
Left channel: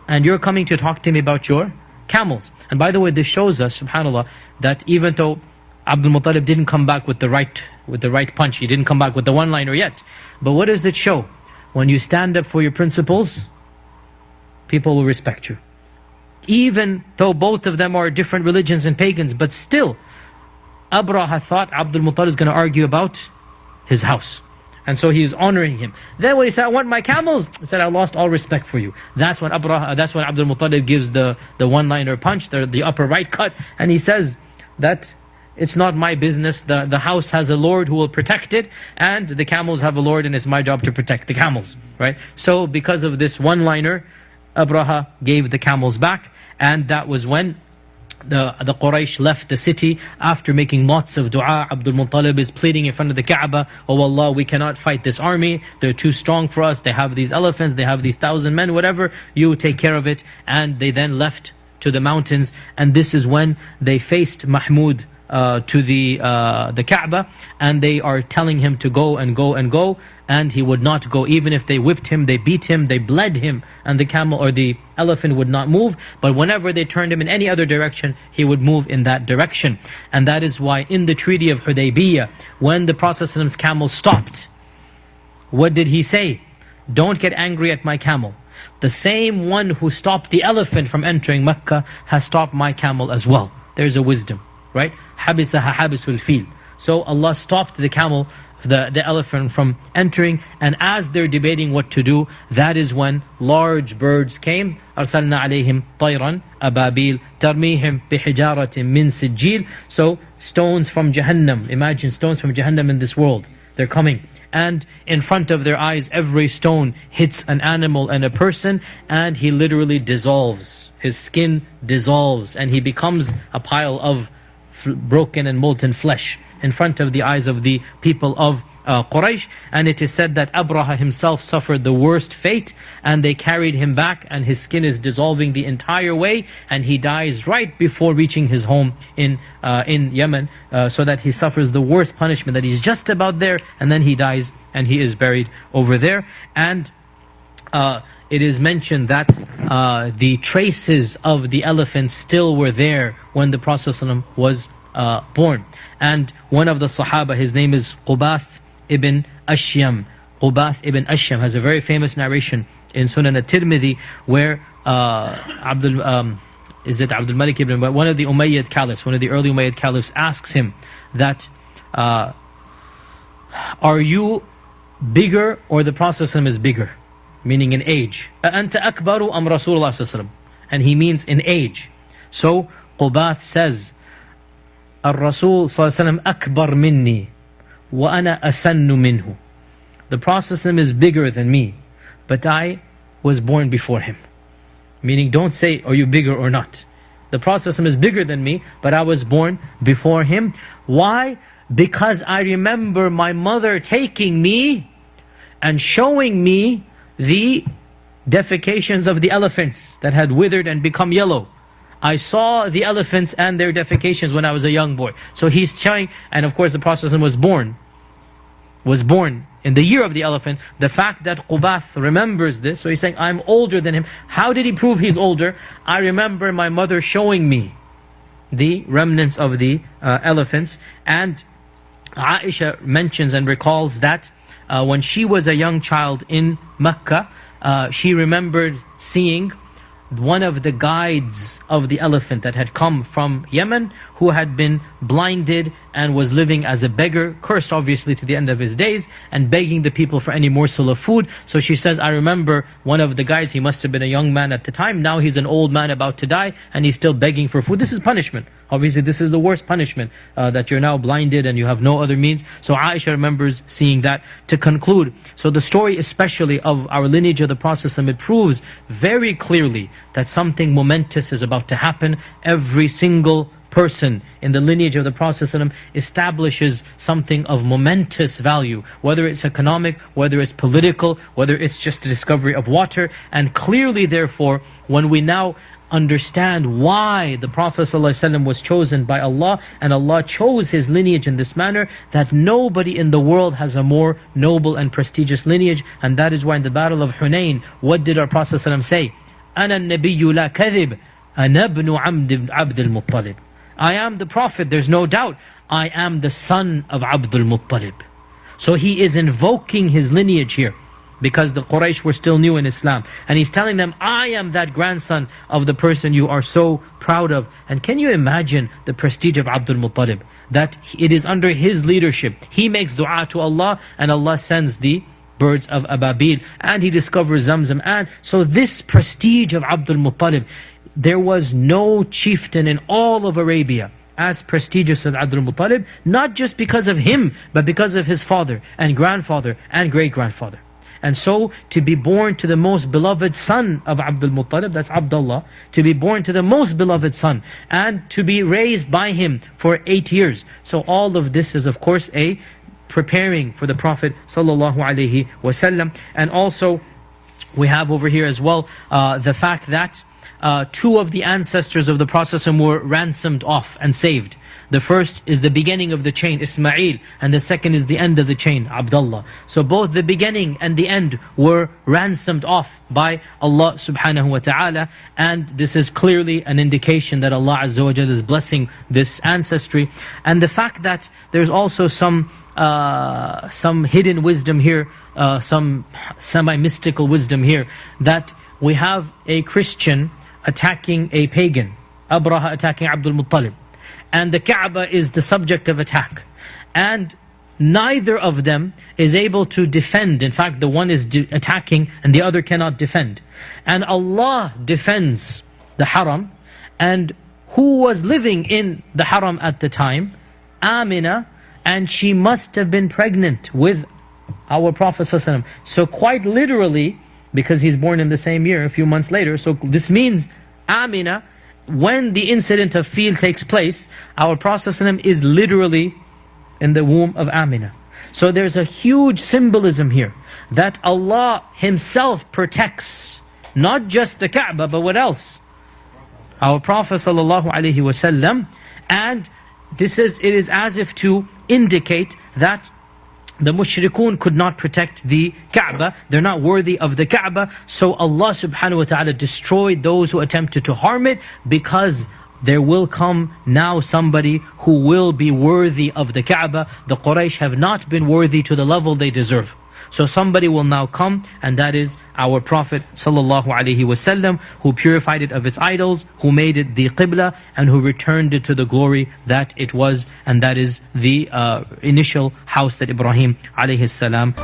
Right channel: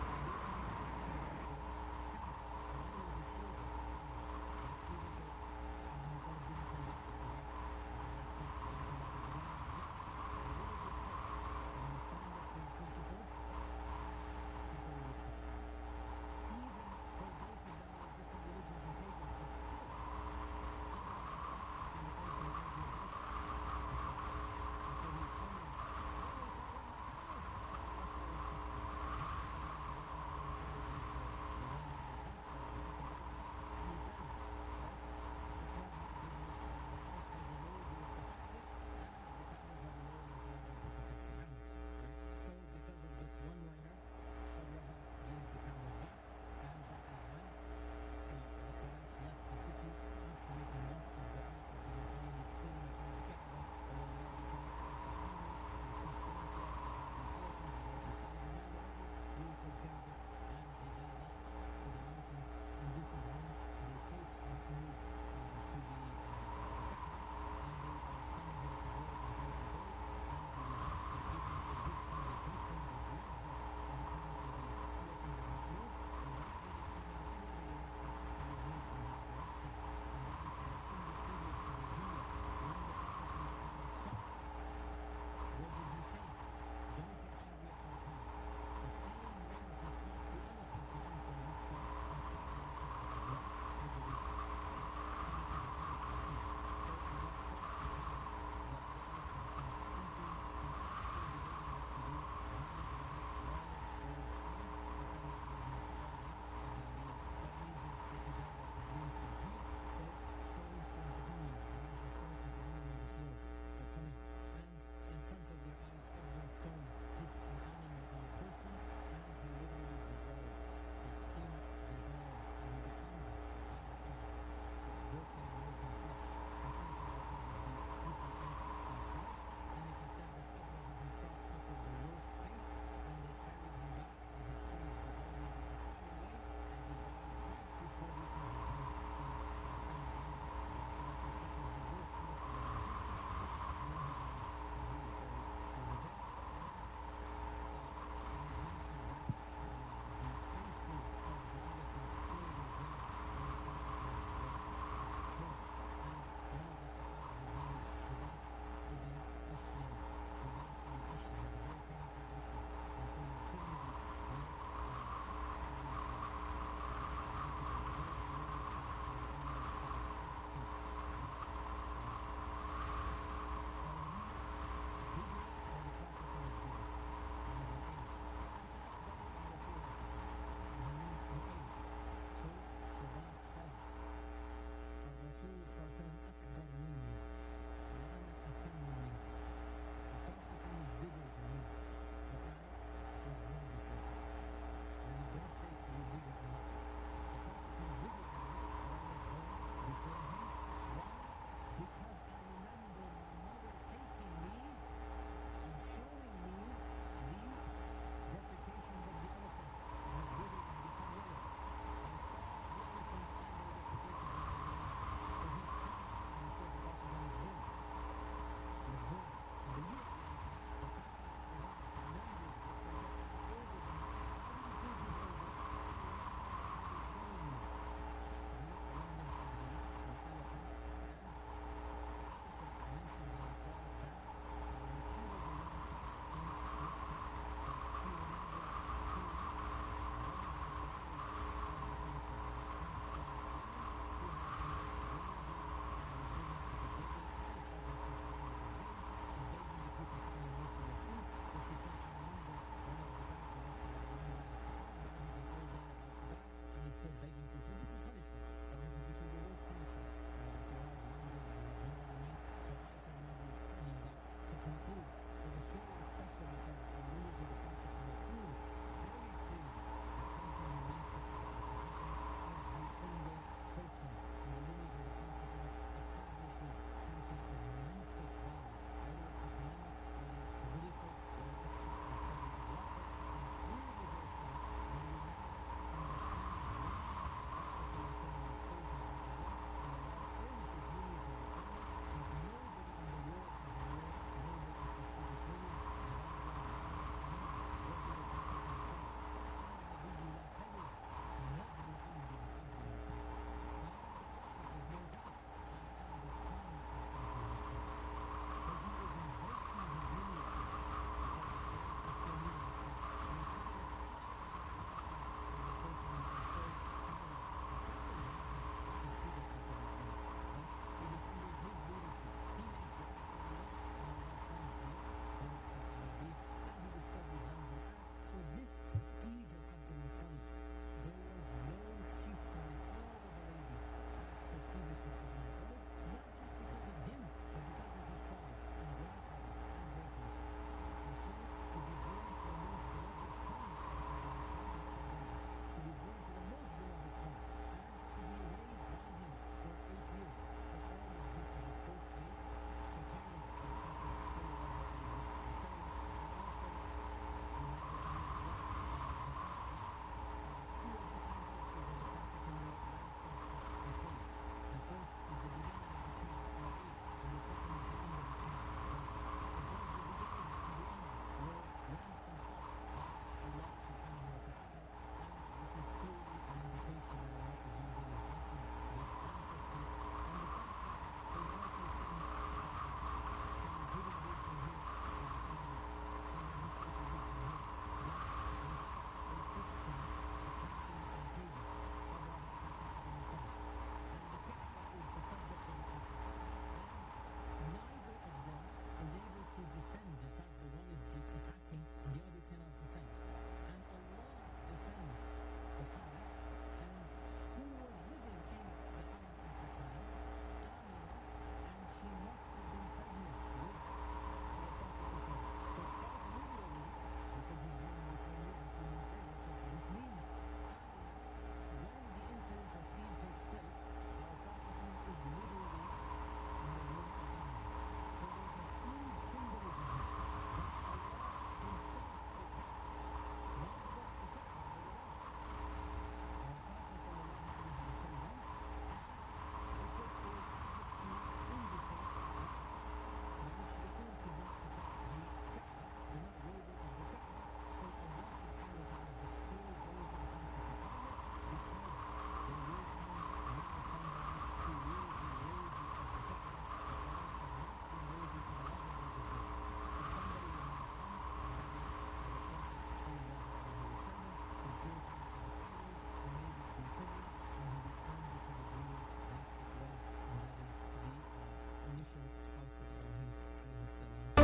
and you're coming to talk to me about your camels. And by the way, this shows us, subhanAllah, that even though Abdul Muttalib didn't come back with the right punch, he didn't come back with the one-liner yet. But what does it show? When you stand up for your principles, people will respect you. Even though both of them are different religions and pagans, but still, Abraha thought Abdul Muttalib is going to argue about his house. And so he is honoring him. Then when he said, I want my camels, he said, I lost all respect for you. That's when Abdul Muttalib gives the one-liner punch, the upper right cut, and he says that it's not my business. The house has a Lord who will protect it, and the camels have a Lord, and it's my job to protect the camels. Right? So because of this one-liner, Abraha gave the camels back, and that was when the Quraysh left the city after making lots of dua. Abdul Muttalib is pleading in front of the Kaaba, "Oh Allah, we cannot fight this army, they're too strong for us, they have these elephants, they have these 1,000 men, whatever, you take care of it." And they then left to the mountains, and this is when they faced Mahmud to the Kaaba, and they are telling him to go and go and go, and he would not go. Even if they whipped him, they beat him, they bled him, and the camel or the elephant would not move. But whenever they turned him in any other direction, he would move in that direction. And that is why in the Treaty of Hudaybiyah, when the Prophet's camel stopped, what did he say? "Don't get angry at my camel. The same one who stopped the elephant from entering Mecca has stopped my camel as well." There's a wisdom, right? حَبِسَهَا حَبِسُ الْفِيلِ. So Allah stopped the camel, the elephant, from entering, and as they're debating what to do, that is when large birds came. أَرْسَلْنَا عَلَيْهِمْ طَيْرًا أَبَابِيلَ تَرْمِيهِمْ بِحِجَارَةٍ مِّن سِجِّيلٍ. So stones from Jahannam, imagine stones from Jahannam in this world, they're coming. And in front of their eyes, every stone hits an animal and a person, and he literally dissolves. His skin dissolves, and he becomes a pile of broken and molten flesh in front of the eyes of the people of Quraysh. And it is said that Abraha himself suffered the worst fate, and they carried him back, and his skin is dissolving the entire way, and he dies right before reaching his home in Yemen, so that he suffers the worst punishment, that he's just about there, and then he dies, and he is buried over there. And it is mentioned that the traces of the elephants still were there when the Prophet ﷺ was born. And one of the Sahaba, his name is Qubath ibn Ashyam. Qubath ibn Ashyam has a very famous narration in Sunan at-Tirmidhi, where is it Abdul Malik ibn, but one of the Umayyad caliphs, one of the early Umayyad caliphs, asks him that, "Are you bigger, or the Prophet ﷺ is bigger?" Meaning in age. أَأَنْتَ أَكْبَرُ أَمْ رَسُولُ اللَّهِ صَلَّى اللَّهُ عَلَيْهِ وسلم. And he means in age. So Qubath says, "الرسول صلى الله عليه وسلم أكبر مني وأنا أسن منه." The Prophet is bigger than me, but I was born before him. Meaning, don't say, "Are you bigger or not?" The Prophet is bigger than me, but I was born before him. Why? Because I remember my mother taking me and showing me the defecations of the elephants that had withered and become yellow. I saw the elephants and their defecations when I was a young boy. So he's showing, and of course the Prophet was born in the year of the elephant. The fact that Qubath remembers this, so he's saying, I'm older than him. How did he prove he's older? I remember my mother showing me the remnants of the elephants. And Aisha mentions and recalls that when she was a young child in Mecca, she remembered seeing one of the guides of the elephant that had come from Yemen, who had been blinded and was living as a beggar, cursed obviously to the end of his days, and begging the people for any morsel of food. So she says, I remember one of the guides, he must have been a young man at the time, now he's an old man about to die, and he's still begging for food. This is punishment. Obviously this is the worst punishment, that you're now blinded and you have no other means. So Aisha remembers seeing that. To conclude, so the story especially of our lineage of the Prophet, it proves very clearly that something momentous is about to happen. Every single person in the lineage of the Prophet establishes something of momentous value, whether it's economic, whether it's political, whether it's just the discovery of water. And clearly therefore, when we now understand why the Prophet ﷺ was chosen by Allah, and Allah chose his lineage in this manner, that nobody in the world has a more noble and prestigious lineage. And that is why in the Battle of Hunayn, what did our Prophet ﷺ say? أَنَا النَّبِيُّ لَا كَذِبْ أَنَا ابْنُ عَبْدِ الْمُطَّلِبِ. I am the Prophet, there's no doubt. I am the son of Abdul Muttalib. So he is invoking his lineage here, because the Quraysh were still new in Islam. And he's telling them, I am that grandson of the person you are so proud of. And can you imagine the prestige of Abdul Muttalib? That it is under his leadership. He makes dua to Allah, and Allah sends the birds of Ababil, and he discovers Zamzam. And so this prestige of Abdul Muttalib, there was no chieftain in all of Arabia as prestigious as Abdul Muttalib, not just because of him, but because of his father and grandfather and great-grandfather. And so to be born to the most beloved son of Abdul Muttalib, that's Abdullah, to be born to the most beloved son, and to be raised by him for 8 years. So all of this is of course a preparing for the Prophet sallallahu alaihi wasallam. And also we have over here as well the fact that two of the ancestors of the Prophet were ransomed off and saved. The first is the beginning of the chain, Ismail, and the second is the end of the chain, Abdullah. So both the beginning and the end were ransomed off by Allah subhanahu wa ta'ala, and this is clearly an indication that Allah Azza wa Jalla is blessing this ancestry. And the fact that there's also some hidden wisdom here, some semi-mystical wisdom here, that we have a Christian attacking a pagan, Abraha attacking Abdul Muttalib, and the Kaaba is the subject of attack, and neither of them is able to defend. In fact, the one is attacking and the other cannot defend. And Allah defends the Haram. And who was living in the Haram at the time? Amina, and she must have been pregnant with our Prophet ﷺ. So quite literally, because he's born in the same year, a few months later, so this means Amina, when the incident of Fil takes place, our Prophet ﷺ is literally in the womb of Amina. So there's a huge symbolism here, that Allah Himself protects not just the Kaaba, but what else? Our Prophet ﷺ. And it is as if to indicate that the mushrikun could not protect the Kaaba. They're not worthy of the Kaaba. So Allah subhanahu wa ta'ala destroyed those who attempted to harm it, because there will come now somebody who will be worthy of the Kaaba. The Quraysh have not been worthy to the level they deserve. So somebody will now come, and that is our Prophet sallallahu alaihi wasallam, who purified it of its idols, who made it the Qibla, and who returned it to the glory that it was, and that is the initial house that Ibrahim alayhi salam